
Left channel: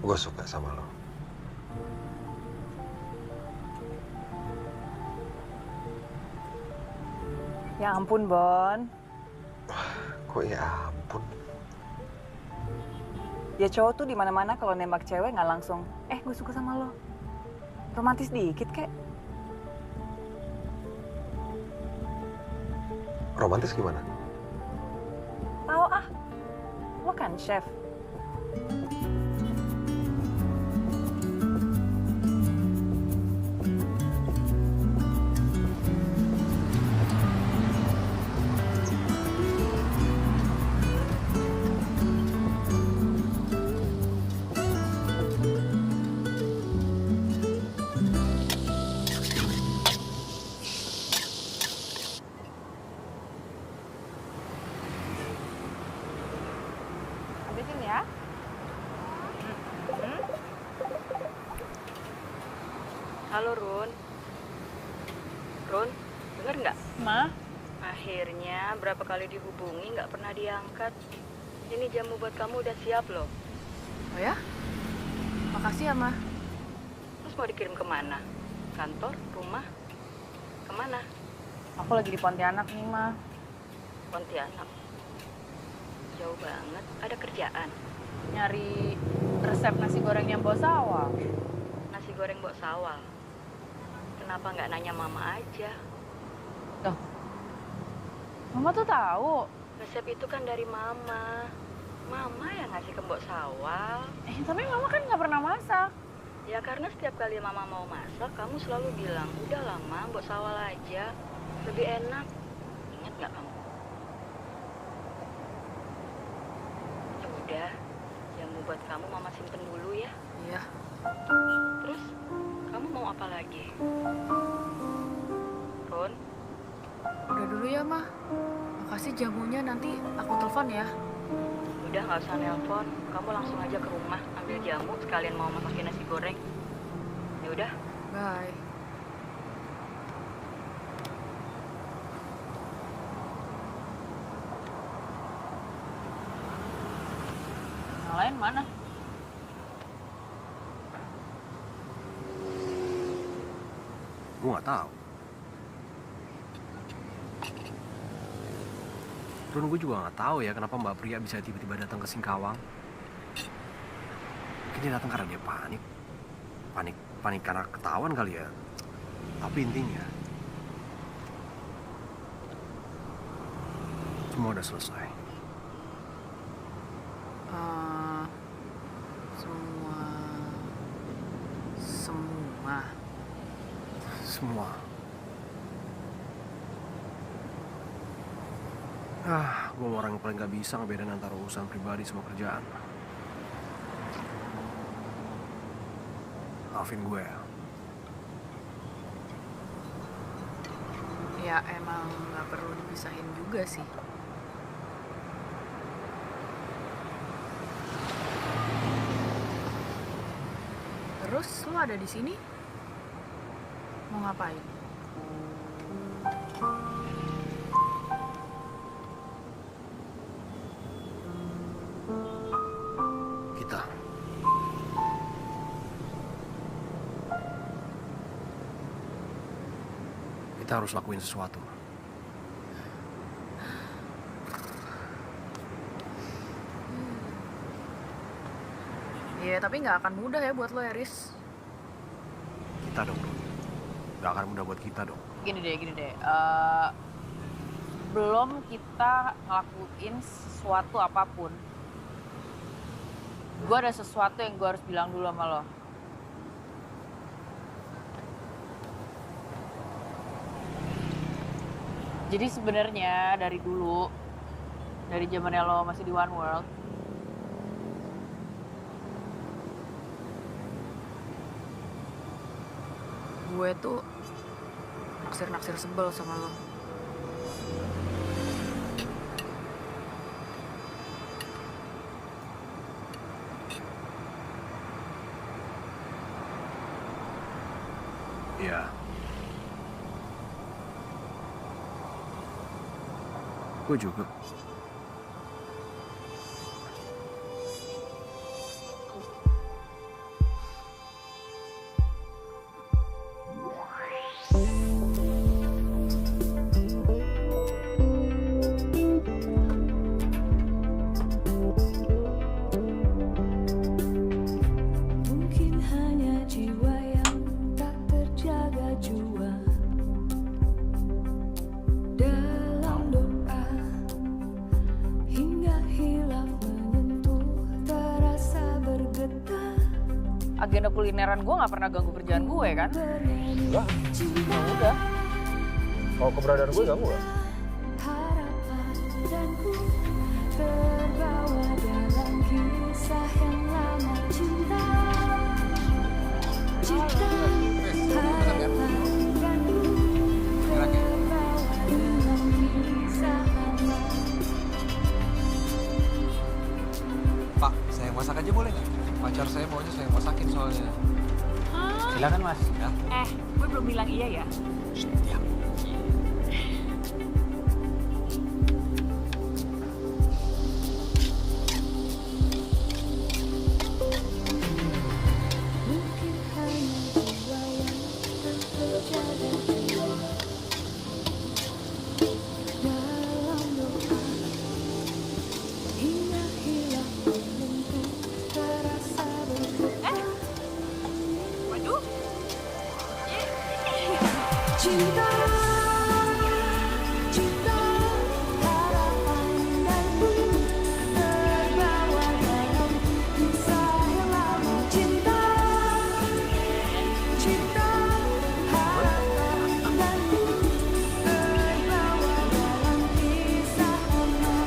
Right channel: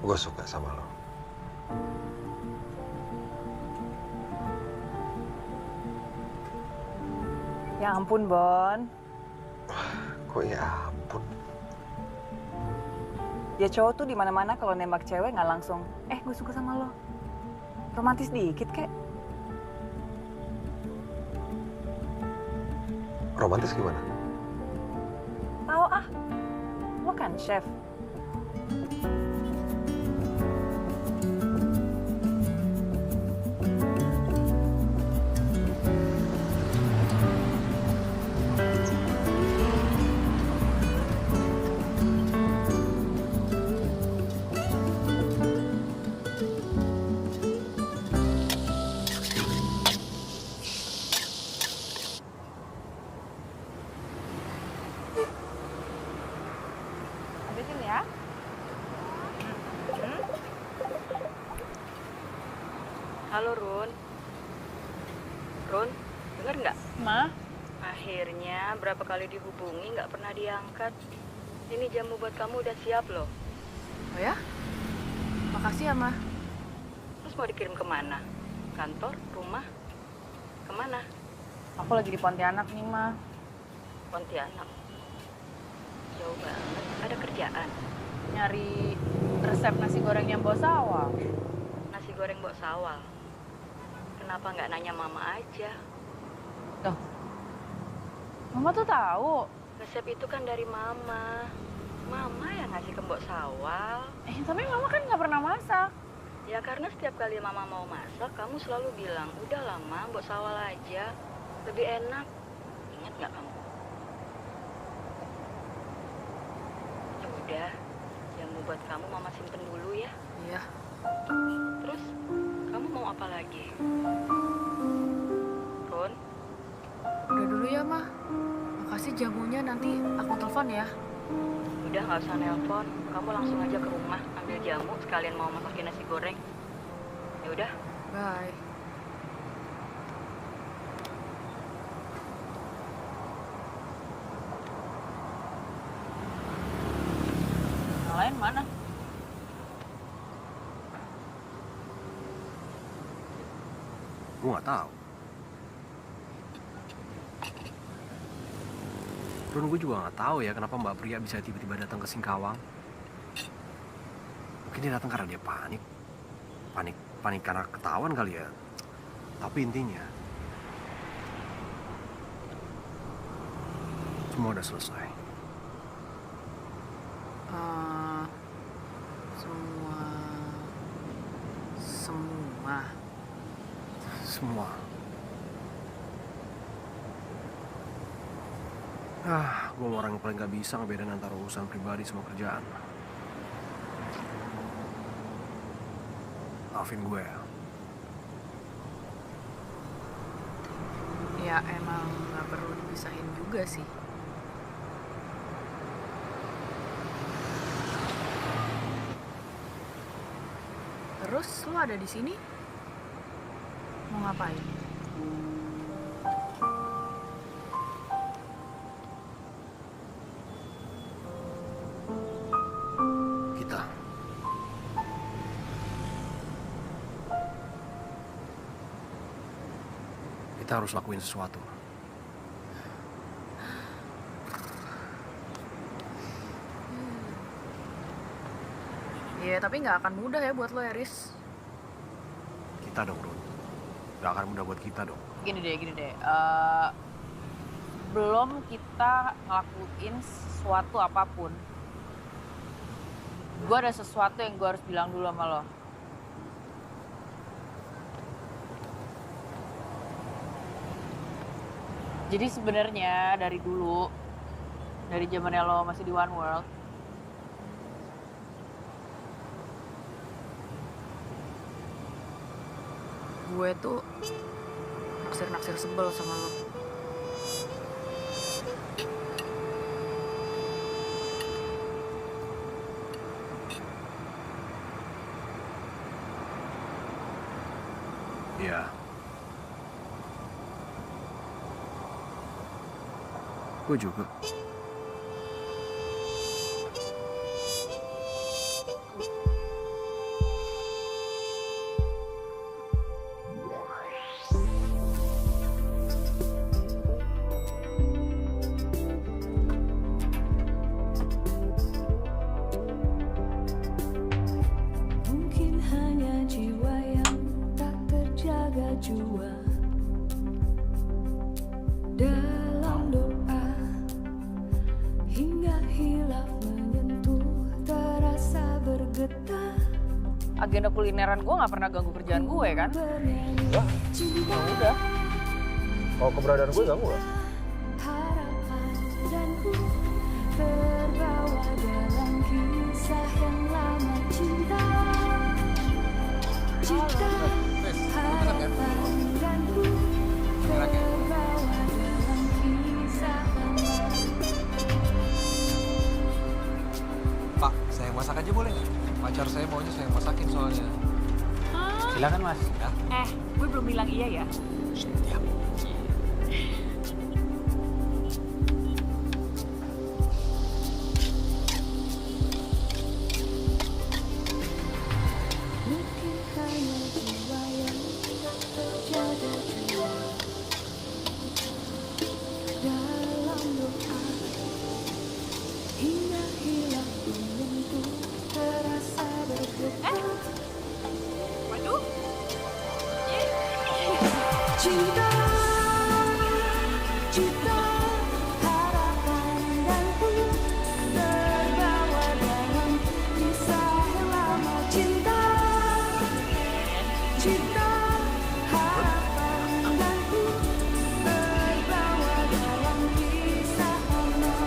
Gue suka sama lo. Ya ampun, Bon. Kok ya ampun? Ya cowok tuh di mana-mana kalau nembak cewek nggak langsung, gue suka sama lo. Romantis dikit, kek. Romantis gimana? Tahu ah, lo kan chef. Habisin ya. Halo Run. Run, denger nggak? Ma? Akhirnya berapa kali dihubungi nggak pernah diangkat. Ini jamu buat kamu udah siap loh. Oh ya? Makasih ya, Ma. Terus mau dikirim kemana? Kantor? Rumah? Kemana? Aku lagi di Pontianak nih, Ma. Pontianak. Jauh banget. Ada kerjaan. Nyari resep nasi goreng yang bawa sawal. Nasi goreng bawa sawal. Kenapa nggak nanya mama aja? Loh, Mama tuh tahu. Resep itu kan dari mama. Mama yang ngasih ke Mbok Sawal. Tapi Mama kan nggak pernah masak. Ya karena setiap kali mama mau masak, kamu selalu bilang, udah lama Mbok Sawal aja. Lebih enak. Ingat nggak kamu? Ya udah, jamu buat kamu mama simpen dulu ya. Iya. Terus, kamu mau apa lagi? Ron? Udah dulu ya, Ma. Makasih jamunya, nanti aku telepon ya. Udah nggak usah nelpon, kamu langsung aja ke rumah ambil jamu sekalian mau masakin nasi goreng. Ya udah. Bye. Yang lain mana? Gue nggak tahu. Run, gue juga nggak tahu ya kenapa Mbak Pria bisa tiba-tiba datang ke Singkawang. Mungkin dia datang karena dia panik. Panik karena ketahuan kali ya. Tapi intinya, semua udah selesai. Semua. Gue orang yang paling gak bisa ngebedain antara urusan pribadi sama kerjaan. Maafin gue ya. Ya emang nggak perlu dipisahin juga sih. Terus lo ada di sini? Mau ngapain? Kita harus lakuin sesuatu. Iya, tapi nggak akan mudah ya buat lo, Eris. Kita dong, Run. Nggak akan mudah buat kita dong. Gini deh. Belum kita ngelakuin sesuatu apapun, gue ada sesuatu yang gue harus bilang dulu sama lo. Jadi sebenarnya dari dulu, dari zamannya lo masih di One World, gue tuh naksir sebel sama lo. Iya. Gue juga. jua dalam doa hingga hilaf menyentuh terasa bergetar. Agenda kulineran gue nggak pernah ganggu kerjaan gue kan? Enggak. Ya udah. Kalau keberadaan gue ganggu gak? Harapan dan ku terbawa dalam kisah yang lama cinta. Cinta, harapan dan ku terbawa dalam kisah lama. Pak, saya yang masak aja boleh nggak? Pacar saya maunya saya yang masakin soalnya. Silakan Mas. Ya. Gue belum bilang iya ya. Diam. Mungkin hanya jiwa yang tak terjaga jiwa dalam doa hingga hilaf menyentuh terasa bergetar. Waduh. Cinta, cinta, harapan dan ku terbawa dalam kisah yang lama. Cinta, cinta, harapan dan ku terbawa dalam kisah lama.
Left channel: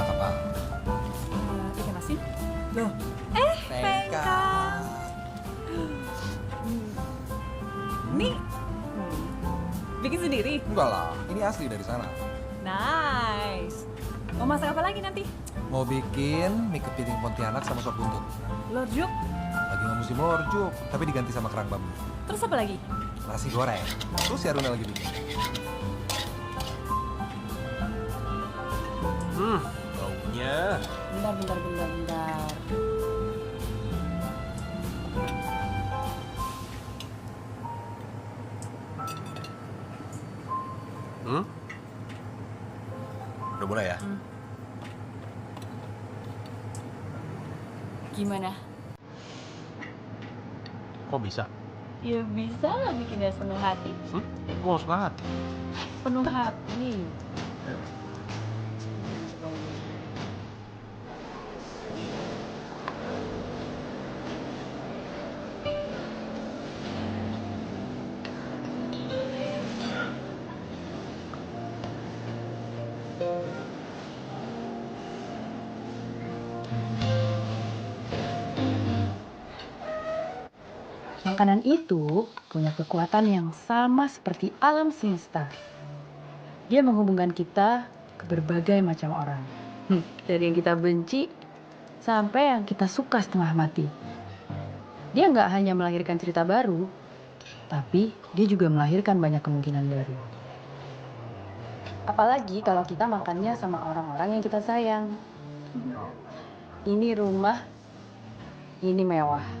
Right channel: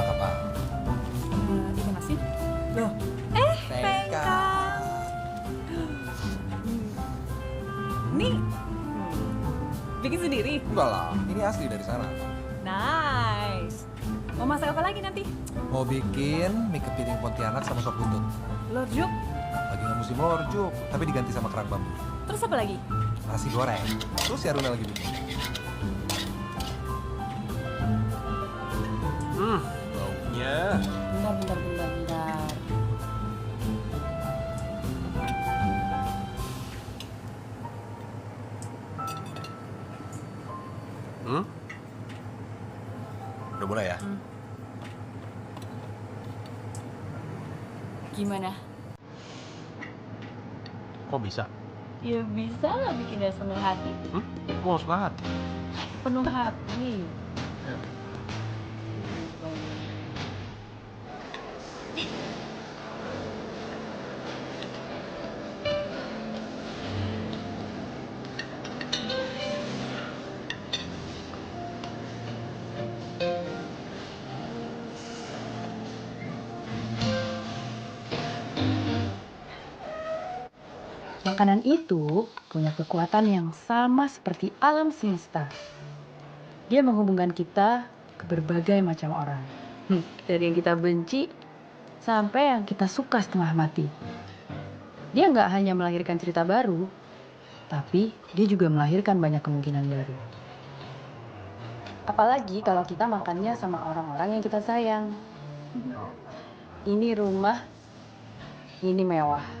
Apa? Ikan asin. Loh. Pengkang. Nih, bikin sendiri? Enggak lah, ini asli dari sana. Nice. Mau masak apa lagi nanti? Mau bikin mie kepiting Pontianak sama sop buntut. Lorjuk. Lagi nggak musim lorjuk, tapi diganti sama kerang bambu. Terus apa lagi? Nasi goreng. Terus ya Runa lagi bikin. Baunya. Bentar. Udah mulai ya? Gimana? Kok bisa? Ya bisa lah bikinnya penuh hati. Gue harus hati. Penuh hati. Makanan itu punya kekuatan yang sama seperti alam semesta. Dia menghubungkan kita ke berbagai macam orang. Dari yang kita benci sampai yang kita suka setengah mati. Dia nggak hanya melahirkan cerita baru, tapi dia juga melahirkan banyak kemungkinan baru. Apalagi kalau kita makannya sama orang-orang yang kita sayang. Ini rumah, ini mewah.